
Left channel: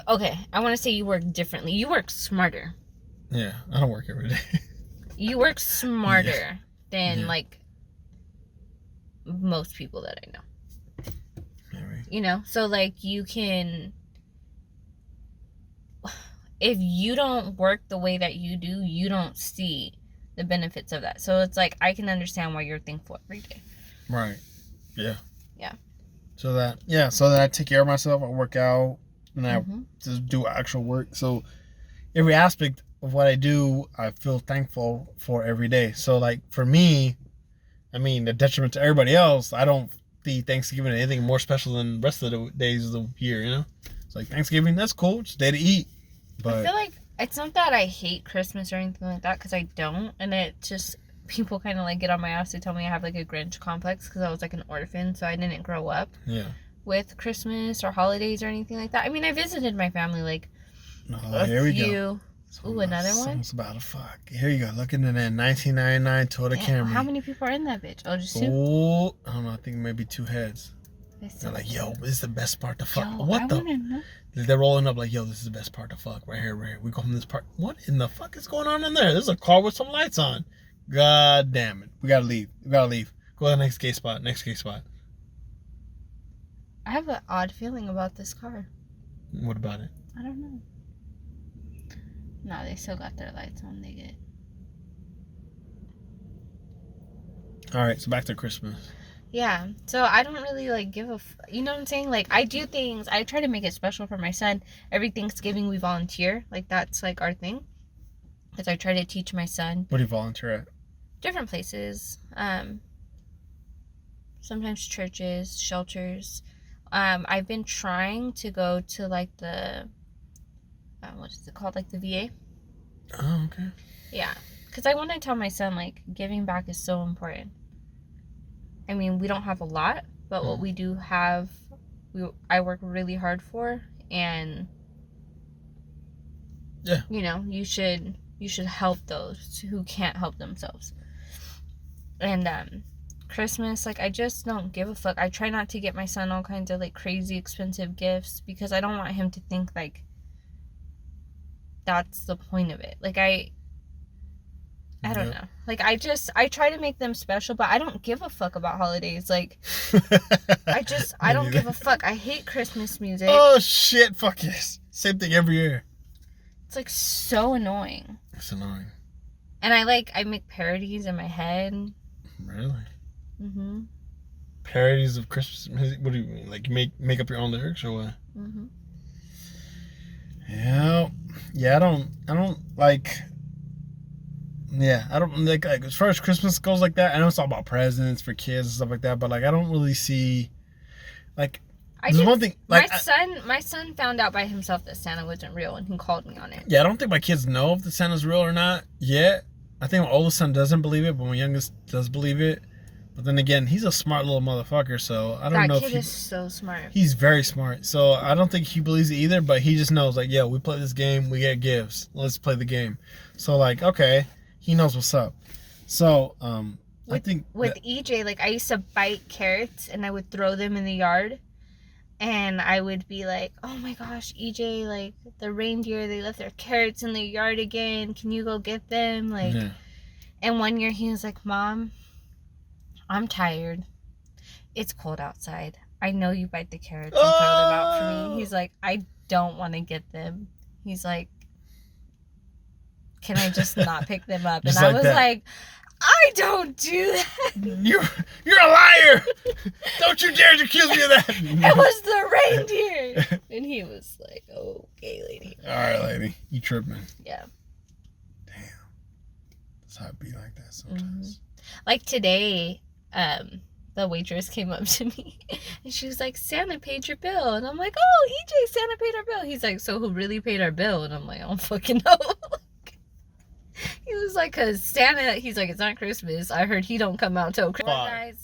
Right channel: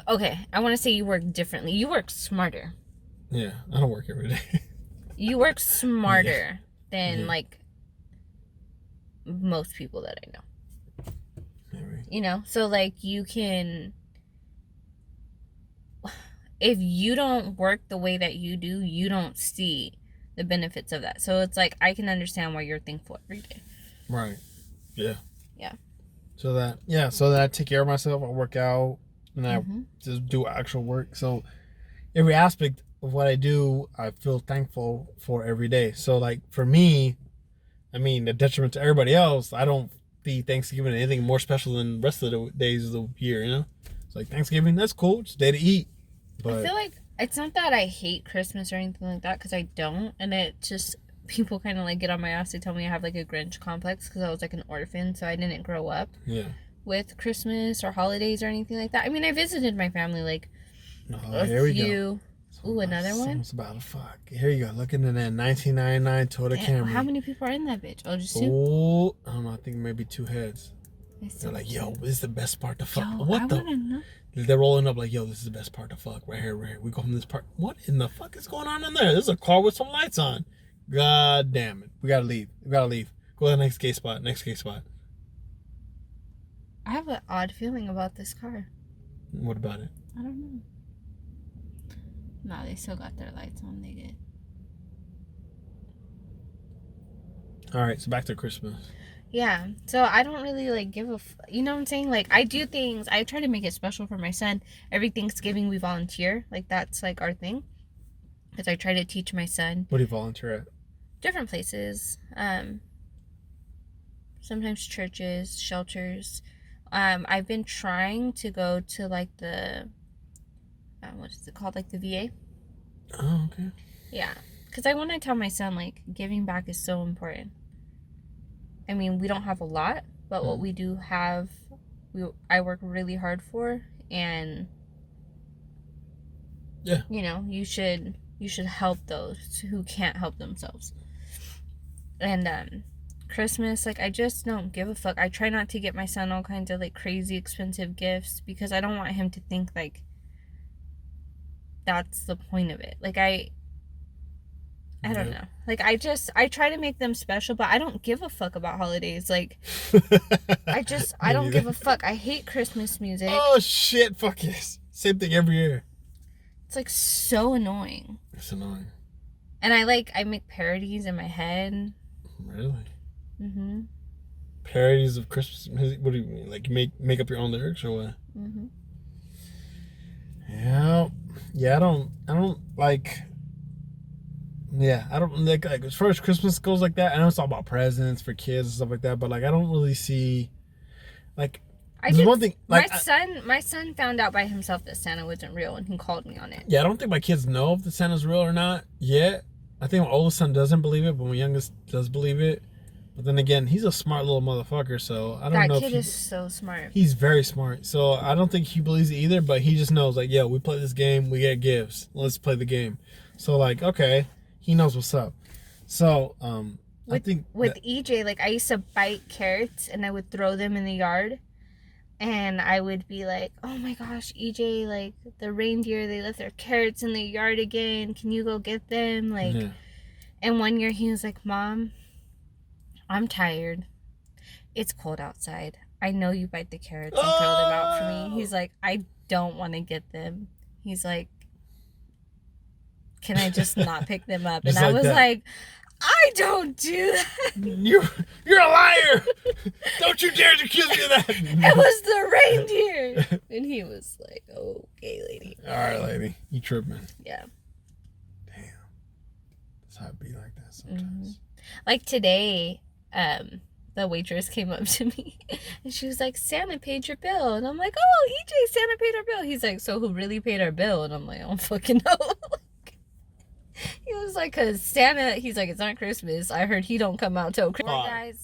okay, I want to say you work differently. You work smarter. Yeah, I don't work every day. You work smarter than Yeah. like most people that I know. Maybe. You know, so like you can, if you don't work the way that you do, you don't see the benefits of that. So it's like I can understand why you're thankful every day. Right. Yeah. Yeah. So that I take care of myself, I work out, and I Mhm. just do actual work. So every aspect of what I do, I feel thankful for every day. So like for me, I mean, the detriment to everybody else, I don't see Thanksgiving anything more special than the rest of the days of the year, you know? It's like Thanksgiving, that's cool. It's a day to eat. But I feel like it's not that I hate Christmas or anything like that, because I don't. And it just, people kind of like get on my ass to tell me I have like a Grinch complex because I was like an orphan, so I didn't grow up yeah. with Christmas or holidays or anything like that. I mean, I visited my family like Here we go. few. Ooh, another one? Someone's about to fuck. Here you go. Looking at that 1999 Toyota Damn, Camry. how many people are in that bitch? Oh, just two? Oh, I don't know. I think maybe two heads. That's so They're like, yo, cute. this is the best part to fuck. Yo, What I the? wanna know. They're rolling up like, yo, this is the best part to fuck. Right here, right here. We go from this part. What in the fuck is going on in there? There's a car with some lights on. God damn it. We gotta leave. We gotta leave. Go to the next gay spot. Next gay spot. I have an odd feeling about this car. What about it? I don't know. No, they still got their lights on. They get. All right, so back to Christmas. Yeah, so I don't really like give a. You know what I'm saying? Like I do things. I try to make it special for my son. Every Thanksgiving we volunteer. Like that's like our thing. Because I try to teach my son What do you volunteer at? different places. Sometimes churches, shelters. I've been trying to go to like the. What is it called? Like the VA. Oh, okay. Yeah, because I want to tell my son like giving back is so important. I mean, we don't have a lot, but what we do have, I work really hard for, and Yeah. you know, you should help those who can't help themselves. And Christmas, like, I just don't give a fuck. I try not to get my son all kinds of, like, crazy expensive gifts because I don't want him to think, like, that's the point of it. Like, I don't know. Like, I try to make them special, but I don't give a fuck about holidays. Like, I don't give a fuck. I hate Christmas music. Oh, shit. Fuck yes. Same thing every year. It's, like, so annoying. It's annoying. And I make parodies in my head. Really? Mm-hmm. Parodies of Christmas music? What do you mean? Like, make up your own lyrics or what? Mm-hmm. Yeah, I don't like... Yeah, I don't like as far as Christmas goes like that. I know it's all about presents for kids and stuff like that, but like I don't really see like there's one thing like my son found out by himself that Santa wasn't real and he called me on it. Yeah, I don't think my kids know if the Santa's real or not yet. I think my oldest son doesn't believe it, but my youngest does believe it. But then again, he's a smart little motherfucker, so I don't know if that kid is so smart. He's very smart, so I don't think he believes it either. But he just knows like, yo, we play this game, we get gifts. Let's play the game. So like, okay. He knows what's up. So, I think... With EJ, like, I used to bite carrots and I would throw them in the yard. And I would be like, oh my gosh, EJ, like, the reindeer, they left their carrots in the yard again. Can you go get them? Like, and one year he was like, Mom, I'm tired. It's cold outside. I know you bite the carrots and throw them out for me. He's like, I don't want to get them. He's like, can I just not pick them up? And I was like, I don't do that. You're a liar. Don't you dare accuse me of that. It was the reindeer. And he was like, okay, lady. All right, lady. You tripping. Yeah. Damn. That's how it be like that sometimes. Mm-hmm. Like today, the waitress came up to me and she was like, Santa paid your bill. And I'm like, oh, EJ, Santa paid our bill. He's like, so who really paid our bill? And I'm like, I don't fucking know. He was like, cause Santa, he's like, it's not Christmas. I heard he don't come out till Christmas. 5, Guys.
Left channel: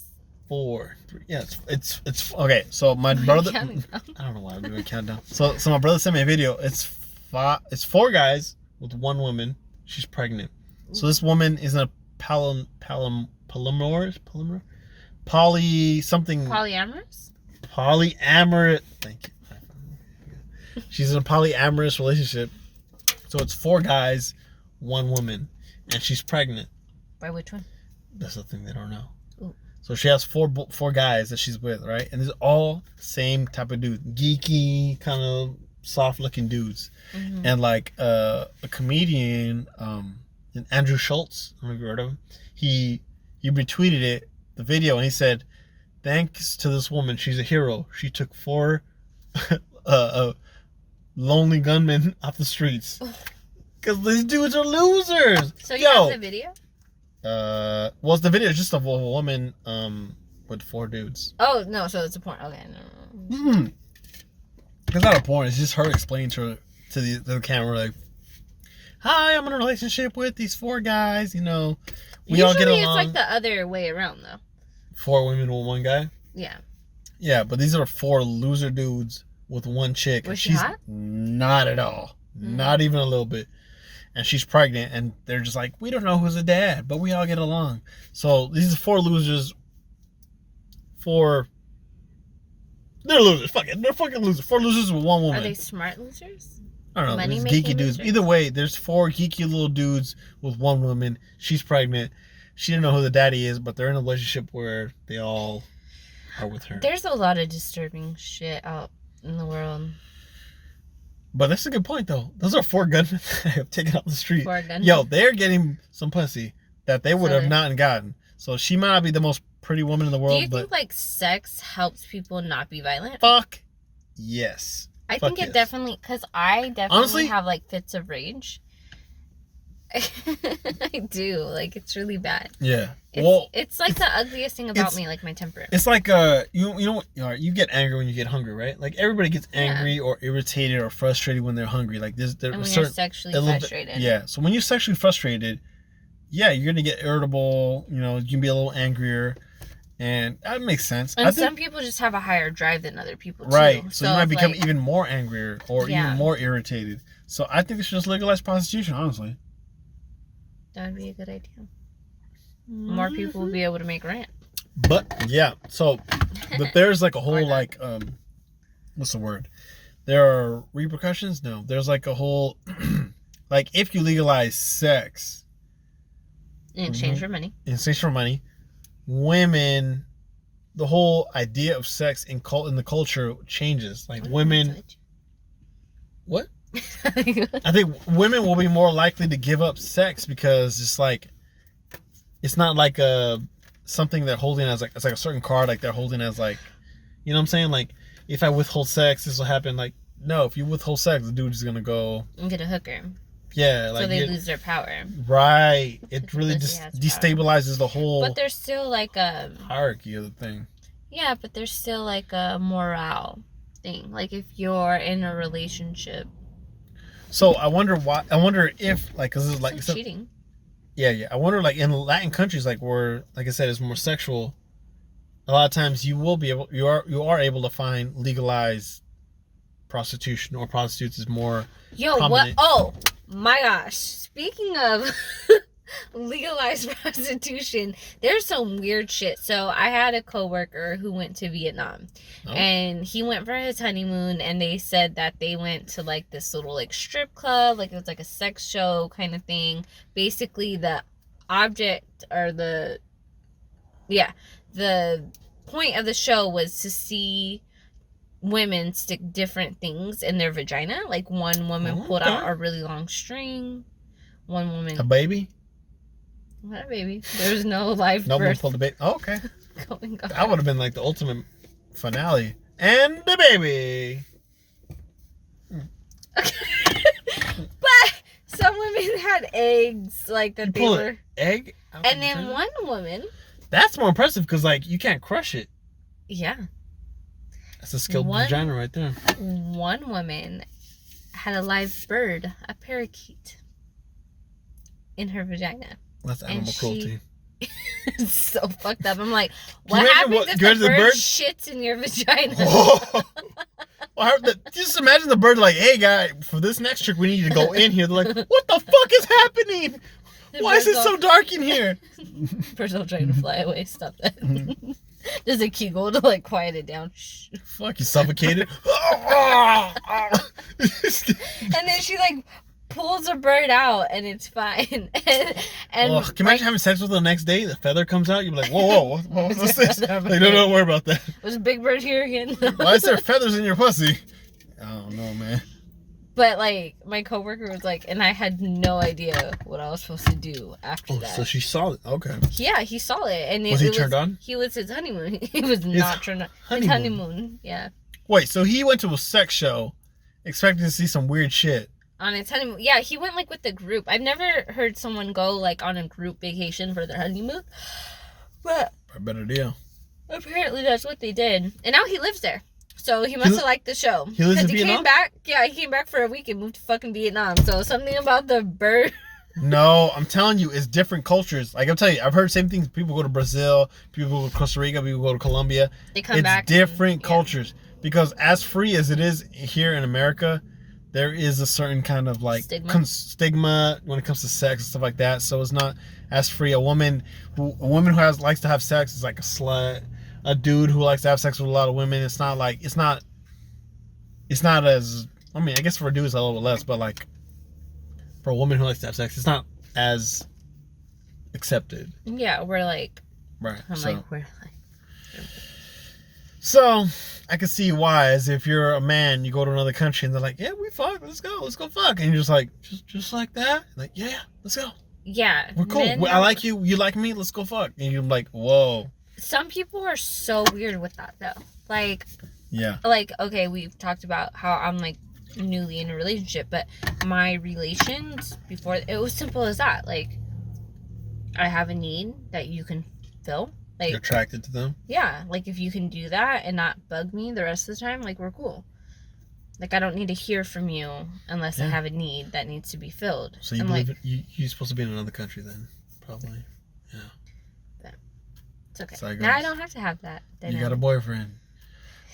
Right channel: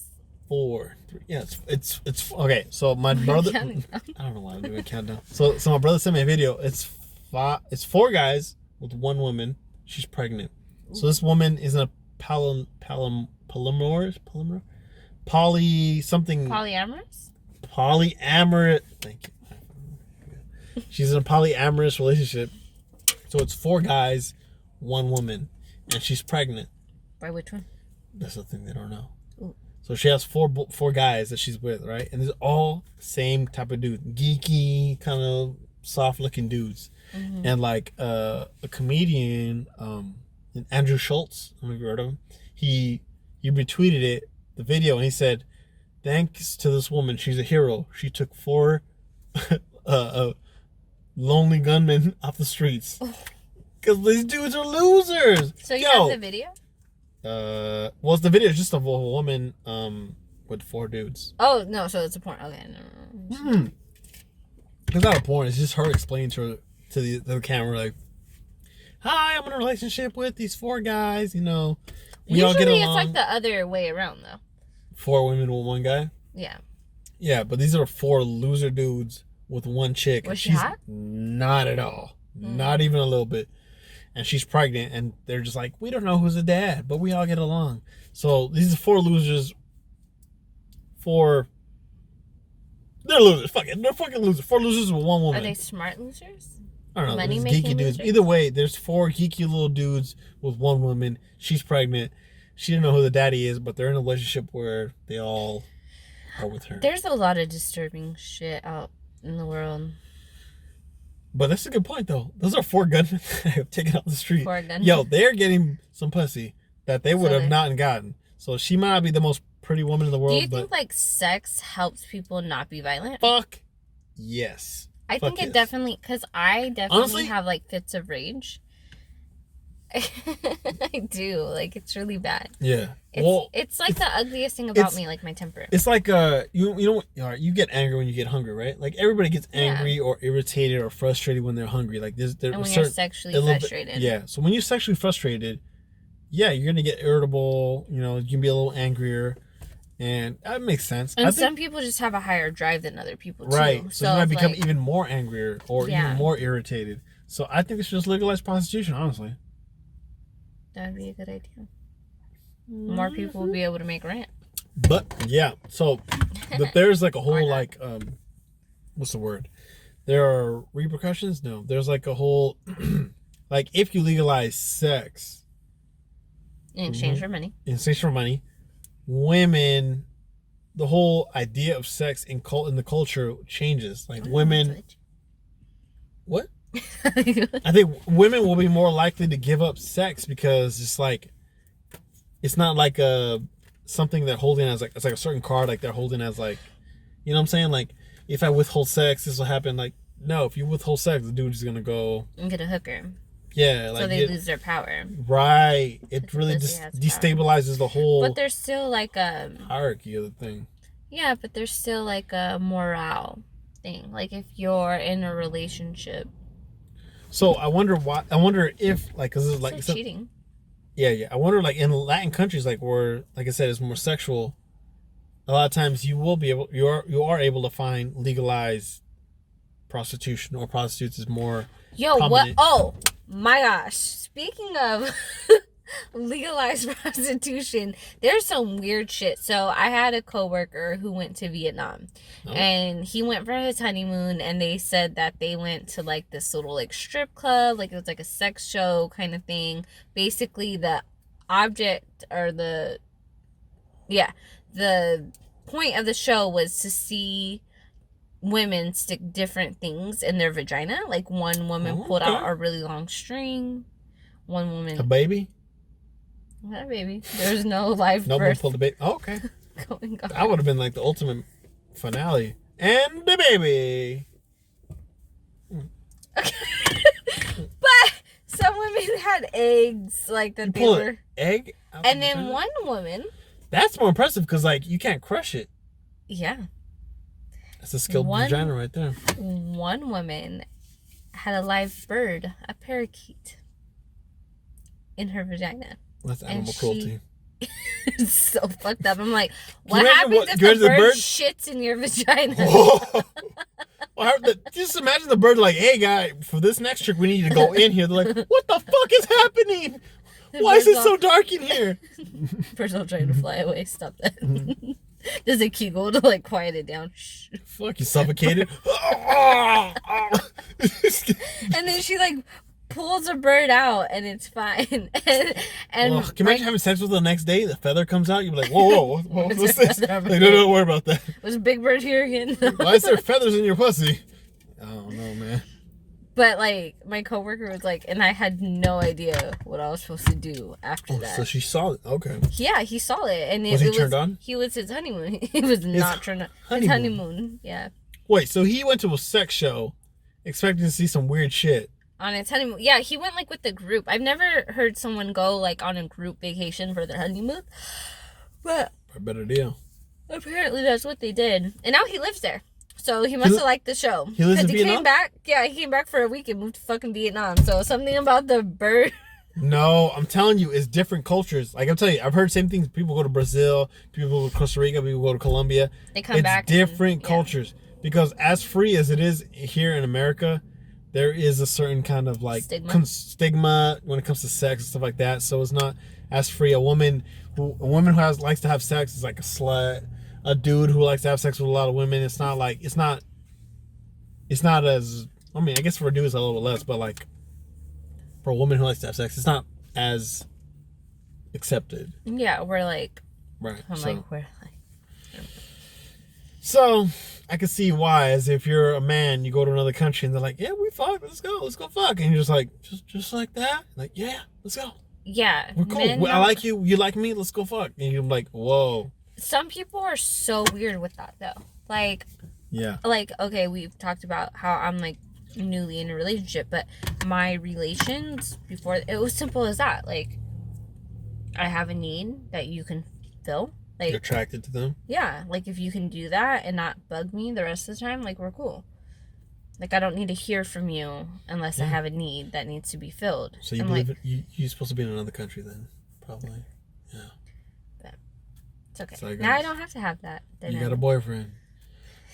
4, 3. Yeah, it's okay. So my brother, I don't know why I'm doing a countdown. So my brother sent me a video. It's 4 guys with 1 woman. She's pregnant. So this woman is in a polyamorous. Thank you. She's in a polyamorous relationship. So it's 4 guys, 1 woman, and she's pregnant. By which one? That's the thing they don't know. Ooh. So she has 4 guys that she's with, right? And they're all the same type of dude, geeky, kind of soft-looking dudes. Mm-hmm. And like a comedian, Andrew Schultz, I don't know if you heard of him. He retweeted the video, and he said, "Thanks to this woman, she's a hero. She took 4 lonely gunmen off the streets." Oh. Because these dudes are losers. So you have the video? Well, it's the video just of a woman with 4 dudes. Oh, no, so it's a porn. Okay, no. It's not a porn. It's just her explaining to the camera, like, hi, I'm in a relationship with these 4 guys, you know. We all get along. Usually it's like the other way around, though. 4 women with 1 guy? Yeah. Yeah, but these are 4 loser dudes with 1 chick. Was she hot? Not at all. Not even a little bit. And she's pregnant, and they're just like, we don't know who's the dad, but we all get along. So these are 4 losers. They're losers. Fuck it. They're fucking losers. 4 losers with 1 woman. Are they smart losers? I don't know. There's geeky dudes. Either way, there's 4 geeky little dudes with 1 woman. She's pregnant. She didn't know who the daddy is, but they're in a relationship where they all are with her. There's a lot of disturbing shit out in the world. But that's a good point, though. Those are 4 gunmen that have taken out the street. 4 gunmen. Yo, they're getting some pussy that they would have not gotten. So she might not be the most pretty woman in the world. Do you think like sex helps people not be violent? Fuck yes. I think it definitely, because I definitely honestly have like fits of rage. I do. Like, it's really bad. Yeah. It's like the ugliest thing about me, like my temper. It's like you get angry when you get hungry, right? Like everybody gets angry or irritated or frustrated when they're hungry. Like and when you're sexually frustrated. Yeah. So when you're sexually frustrated, yeah, you're gonna get irritable. You know, you can be a little angrier, and that makes sense. And some people just have a higher drive than other people too. Right. So you might become even more angrier or even more irritated. So I think they should just legalize prostitution, honestly. That would be a good idea. More people will be able to make rent. But yeah, so but there's like a whole like what's the word? There are repercussions. No, there's like a whole like if you legalize sex In exchange for money. in exchange for money, women, the whole idea of sex in the culture changes. Like women, what? I think women will be more likely to give up sex because it's like it's not like something they're holding as like it's like a certain card like they're holding as like, you know what I'm saying? Like if I withhold sex, this will happen. Like no, if you withhold sex, the dude's gonna go and get a hooker. Yeah, like so they lose their power. Right. It really just destabilizes the whole. But there's still like a hierarchy of the thing. Yeah, but there's still like a morale thing. Like if you're in a relationship. So I wonder why. I wonder if like because it's like cheating. Yeah. I wonder like in Latin countries like where like I said it's more sexual. A lot of times you are able to find legalized prostitution or prostitutes is more. Yo, prominent. what? Oh my gosh! Speaking of legalized prostitution, there's some weird shit. So I had a coworker who went to Vietnam, and he went for his honeymoon, and they said that they went to like this little like strip club, like it was like a sex show kind of thing. Basically, the object or the point of the show was to see women stick different things in their vagina. Like one woman pulled out a really long string. One woman. A baby? Not a baby. There was no live no birth. one pulled the baby. Oh, okay. Going on. That would have been like the ultimate finale. And the baby. Okay. But some women had eggs like that they were. Egg? And then one woman. That's more impressive because like you can't crush it. Yeah. That's a skilled vagina right there. One woman had a live bird, a parakeet, in her vagina. That's animal cruelty. It's so fucked up. I'm like, what happens if the bird shits in your vagina? Just imagine the bird like, hey guy, for this next trick we need you to go in here. They're like, what the fuck is happening? Why is it so dark in here? Bird's all trying to fly away. Stop that. There's a kegel to like quiet it down. Shh. Fuck, you suffocated. And then she like pulls a bird out and it's fine. and can you imagine having sex with her the next day? The feather comes out. You're like, whoa, what's this? Like, no, don't worry about that. Was a big bird here again? Why is there feathers in your pussy? I don't know, man. But like my coworker was like, and I had no idea what I was supposed to do after that. So she saw it. Okay. Yeah, he saw it, and was he turned on? He was his honeymoon. He was not turned on. His honeymoon. Yeah. Wait, so he went to a sex show, expecting to see some weird shit. On his honeymoon. Yeah, he went like with the group. I've never heard someone go like on a group vacation for their honeymoon. But a better deal. Apparently that's what they did. And now he lives there. So he must have liked the show. He lives in Vietnam? Came back. Yeah, he came back for a week and moved to fucking Vietnam. So something about the bird. No, I'm telling you, it's different cultures. Like I'm telling you, I've heard same things. People go to Brazil, people go to Costa Rica, people go to Colombia. They come back. It's different cultures. Because as free as it is here in America, there is a certain kind of like stigma when it comes to sex and stuff like that. So it's not as free. A woman who likes to have sex is like a slut. A dude who likes to have sex with a lot of women, it's not as, I mean, I guess for a dude it's a little less, but like for a woman who likes to have sex, it's not as accepted. Yeah, we're like, right. We're like. So I can see why, as if you're a man, you go to another country and they're like, yeah, we fuck, let's go fuck, and you're just like, just like that, like, yeah, let's go. Yeah, we're cool. I like you, you like me, let's go fuck, and you're like, whoa. Some people are so weird with that though. Like, yeah. Like, okay, we've talked about how I'm like newly in a relationship, but my relations before, it was simple as that. Like, I have a need that you can fill. Like, you're attracted to them? Yeah. Like, if you can do that and not bug me the rest of the time, like, we're cool. Like, I don't need to hear from you unless I have a need that needs to be filled. So you believe like, you're supposed to be in another country then, probably. Yeah. It's okay. Now I don't have to have that. You got a boyfriend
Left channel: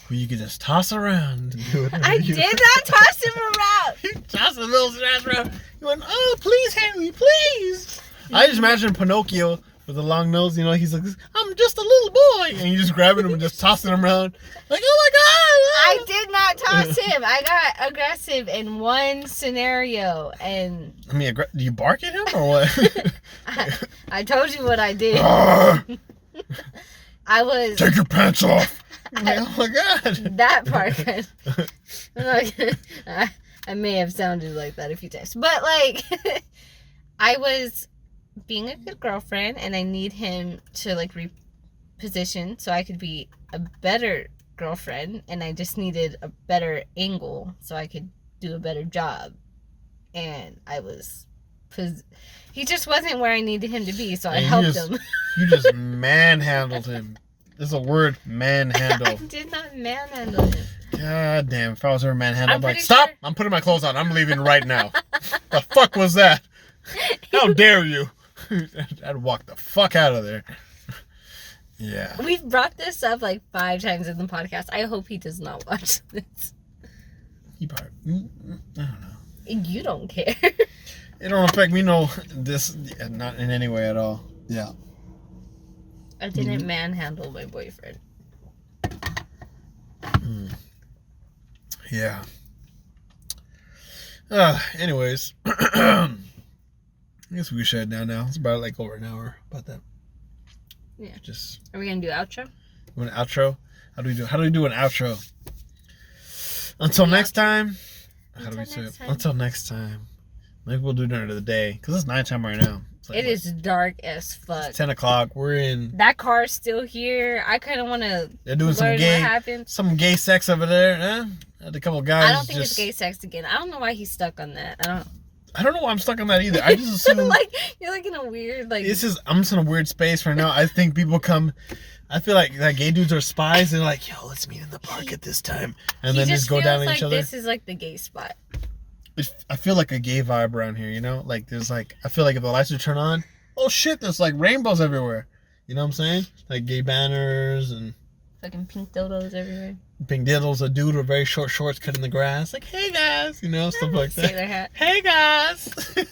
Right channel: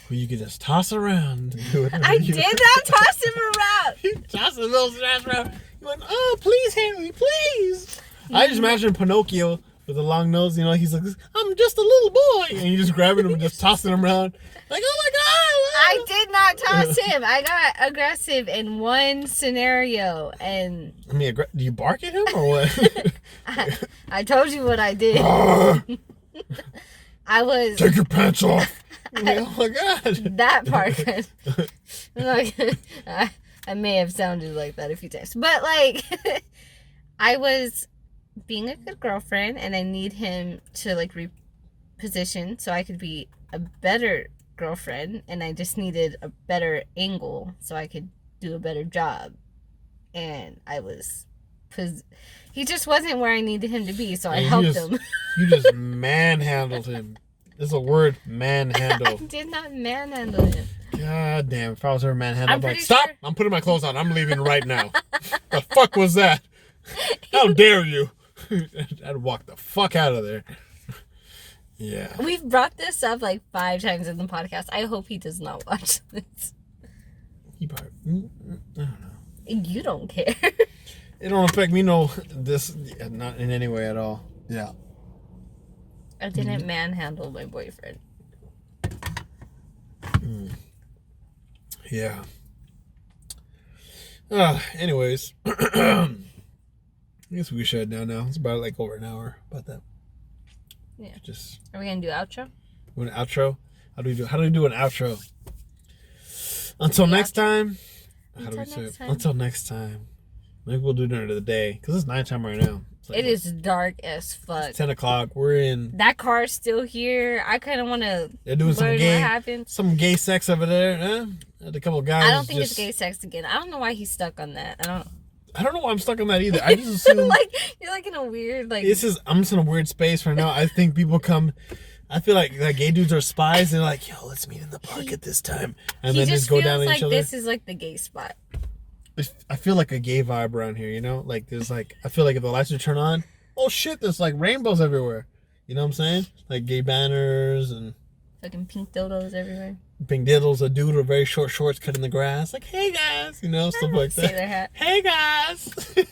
who you can just toss around and do it. I did not toss him around. You tossed the little ass around. You went, oh, please, Henry, please. I just imagine Pinocchio with the long nose. You know, he's like, I'm just a little boy, and you just grabbing him and just tossing him around, like, oh my god! I did not toss him. I got aggressive in one scenario, and I mean, do you bark at him or what? I told you what I did. I was take your pants off. Like, oh my god! That part. I may have sounded like that a few times, but like, I was being a good girlfriend, and I need him to like reposition so I could be a better girlfriend, and I just needed a better angle so I could do a better job. And I was, he just wasn't where I needed him to be, so I helped him. You just manhandled him. There's a word, manhandle. I did not manhandle him. God damn, if I was ever manhandled, I'd be like, pretty stop! sure- I'm putting my clothes on. I'm leaving right now. The fuck was that? How dare you? I'd walk the fuck out of there. Yeah. We've brought this up like 5 times in the podcast. I hope he does not watch this. He probably, I don't know. You don't care. It don't affect me, no, this, not in any way at all. Yeah. I didn't manhandle my boyfriend. Yeah. Anyways. I guess we should now. It's about like over an hour about that. Yeah. Just. Are we gonna do outro? An outro? How do we do an outro? Until next time. How do we say it? Until next time. Maybe we'll do it during the day because it's nighttime right now. Like, it is dark as fuck. It's 10 o'clock. We're in. That car's still here. I kind of want to They're doing some gay sex over there. Huh? A couple guys. I don't think it's gay sex again. I don't know why he's stuck on that. I don't know why I'm stuck on that either. I just assume like you're like in a weird like. I'm just in a weird space right now. I think people come. I feel like gay dudes are spies. They're like, yo, let's meet in the park at this time, and then just go down on each other. This is like the gay spot. I feel like a gay vibe around here, you know? Like, there's like, I feel like if the lights are turned on, oh shit, there's like rainbows everywhere. You know what I'm saying? Like gay banners and fucking pink dildos everywhere. Pink dildos, a dude with very short shorts cutting the grass. Like, hey guys, you know, stuff like that. Sailor hat. Hey guys. Hey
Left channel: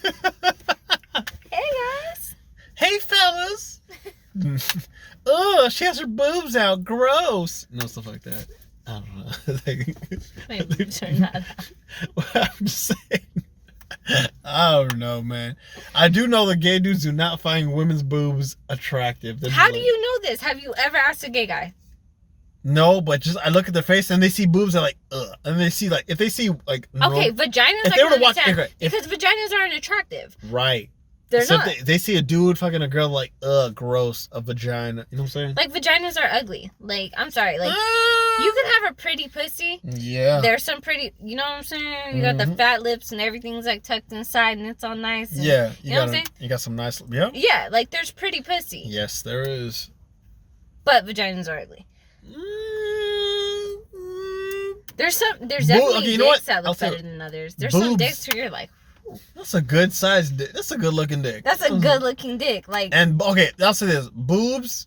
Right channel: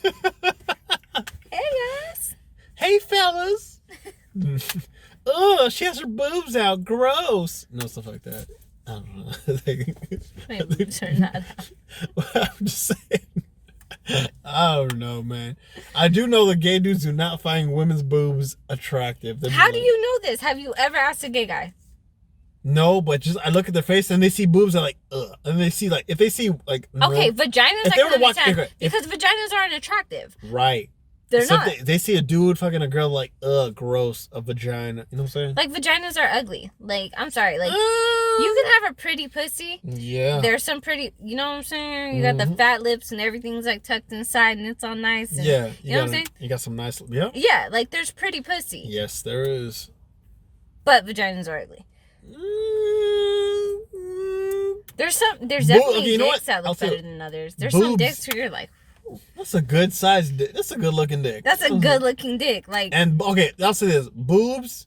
guys. Hey fellas. Oh, she has her boobs out. Gross. You know, stuff like that. I don't know. Maybe turn that out. Well, I'm just saying. I don't know, man. I do know that gay dudes do not find women's boobs attractive. How do you know this? Have you ever asked a gay guy? No, but just I look at their face and they see boobs and like, ugh. And they see like, if they see like, okay, vaginas. if I they were can to watch, understand because vaginas aren't attractive. Right. They're so not. They see a dude fucking a girl like, ugh, gross, a vagina. You know what I'm saying? Like vaginas are ugly. Like I'm sorry. Like you can have a pretty pussy. Yeah. There's some pretty. You know what I'm saying? You got the fat lips and everything's like tucked inside and it's all nice. And, yeah. You know what I'm saying? You got some nice. Yeah. Yeah. Like there's pretty pussy. Yes, there is. But vaginas are ugly. There's definitely dicks that look better than others. There's some dicks where you're like, that's a good size dick. That's a good looking dick. That's a good looking dick. Like, and okay, I'll say this: boobs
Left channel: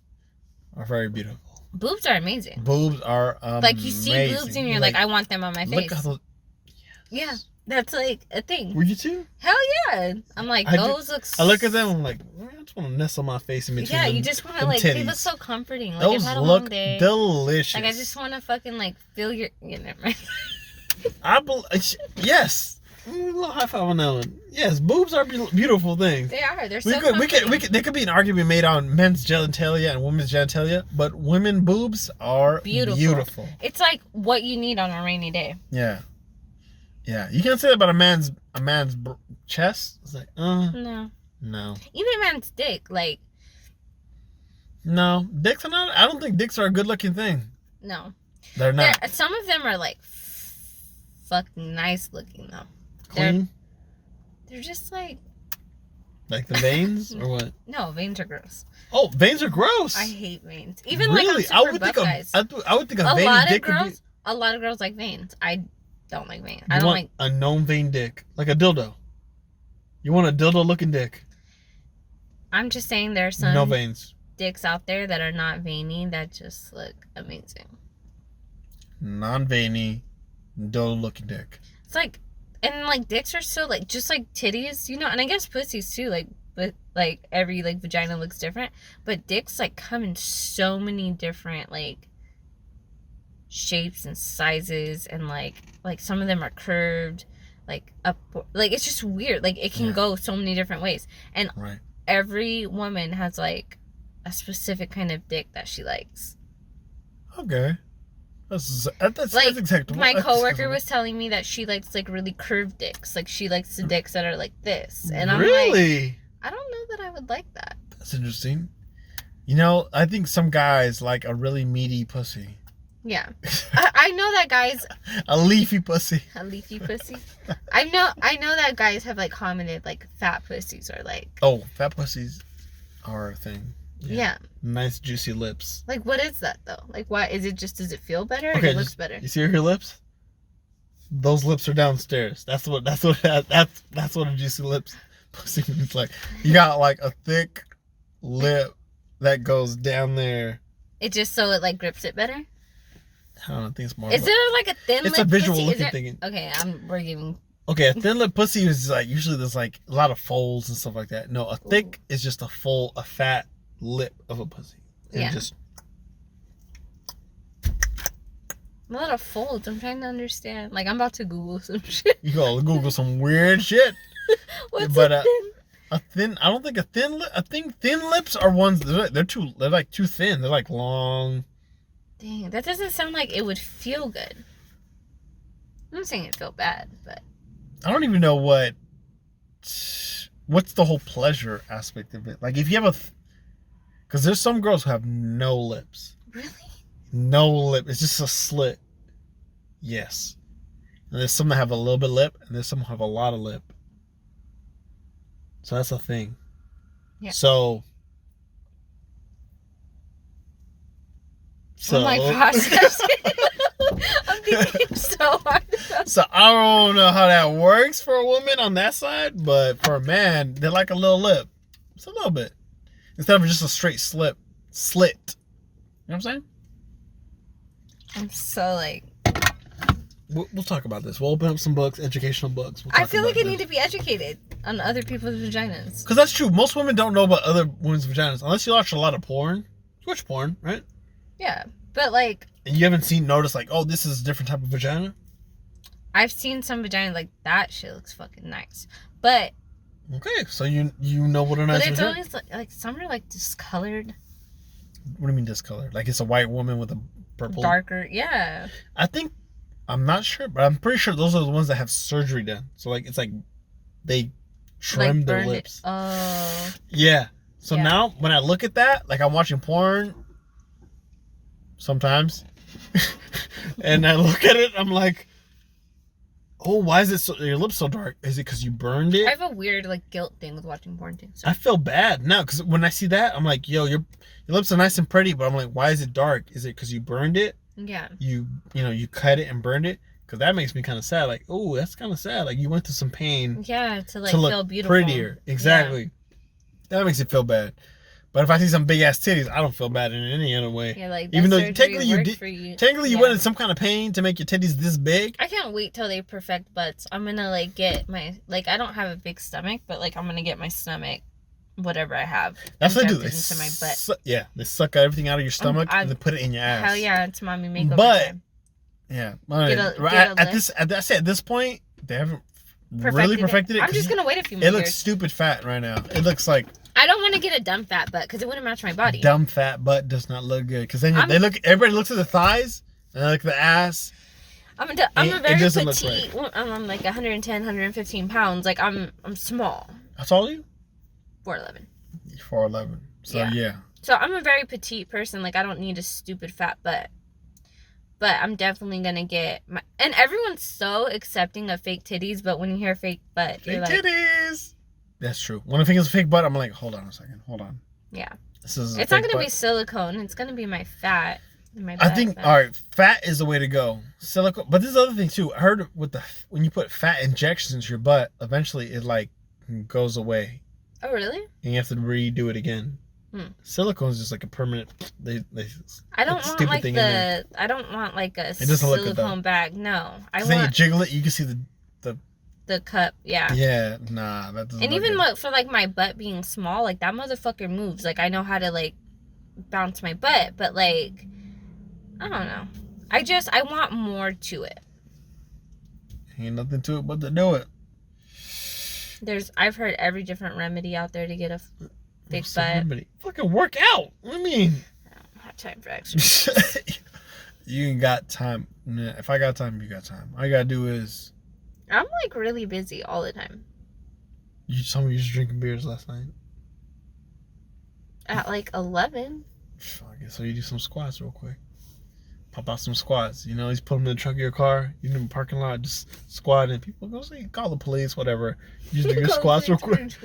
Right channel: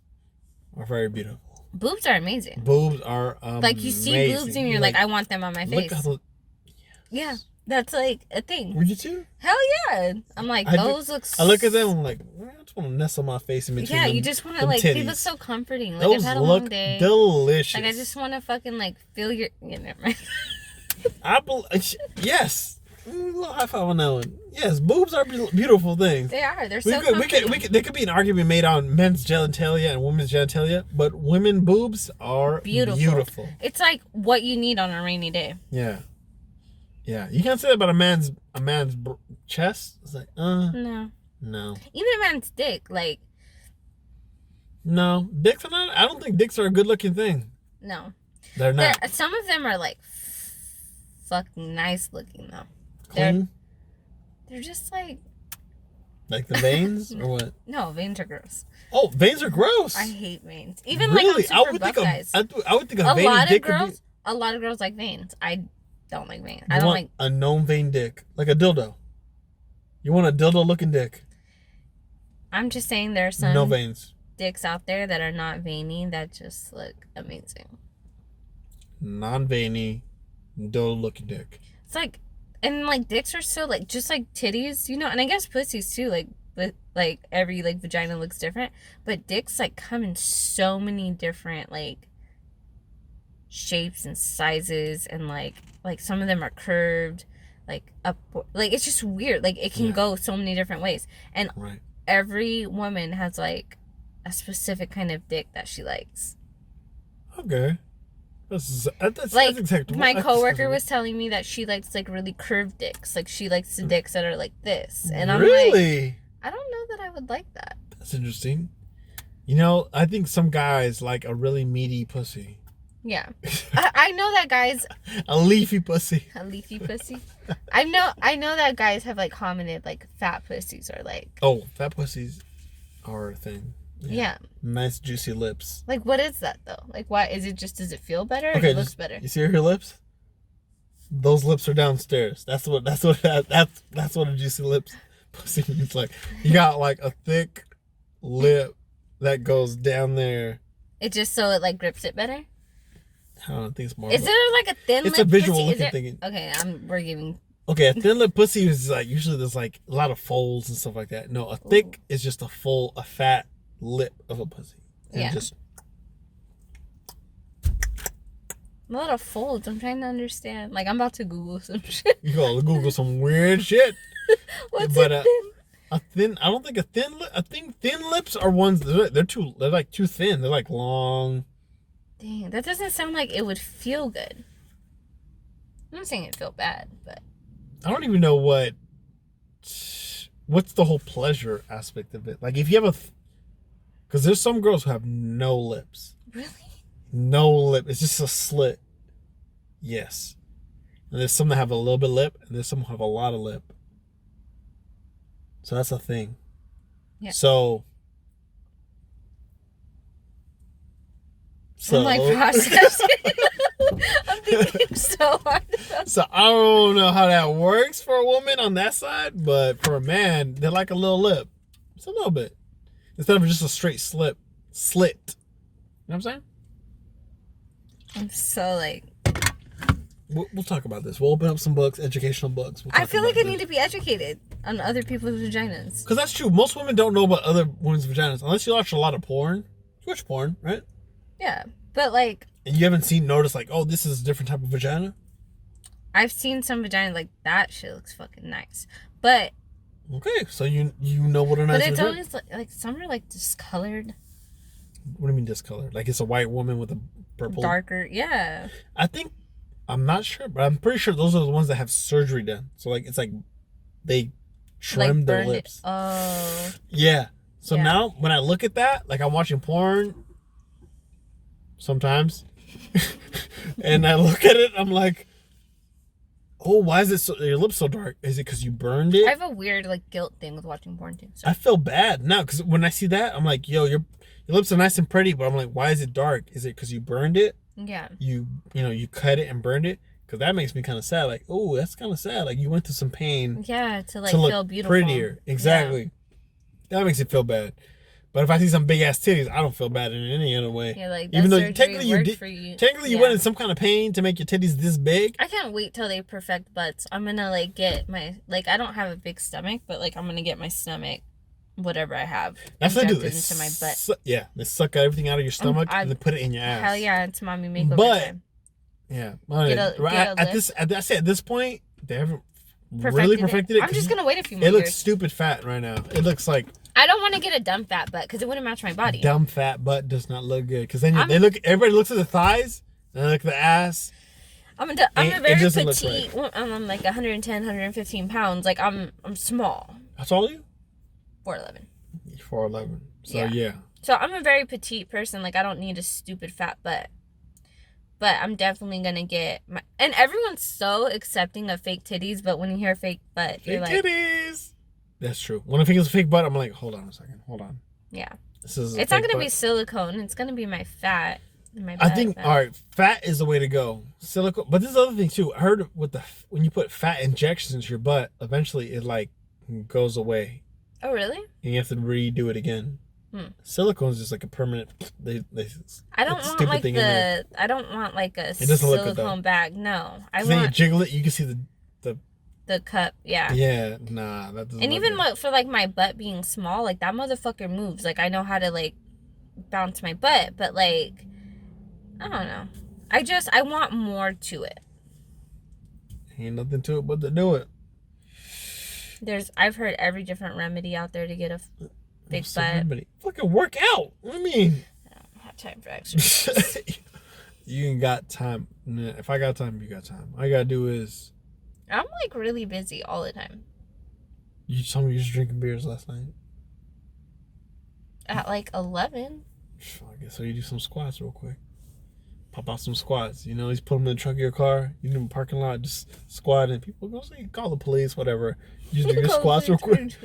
are very beautiful. Boobs are amazing. Boobs are like you see boobs and you're like, I want them on my face. Yeah, that's like a thing. Were you too? Hell yeah! I'm like, those look. I look at them. I'm like, I just want to nestle my face in between. Yeah, you just want to like. They look so comforting. Like those I've had a look long day. delicious. Like I just want to fucking like feel your. Yeah, never mind. Yes. A little high five on that one. Yes, boobs are beautiful things. They are. They're so comforting. There could be an argument made on men's genitalia and women's genitalia, but women boobs are beautiful. It's like what you need on a rainy day. Yeah. Yeah. You can't say that about a man's chest. It's like, No. Even a man's dick, like. No, dicks are not. I don't think dicks are a good looking thing. No. They're not. Some of them are like fucking nice looking though. Clean? They're just like the veins or what? No, veins are gross. Oh, veins are gross. I hate veins. Even really? Like on super buff guys. I would think a vein dick could be... A lot of girls like veins. I don't like veins. I don't like a known vein dick, like a dildo. You want a dildo looking dick? I'm just saying there are some no veins dicks out there that are not veiny that just look amazing. Non-veiny, dildo looking dick. It's like. And, like, dicks are so, like, just like titties, you know? And I guess pussies, too. Like, but like every like vagina looks different. But dicks like come in so many different like shapes and sizes, and like some of them are curved, like up, like it's just weird. Like it can go so many different ways, and every woman has like a specific kind of dick that she likes. Okay. That's like acceptable. My coworker was telling me that she likes like really curved dicks. Like she likes the dicks that are like this. And I'm really? like, I don't know that I would like that. That's interesting. You know, I think some guys like a really meaty pussy. Yeah. I know that guys a leafy pussy. A leafy pussy. I know that guys have like commented like fat pussies are like, oh, fat pussies are a thing. Yeah. Nice juicy lips. Like, what is that though? Like, why is it just? Does it feel better? Or okay, it looks better. You see her lips? Those lips are downstairs. That's what a juicy lips pussy means. Like, you got like a thick lip that goes down there. It just so it like grips it better. I don't think it's more. Is there like a thin? It's lip a visual pussy? looking thing. Okay, we're giving. Okay, a thin lip pussy is like usually there's like a lot of folds and stuff like that. No, a thick is just a fat lip of a pussy. And just a lot of folds. I'm trying to understand. Like I'm about to Google some shit. You go Google some weird shit. What's but, a thin? I don't think a thin lip. I think thin lips are ones they're like too thin. They're like long. Dang, that doesn't sound like it would feel good. I'm not saying it feel bad, but I don't even know what's the whole pleasure aspect of it. Like if you have because there's some girls who have no lips. Really? No lip. It's just a slit. Yes. And there's some that have a little bit of lip, and there's some who have a lot of lip. So that's a thing. Yeah. So I'm like processing. I'm thinking so hard. So I don't know how that works for a woman on that side, but for a man, they like a little lip. It's a little bit. Instead of just a straight slit. You know what I'm saying? I'm so like... We'll talk about this. We'll open up some books, educational books. I feel like I need to be educated on other people's vaginas. Because that's true. Most women don't know about other women's vaginas. Unless you watch a lot of porn. You watch porn, right? Yeah. But like... And you haven't noticed like, oh, this is a different type of vagina? I've seen some vaginas like, that shit looks fucking nice. But... Okay, so you know what a nice vagina is. But it's vagina. always like some are like discolored. What do you mean discolored? Like it's a white woman with a purple... Darker, yeah. I'm not sure, but I'm pretty sure those are the ones that have surgery done. So like it's like they trimmed their lips. Oh. Yeah. So now when I look at that, like I'm watching porn sometimes, and I look at it, I'm like, oh, why is your lips so dark? Is it because you burned it? I have a weird like guilt thing with watching porn too. So. I feel bad now because when I see that, I'm like, yo, your lips are nice and pretty, but I'm like, why is it dark? Is it because you burned it? Yeah. You cut it and burned it? Because that makes me kind of sad. Like, oh, that's kind of sad. Like you went through some pain. Yeah, to look feel beautiful. Prettier. Exactly. Yeah. That makes it feel bad. But if I see some big ass titties, I don't feel bad in any other way. Yeah, like even though technically you went in some kind of pain to make your titties this big. I can't wait till they perfect butts. I'm gonna like get my I don't have a big stomach, but like I'm gonna get my stomach, whatever I have. That's what they do. Into my butt. They suck everything out of your stomach and then put it in your ass. Hell yeah, it's mommy makeover time. Yeah, at this point they haven't really perfected it. I'm just gonna wait a few more years. It looks stupid fat right now. It looks like. I don't want to get a dumb fat butt because it wouldn't match my body. Dumb fat butt does not look good because then everybody looks at the thighs and they look at the ass. I'm a very petite. I'm like 110, 115 pounds. Like I'm small. How tall are you? 4'11". 4'11". So yeah. So I'm a very petite person. Like I don't need a stupid fat butt. But I'm definitely gonna get my. And everyone's so accepting of fake titties, but when you hear fake butt, you're like, titties. That's true. When I think it's a fake butt, I'm like, hold on a second, hold on. Yeah. It's not gonna be silicone. It's gonna be my fat. I think all right, fat is the way to go. Silicone, but there's other thing too. I heard when you put fat injections into your butt, eventually it like goes away. Oh really? And you have to redo it again. Silicone is just like a permanent. I don't want like I don't want like a silicone bag. No, then you jiggle it, you can see the The cup, yeah. Yeah, nah, that doesn't. And even for like my butt being small, like that motherfucker moves. Like I know how to like bounce my butt, but like I don't know. I want more to it. Ain't nothing to it but to do it. I've heard every different remedy out there to get a big butt. Remedy? Fucking work out. What do you mean? I don't have time for exercise. You ain't got time. If I got time, you got time. All you gotta do is. I'm like really busy all the time. You told me you was drinking beers last night. At like 11. Fuck it. So you do some squats real quick. Pop out some squats. You know, just put them in the trunk of your car. You in the parking lot, just squat, and people go say, call the police, whatever. You just do your squats real quick.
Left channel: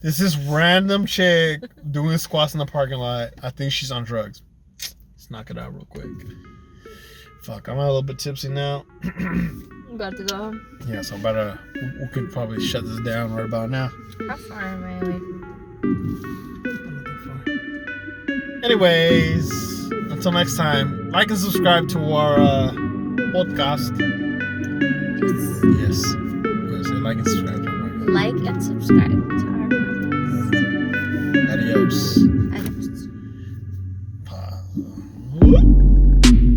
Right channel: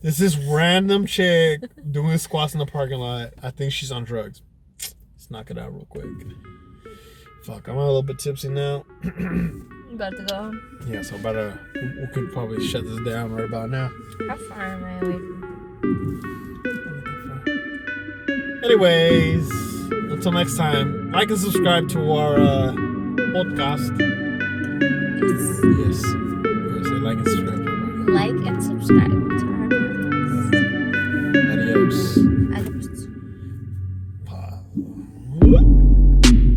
There's this random chick doing squats in the parking lot. I think she's on drugs. Let's knock it out real quick. Fuck, I'm a little bit tipsy now. About to go home. Yeah, so we could probably shut this down right about now. How far am I away from? Anyways, until next time, like and subscribe to our podcast. Yes. Yes. I'm gonna say like and subscribe. Like and subscribe to